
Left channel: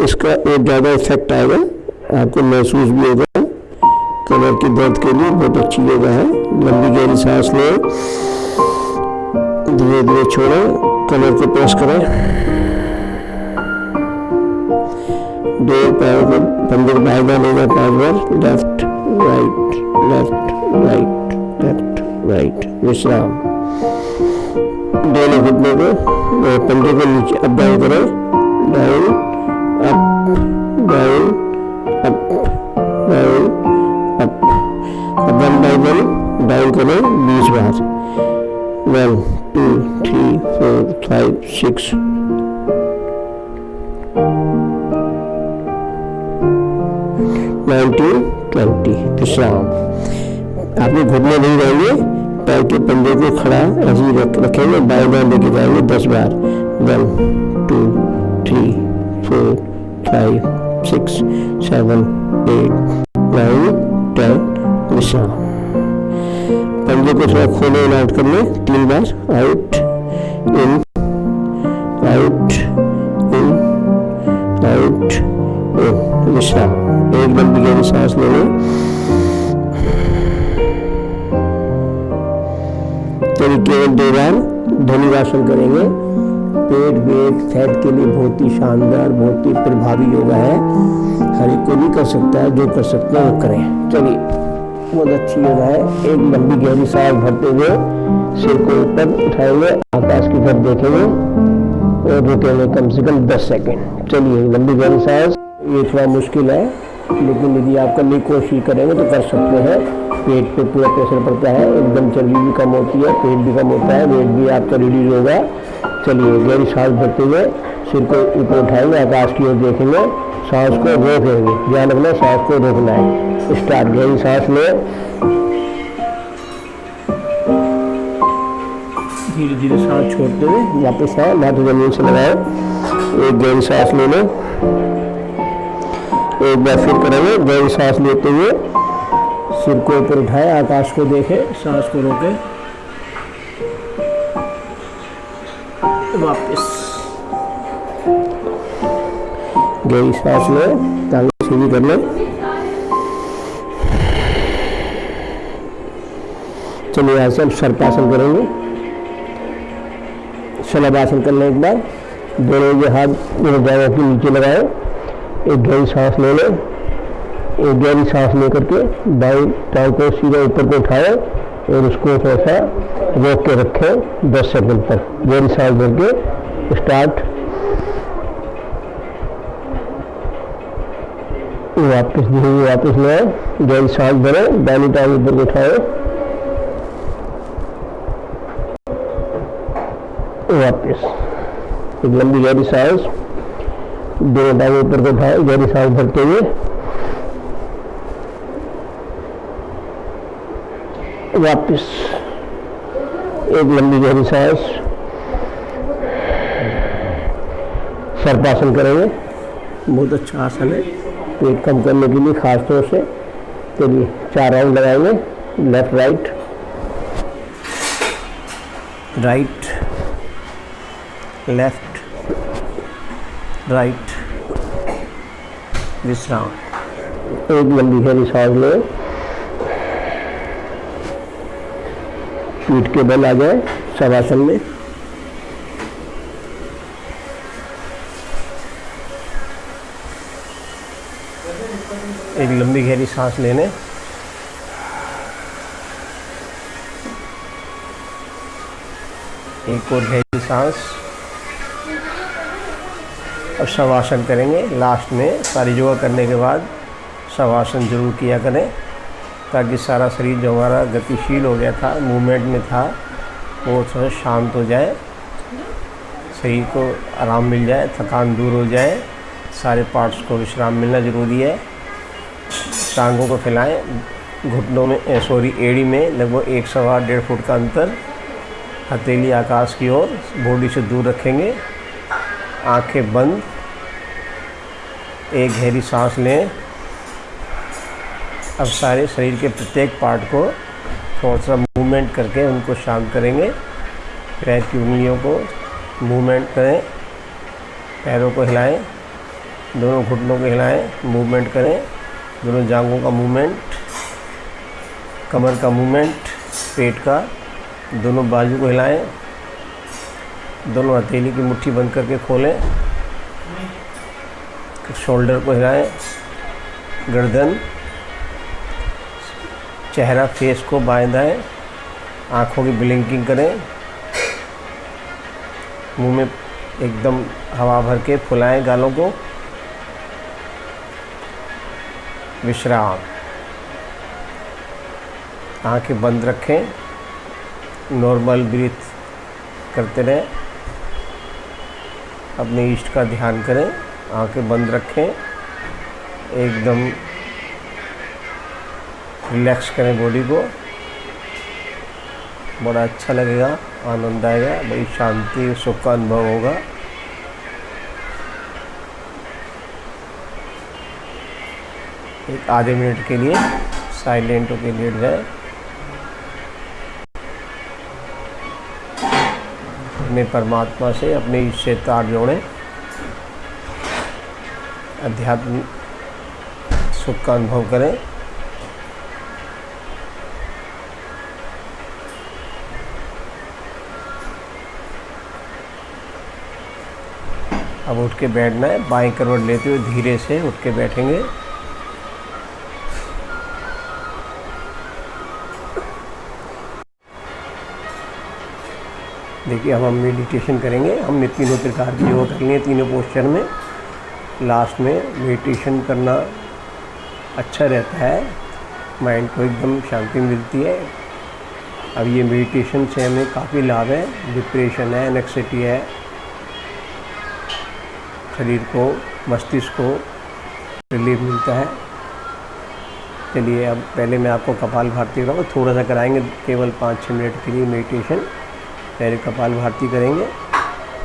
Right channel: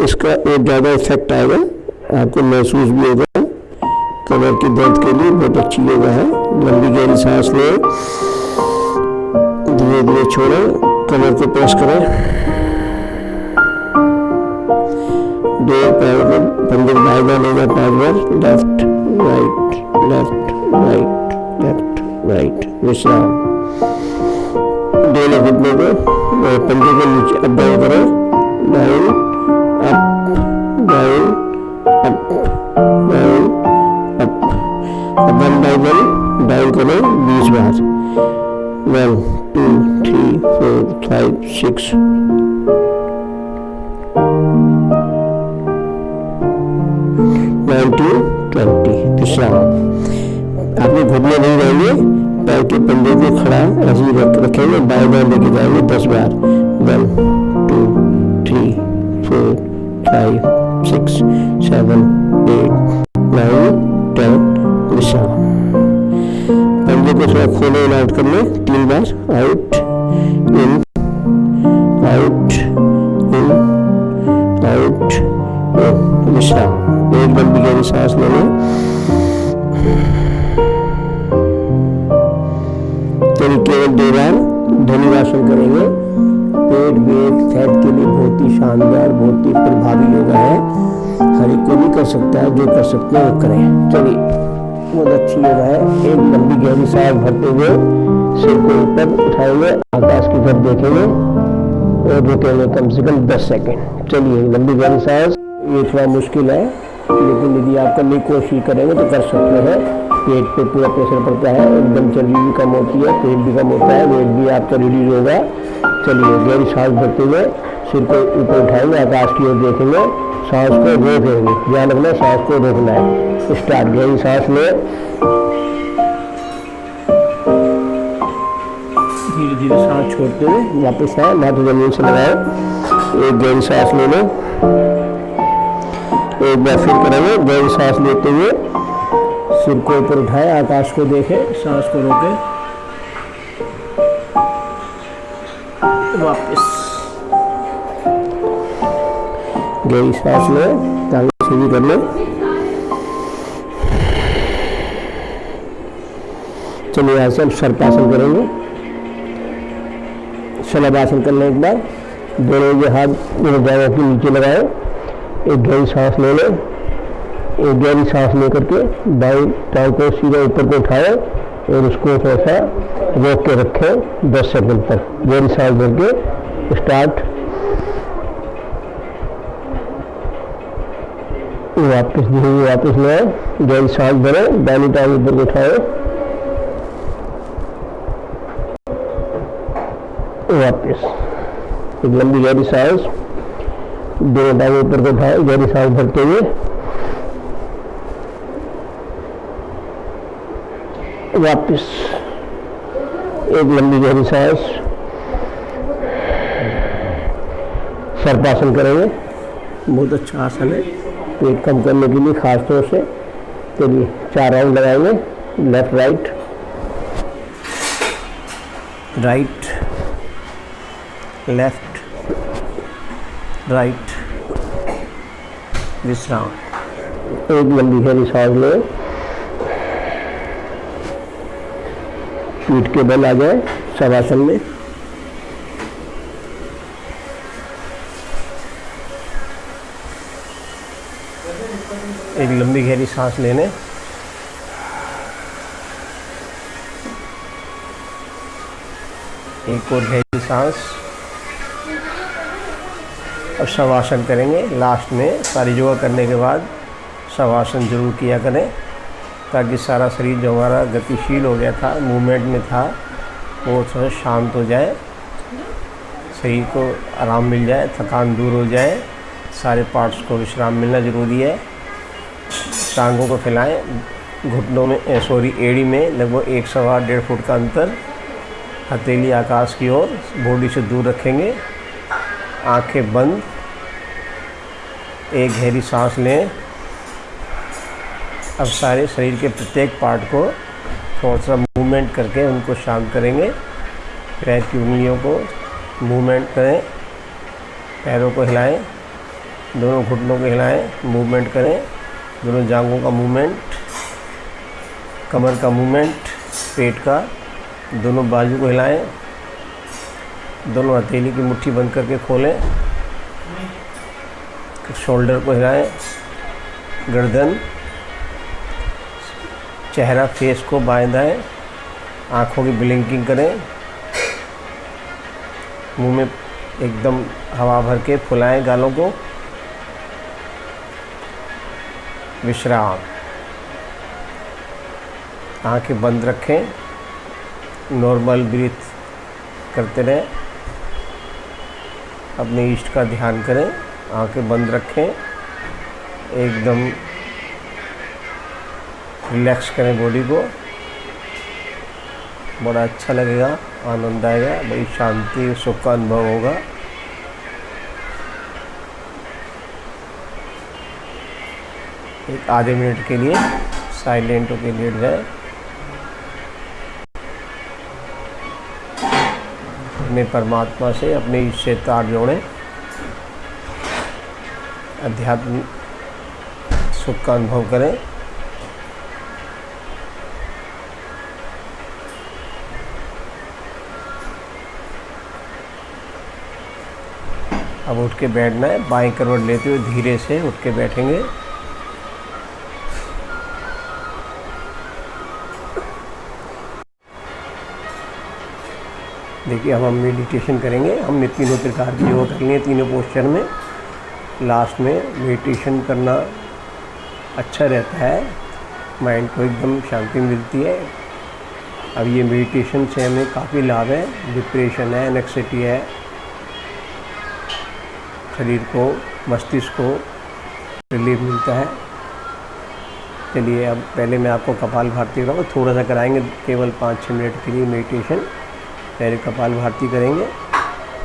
इसका एक ज़्यादा इफेक्ट आएगा, आपको महसूस भी होगा। कमर की दर्द के लिए बहुत अच्छी योगा है। लंबी गहरी सांस लें, धीरे धीरे छोड़ें, कमर को प्रेस करें, दो पैरों को पंजे बाएं लेगा 5 बार, left right left right left right. विश्राम। दोनों घुटनों को पंजे को नीचे अप डाउन करें, down up down up down up. अब 1 बाय 1 डाउन करें 20 बार। 1 2 3 4 5 6 19 20। विश्राम। आपने घुटने नहीं रहेंगे, पैर के पंजे को खड़ा ऐसे ही रखेंगे, बाएं बाएं लेके जाएंगे 10 बार। 1 2 3 4 5 6 7 8 9 10। विश्राम। पंजे को थोड़ा खोले और आउट कर ले 3 बार। Out in out in out in. विश्राम। एक लंबी गहरी सांस ले लें। चलिए केवल 2 बार धनुरासन करेंगे। पेट वेट फैट के लिए बहुत ही शानदार, बहुत ही प्रभावी योगा है। हर एक को भी कर सकता है, जो कर सकते हैं वो करें। चलिए बहुत अच्छी योगा है। एक लंबी गहरी सांस भरते हुए सिर को ऊपर उठाएंगे, आकाश की तरफ देखेंगे और रुकेंगे कम से कम 10 सेकेंड। चलिए लंबी गहरी सांस। ये थोड़ा मुश्किल है, लेकिन यदि आप करने की कोशिश करेंगे तो कर सकते हैं। पेट पे पूरा प्रेशर पड़ता है, एकदम चर्बी भी कम होती है, पेट भी कम होता है, वेट भी आपका रिड्यूस होगा। चलिए गहरी सांस भरते हुए सिर को ऊपर उठाएंगे, आकाश की ओर देखेंगे, सांस को रोकेंगे। ध्यान रखना सांस को रोकना है। स्टार्ट। गहरी सांस लें, धीरे धीरे सांस छोड़ते हुए वापस आए, हाथ जमीन से लगाए। एक गहरी सांस ले लें, एक बार फिर करेंगे। गहरी सांस लेते हुए सिर को ऊपर उठाए, आकाश को देखें, सांस को रोके, वापस गहरी सांस लें, टांगें सीधी कर लें। चलिए यहाँ से हम सर्पासन करेंगे। शलभासन करने के बाद दोनों ये हाथ दोनों जांघों के नीचे लगाए, एक गहरी सांस ले लें। एक गहरी सांस लेकर के बाईं टांग को सीधा ऊपर को उठाएं और उसको थोड़ा सा रोक के रखें 10 सेकंड तक। गहरी सांस भर के स्टार्ट। वापस धीरे वापस ले, गहरी सांस भरें, दाहिनी टांग ऊपर को उठाएं, वापस एक लंबी गहरी सांस, दोनों टांग ऊपर को उठाएं, गहरी सांस भरते हुए वापस एक लंबी गहरी सांस। सर्पासन करेंगे, बहुत अच्छा आसन है पेट कम करने के लिए खास तौर से। चलिए 4 राउंड लगाएंगे, left right, right left, right, विश्राम। एक लंबी गहरी सांस लें, पीठ के बल आ जाए शवासन में। एक लंबी गहरी सांस लेने, एक और गहरी सांस और शवासन करेंगे। लास्ट में सारी योगा करने के बाद शवासन जरूर किया करें ताकि सारा शरीर जो हमारा गतिशील हो गया था, मूवमेंट में था, वो थोड़ा शांत हो जाए, शरीर को आराम मिल जाए, थकान दूर हो जाए, सारे पार्ट्स को विश्राम मिलना ज़रूरी है। टांगों को फैलाएं, घुटनों में एड़ी में लगभग 1 सवा 1.5 फुट का अंतर, हथेली आकाश की ओर, बॉडी से दूर रखेंगे, आंखें बंद, एक गहरी सांस लें। अब सारे शरीर के प्रत्येक पार्ट को थोड़ा सा मूवमेंट करके उनको शांत करेंगे। पैर की उंगलियों को मूवमेंट करें, पैरों को हिलाएं, दोनों घुटनों को हिलाएं, मूवमेंट करें, दोनों जांघों का मूवमेंट, कमर का मूवमेंट, पेट का, दोनों बाजू को हिलाएं, दोनों हथेली की मुट्ठी बंद करके खोलें, शोल्डर को हिलाएं, गर्दन, चेहरा, फेस को बाएं दाएं, आँखों की ब्लिंकिंग करें, मुंह में एकदम हवा भर के फुलाएं गालों को, विश्राम। आंखें बंद रखें, नॉर्मल ब्रीथ करते रहें, अपने इष्ट का ध्यान करें, आंखें बंद रखें, एकदम रिलैक्स करें बॉडी को, बड़ा अच्छा लगेगा, आनंद आएगा, बड़ी शांति सुख का अनुभव होगा। एक आधे मिनट के लिए साइलेंट होकर लेट जाए, अपने परमात्मा से, अपने ईश्वर से तार जोड़ें, अध्यात्म सुख का अनुभव करें। अब उठ के बैठना है, बाएं करवट लेते हुए धीरे से उठ के बैठेंगे। देखिए अब हम मेडिटेशन करेंगे। हमने तीनों प्रकार की योगा कर लिए तीनों पोस्चर में। लास्ट में मेडिटेशन करना अच्छा रहता है, माइंड को एकदम शांति मिलती है। अब ये मेडिटेशन से हमें काफ़ी लाभ है, डिप्रेशन है, एंग्जायटी है, शरीर को, मस्तिष्क को रिलीफ मिलता है। चलिए अब पहले मैं आपको कपालभाति कराऊँ, थोड़ा सा कराएंगे, केवल 5-6 मिनट के लिए मेडिटेशन। पहले कपालभाति करेंगे।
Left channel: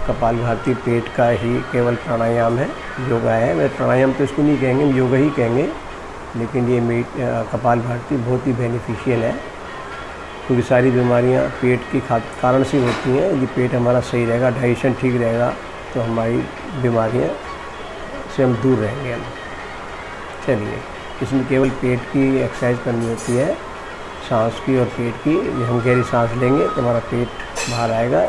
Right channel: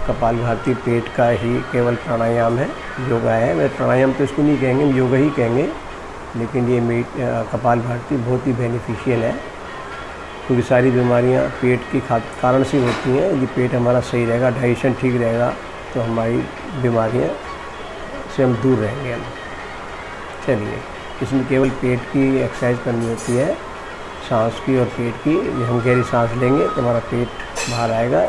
कपालभाति पेट का ही केवल प्राणायाम है, योगा है। मैं प्राणायाम तो इसको नहीं कहेंगे, योगा ही कहेंगे, लेकिन ये कपालभाति बहुत ही बेनिफिशियल है, क्योंकि सारी बीमारियां पेट की कारण से होती हैं। यदि पेट हमारा सही रहेगा, डाइजेशन ठीक रहेगा, तो हमारी बीमारियां से हम दूर रहेंगे। चलिए, इसमें केवल पेट की एक्सरसाइज करनी होती है। सांस की और पेट की। जब हम गहरी सांस लेंगे तो हमारा पेट बाहर आएगा,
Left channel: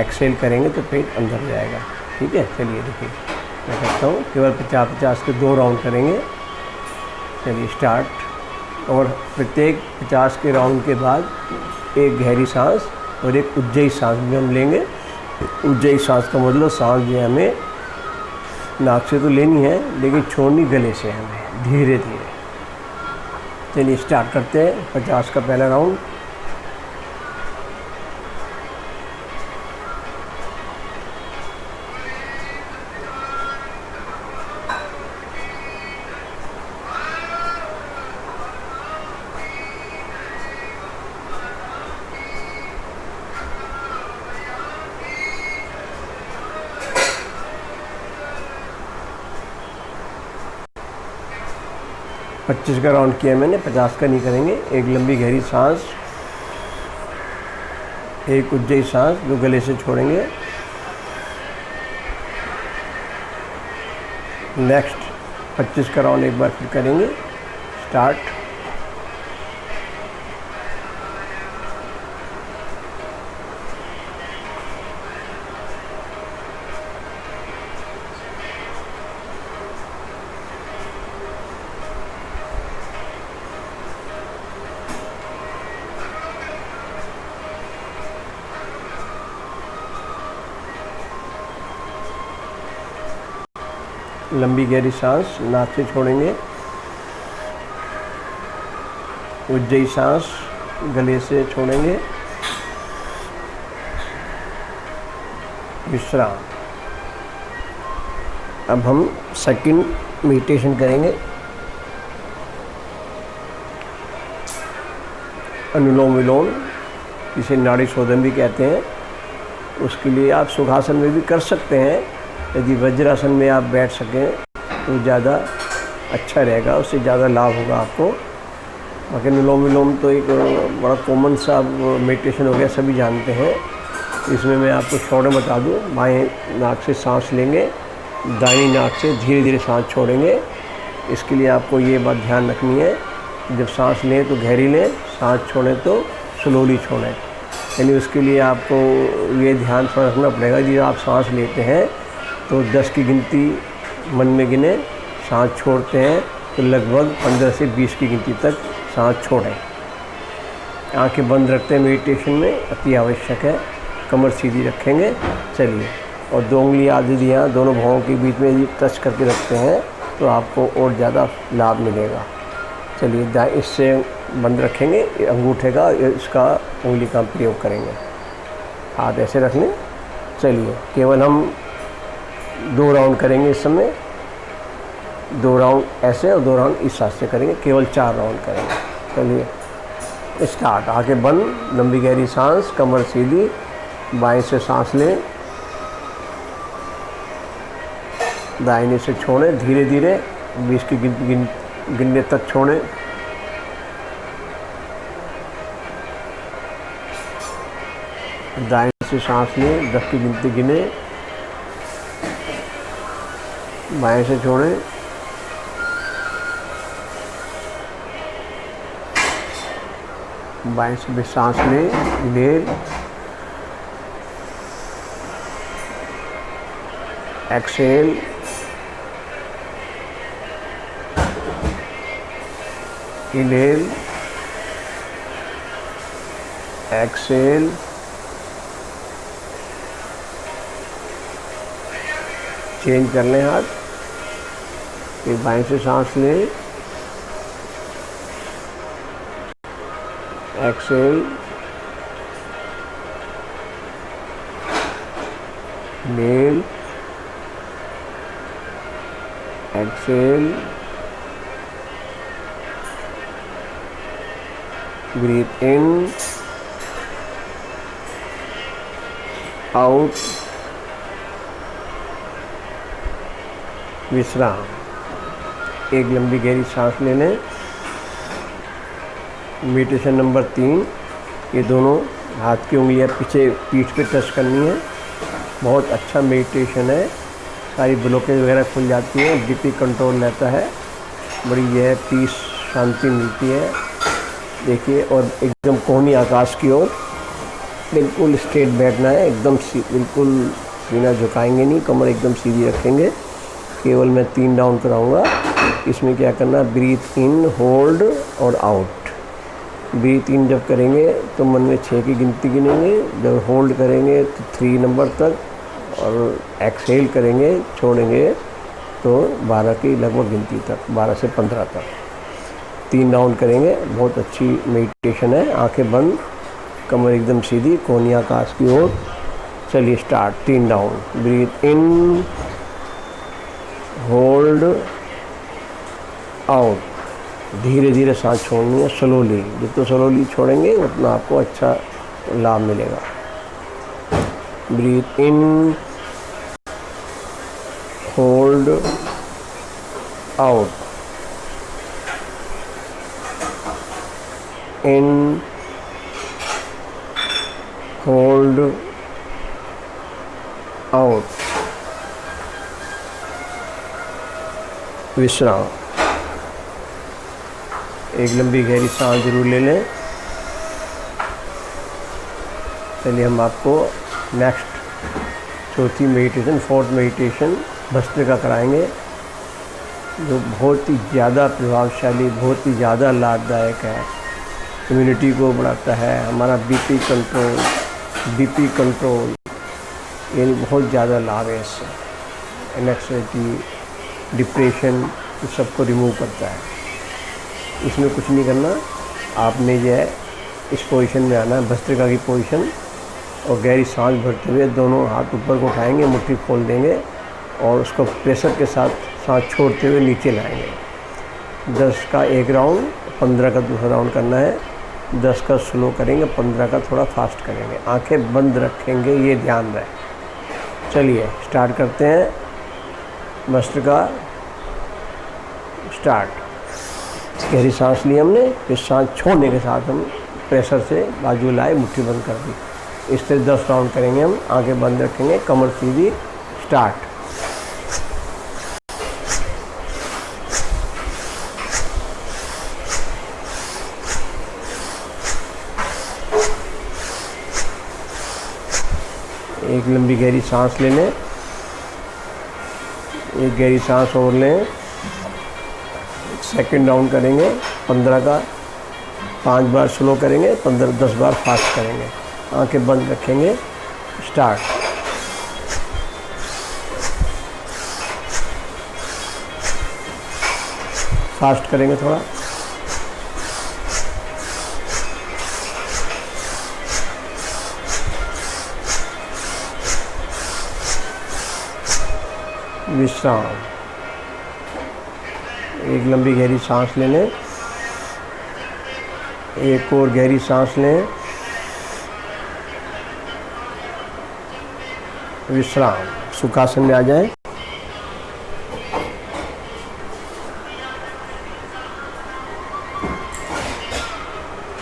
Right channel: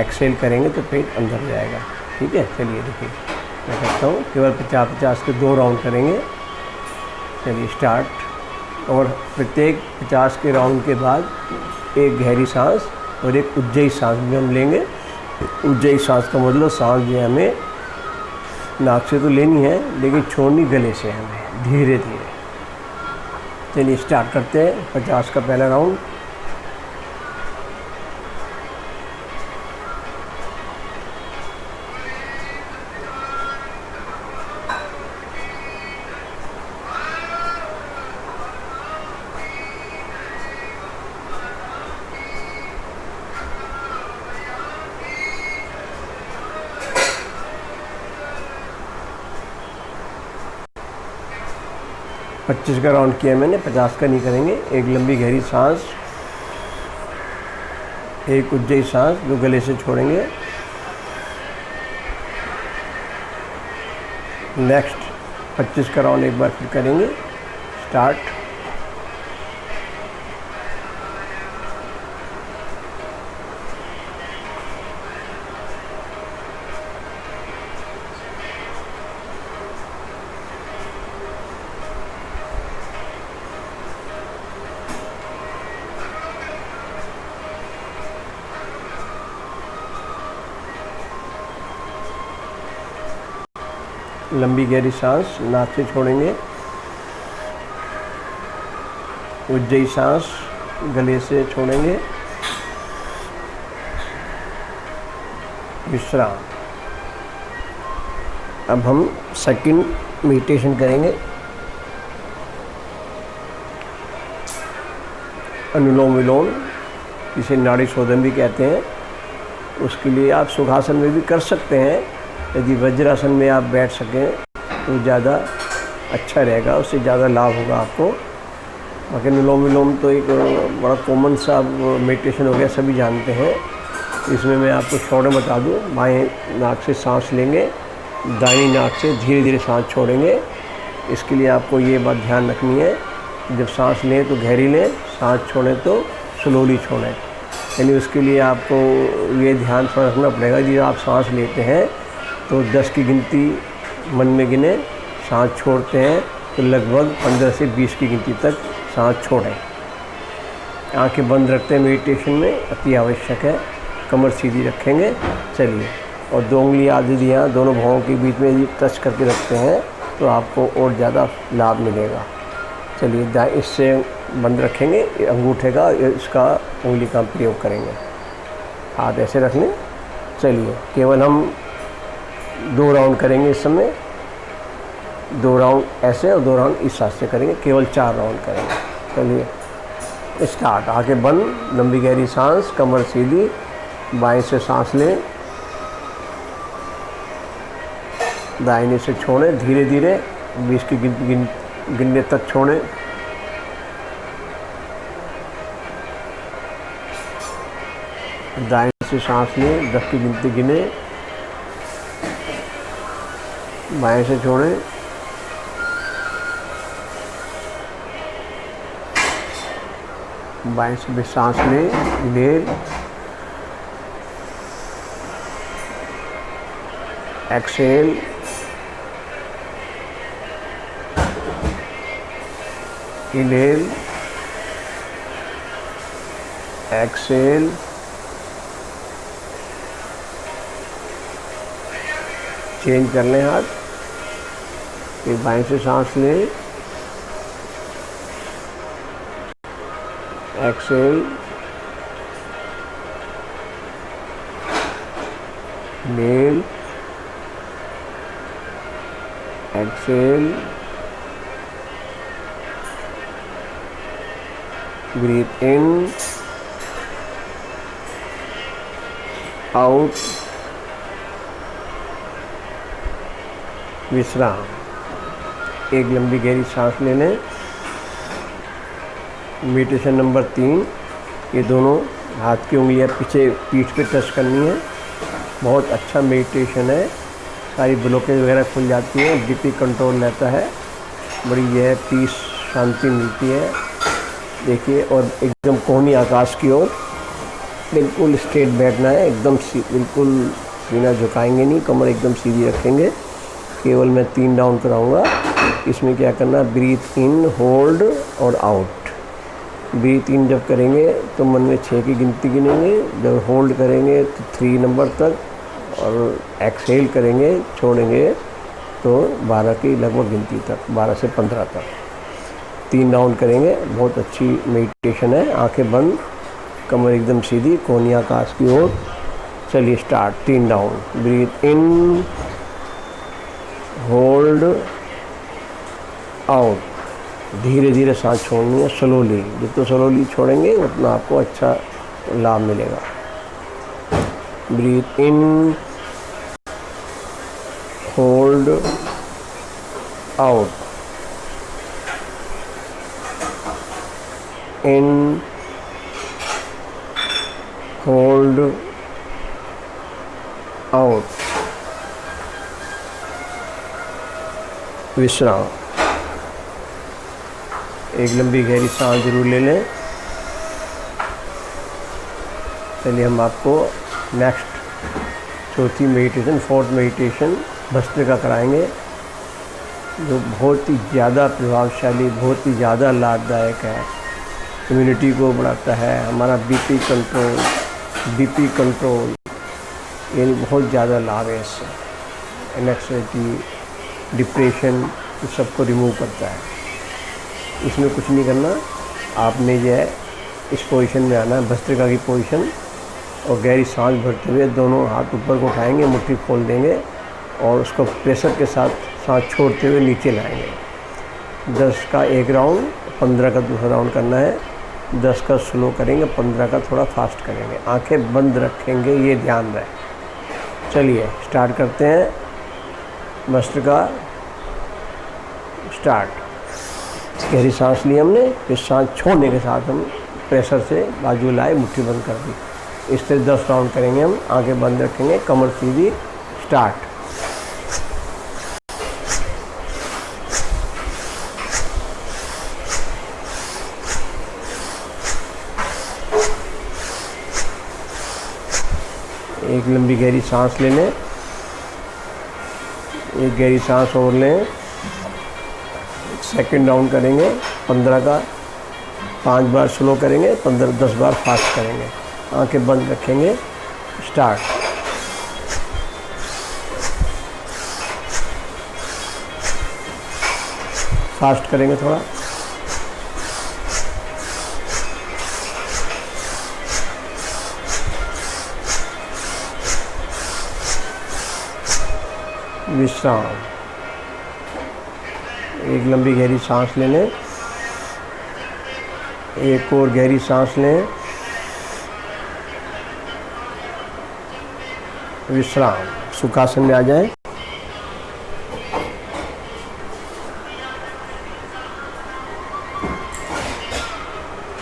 एक्सेल करेंगे तो पेट अंदर जाएगा। ठीक है, चलिए देखिए मैं करता हूँ। केवल 50-50 के 2 राउंड करेंगे। चलिए स्टार्ट। और प्रत्येक 50 के राउंड के बाद एक गहरी सांस और एक उज्जयी सांस भी हम लेंगे। उज्जयी सांस का मतलब सांस जो है हमें नाक से तो लेनी है लेकिन छोड़नी गले से हमें धीरे धीरे। चलिए स्टार्ट करते हैं 50 का पहला राउंड। पच्चीस का राउंड किया मैंने, 50 का नहीं करेंगे। एक लंबी गहरी सांस, एक उज्जयी सांस जो गले से छोड़ेंगे। नेक्स्ट 25 का राउंड एक बार फिर करेंगे। स्टार्ट। लंबी गहरी सांस नाक से छोड़ेंगे। उज्जयी सांस गले से छोड़ेंगे। विश्राम। अब हम सेकंड मेडिटेशन करेंगे। अनुलोम विलोम, इसे नाड़ी शोधन भी कहते हैं। उसके लिए आप सुखासन में भी कर सकते हैं। यदि वज्रासन में आप बैठ सकें तो ज़्यादा अच्छा रहेगा, उससे ज़्यादा लाभ होगा आपको। बाकी अनुलोम विलोम तो एक बड़ा कॉमन सा मेडिटेशन हो गया, सभी जानते हैं। इसमें मैं आपको शॉर्ट में बता दूं। बाएं नाक से सांस लेंगे, दाहिनी नाक से धीरे धीरे सांस छोड़ेंगे। इसके लिए आपको ये बात ध्यान रखनी है, जब सांस लें तो गहरी लें, सांस छोड़ें तो स्लोली छोड़ें। यानी उसके लिए आपको ये ध्यान रखना पड़ेगा, जब आप सांस लेते हैं तो 10 की गिनती मन में गिने, सांस छोड़ते हैं तो लगभग 15 से 20 की गिनती तक सांस छोड़ें। आंखें बंद रखते हैं मेडिटेशन में, अति आवश्यक है। कमर सीधी रखेंगे। चलिए, और 2 उंगली आधी यहाँ दोनों भौहों के बीच में ये टच करके रखते हैं तो आपको और ज़्यादा लाभ मिलेगा। चलिए, इससे बंद रखेंगे, अंगूठे का इसका उंगली का प्रयोग करेंगे। हाथ ऐसे रख लें। चलिए, केवल हम 2 राउंड करेंगे इस समय। 2 राउंड ऐसे और 2 राउंड इस हाथ से करेंगे। केवल 4 राउंड करेंगे। चलिए स्टार्ट। आंखें बंद, लंबी गहरी सांस, कमर सीधी, बाएं से सांस लें, दाहिने से छोड़ें धीरे धीरे, 20 की गिनने तक छोड़ें। दाहिने से सांस लें, 10 की गिनती गिने, बाएं से छोड़ें। बाएं से भी सांस लें, inhale, exhale, inhale, exhale, change कर लें हाथ। फिर बाएं से सांस लें, एक्सहेल, इनहेल, एक्सहेल, ब्रीथ इन, आउट, विश्राम। एक लंबी गहरी सांस ले लें। मेडिटेशन नंबर 3, ये दोनों हाथ की उंगलियां पीछे पीठ पे टच करनी है। बहुत अच्छा मेडिटेशन है, सारी ब्लॉकेज वगैरह खुल जाती है, बीपी कंट्रोल रहता है, बड़ी यह पीस शांति मिलती है। देखिए, और एकदम कोहनी आकाश की ओर बिल्कुल स्ट्रेट बैठना है, एकदम बिल्कुल सीना झुकाएंगे नहीं, कमर एकदम सीधी रखेंगे। केवल मैं 3 राउंड कराऊंगा। इसमें क्या करना है, ब्रीथ इन, होल्ड और आउट। ब्रीथ इन जब करेंगे तो मन में 6 की गिनती गिनेंगे, जब होल्ड करेंगे तो 3 नंबर तक, और एक्सहेल करेंगे, छोड़ेंगे तो 12 की लगभग गिनती तक, 12 से 15 तक। 3 राउंड करेंगे। बहुत अच्छी मेडिटेशन है। आंखें बंद, कमर एकदम सीधी, कोहनी आकाश की ओर। चलिए स्टार्ट। 3 राउंड। ब्रीथ इन, होल्ड, आउट। धीरे धीरे सांस छोड़नी है, स्लोली। जितना स्लोली छोड़ेंगे उतना आपको अच्छा लाभ मिलेगा। ब्रीथ इन, होल्ड, आउट। इन, होल्ड, आउट। विश्राम। एक लंबी गहरी सांस जरूर ले लें। चलिए हम आपको नेक्स्ट चौथी मेडिटेशन, 4th मेडिटेशन भस्त्रिका कराएंगे, जो बहुत ही ज़्यादा प्रभावशाली, बहुत ही ज़्यादा लाभदायक है। इम्यूनिटी को बढ़ाता है, हमारा बीपी कंट्रोल, यानी बहुत ज़्यादा लाभ है इससे। एंग्जाइटी, डिप्रेशन, इस सबको रिमूव करता है। इसमें कुछ नहीं करना, आपने जो है इस पोजीशन में आना है, भस्त्रिका की पोजीशन, और गहरी सांस भरते हुए दोनों हाथ ऊपर को उठाएंगे, मुट्ठी खोल देंगे और उसको प्रेशर के साथ सांस छोड़ते हुए नीचे लाएंगे। 10 का 1 राउंड, 15 का दूसरा राउंड करना है। 10 का स्लो करेंगे, 15 का थोड़ा फास्ट करेंगे। आंखें बंद रखेंगे, ये ध्यान रहे। चलिए स्टार्ट करते हैं। भस्त्रिका स्टार्ट। गहरी सांस ली हमने, फिर सांस छोड़ने के साथ हम प्रेशर से बाजू लाए, मुट्ठी बंद कर दी। इस तरह 10 राउंड करेंगे हम। आंखें बंद रखेंगे, कमर सीधी। स्टार्ट। एक लंबी गहरी सांस ले लें, एक गहरी सांस और लें। सेकंड राउंड करेंगे 15 का, 5 बार स्लो करेंगे, 10 बार फास्ट करेंगे। आंखें बंद रखेंगे। स्टार्ट। फास्ट करेंगे थोड़ा। विश्राम। एक लंबी गहरी सांस ले लें, एक और गहरी सांस लें। विश्राम। सुखासन में आ जाएं।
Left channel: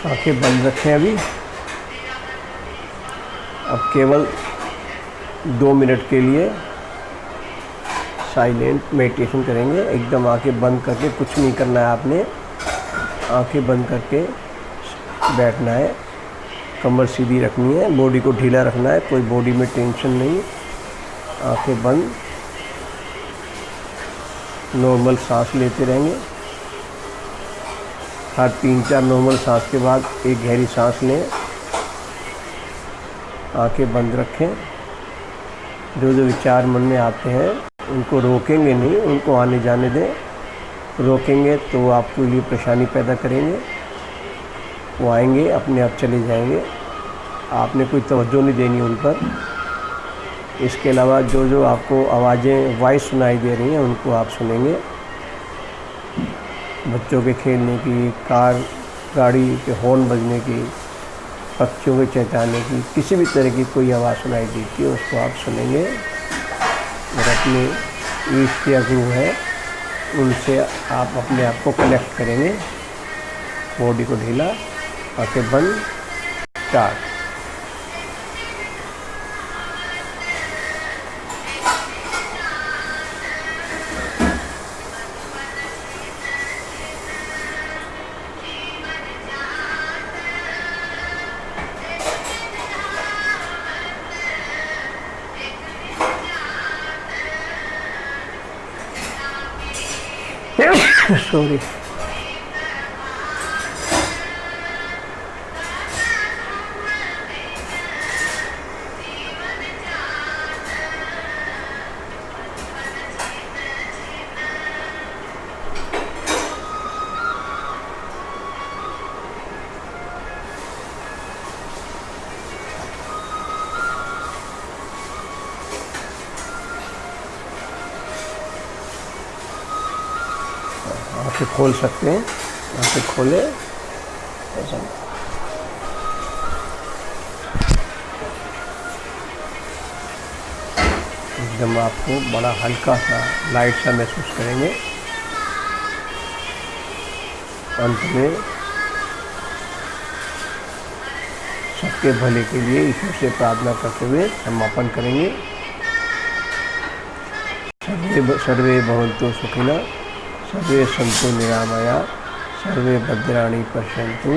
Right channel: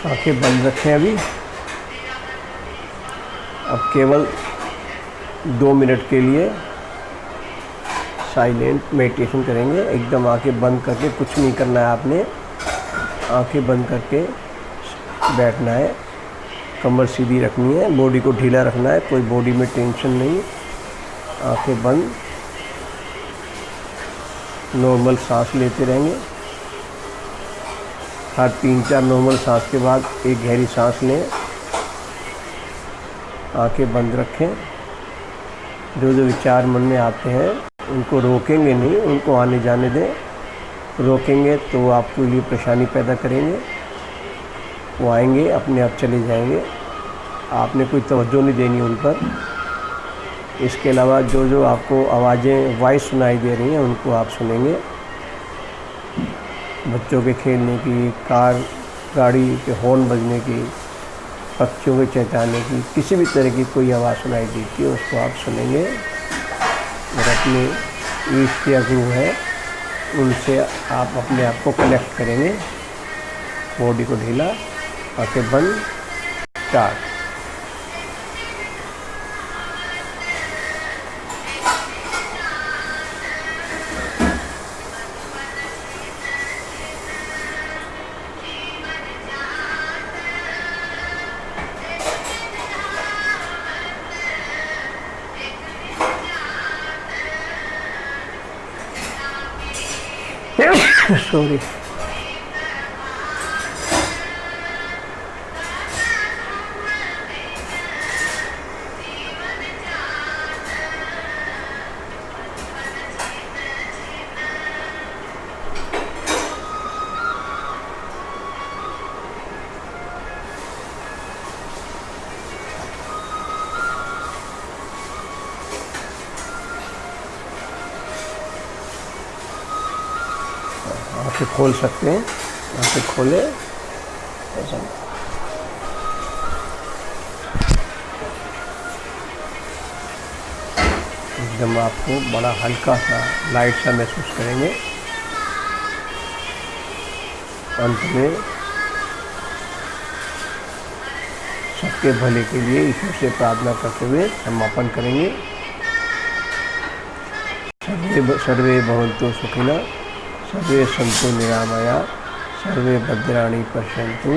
आंखें बंद रखें अभी। अब केवल 2 मिनट के लिए साइलेंट मेडिटेशन करेंगे। एकदम आंखें बंद करके, कुछ नहीं करना है आपने, आंखें बंद करके बैठना है। कमर सीधी रखनी है, बॉडी को ढीला रखना है, कोई बॉडी में टेंशन नहीं। आंखें बंद, नॉर्मल सांस लेते रहेंगे। हर 3-4 नॉर्मल सांस के बाद एक गहरी सांस लें। आंखें बंद रखें। जो जो विचार मन में आते हैं उनको रोकेंगे नहीं, उनको आने जाने दें। रोकेंगे तो वो आपके लिए परेशानी पैदा करेंगे। वो आएंगे, अपने आप चले जाएंगे, आपने कोई तवज्जो नहीं देनी उन पर। इसके अलावा जो जो आपको आवाज़ें, वॉइस सुनाई दे रही हैं, उनको आप सुनेंगे। बच्चों के खेलने की, कार गाड़ी के हॉर्न बजने की, पक्षियों के चहचहाने की, किसी भी तरह की कोई आवाज़ सुनाई देती है उसको आप सुनेंगे। और अपने ईष्ट या गुरु है उनसे आप अपने आप को कनेक्ट करेंगे। बॉडी को ढीला, आंखें बंद। स्टार्ट। सॉरी। आँखें खोल सकते हैं, आँखें खोले ऐसा। एकदम आपको बड़ा हल्का सा लाइट सा महसूस करेंगे। अंत में सबके भले के लिए ईश्वर से प्रार्थना करते हुए समापन करेंगे। सर्वे भवन्तु सुखिनः, सर्वे सन्तु निरामया, सर्वे भद्राणि पश्यन्तु,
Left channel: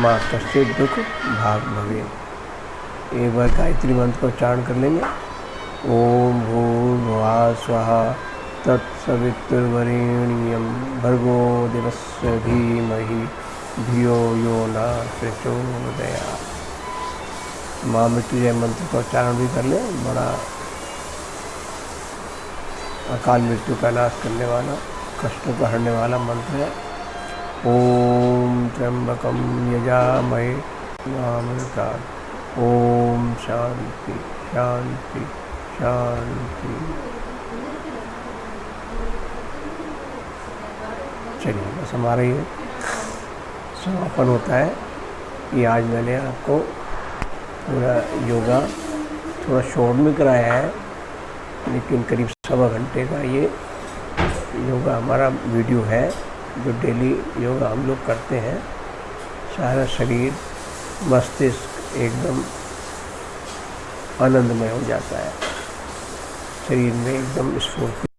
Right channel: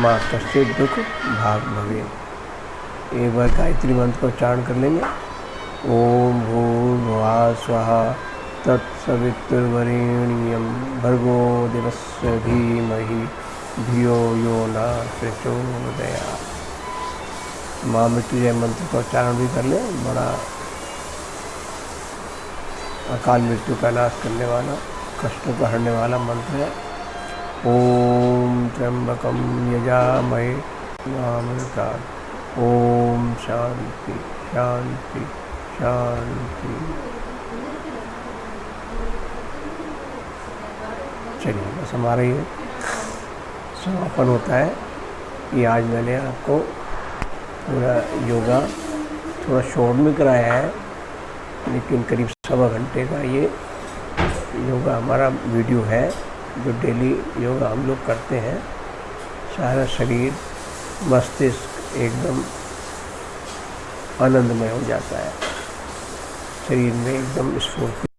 माँ कश्चित् दुख भाग भवेत्। एक बार गायत्री मंत्र को उच्चारण कर लेंगे। ओम भूर्भुवः स्वः तत्सवितुर्वरेण्यं भर्गो देवस्य धीमहि धियो यो न प्रचोदयात्। माँ मृत्युंजय मंत्र का उच्चारण भी कर लें। बड़ा अकाल मृत्यु का नाश करने वाला, कष्टों को हरने वाला मंत्र है। ओम त्र्यंबकम यजामहे सुगन्धिं। ओम शांति शांति शांति। चलिए बस हमारा ये समापन होता है कि आज मैंने आपको पूरा योगा थोड़ा शॉर्ट में कराया है, लेकिन करीब 1.25 घंटे का ये योगा हमारा वीडियो है जो डेली योगा हम लोग करते हैं। सारा शरीर मस्तिष्क एकदम आनंदमय हो जाता है, शरीर में एकदम स्फूर्ति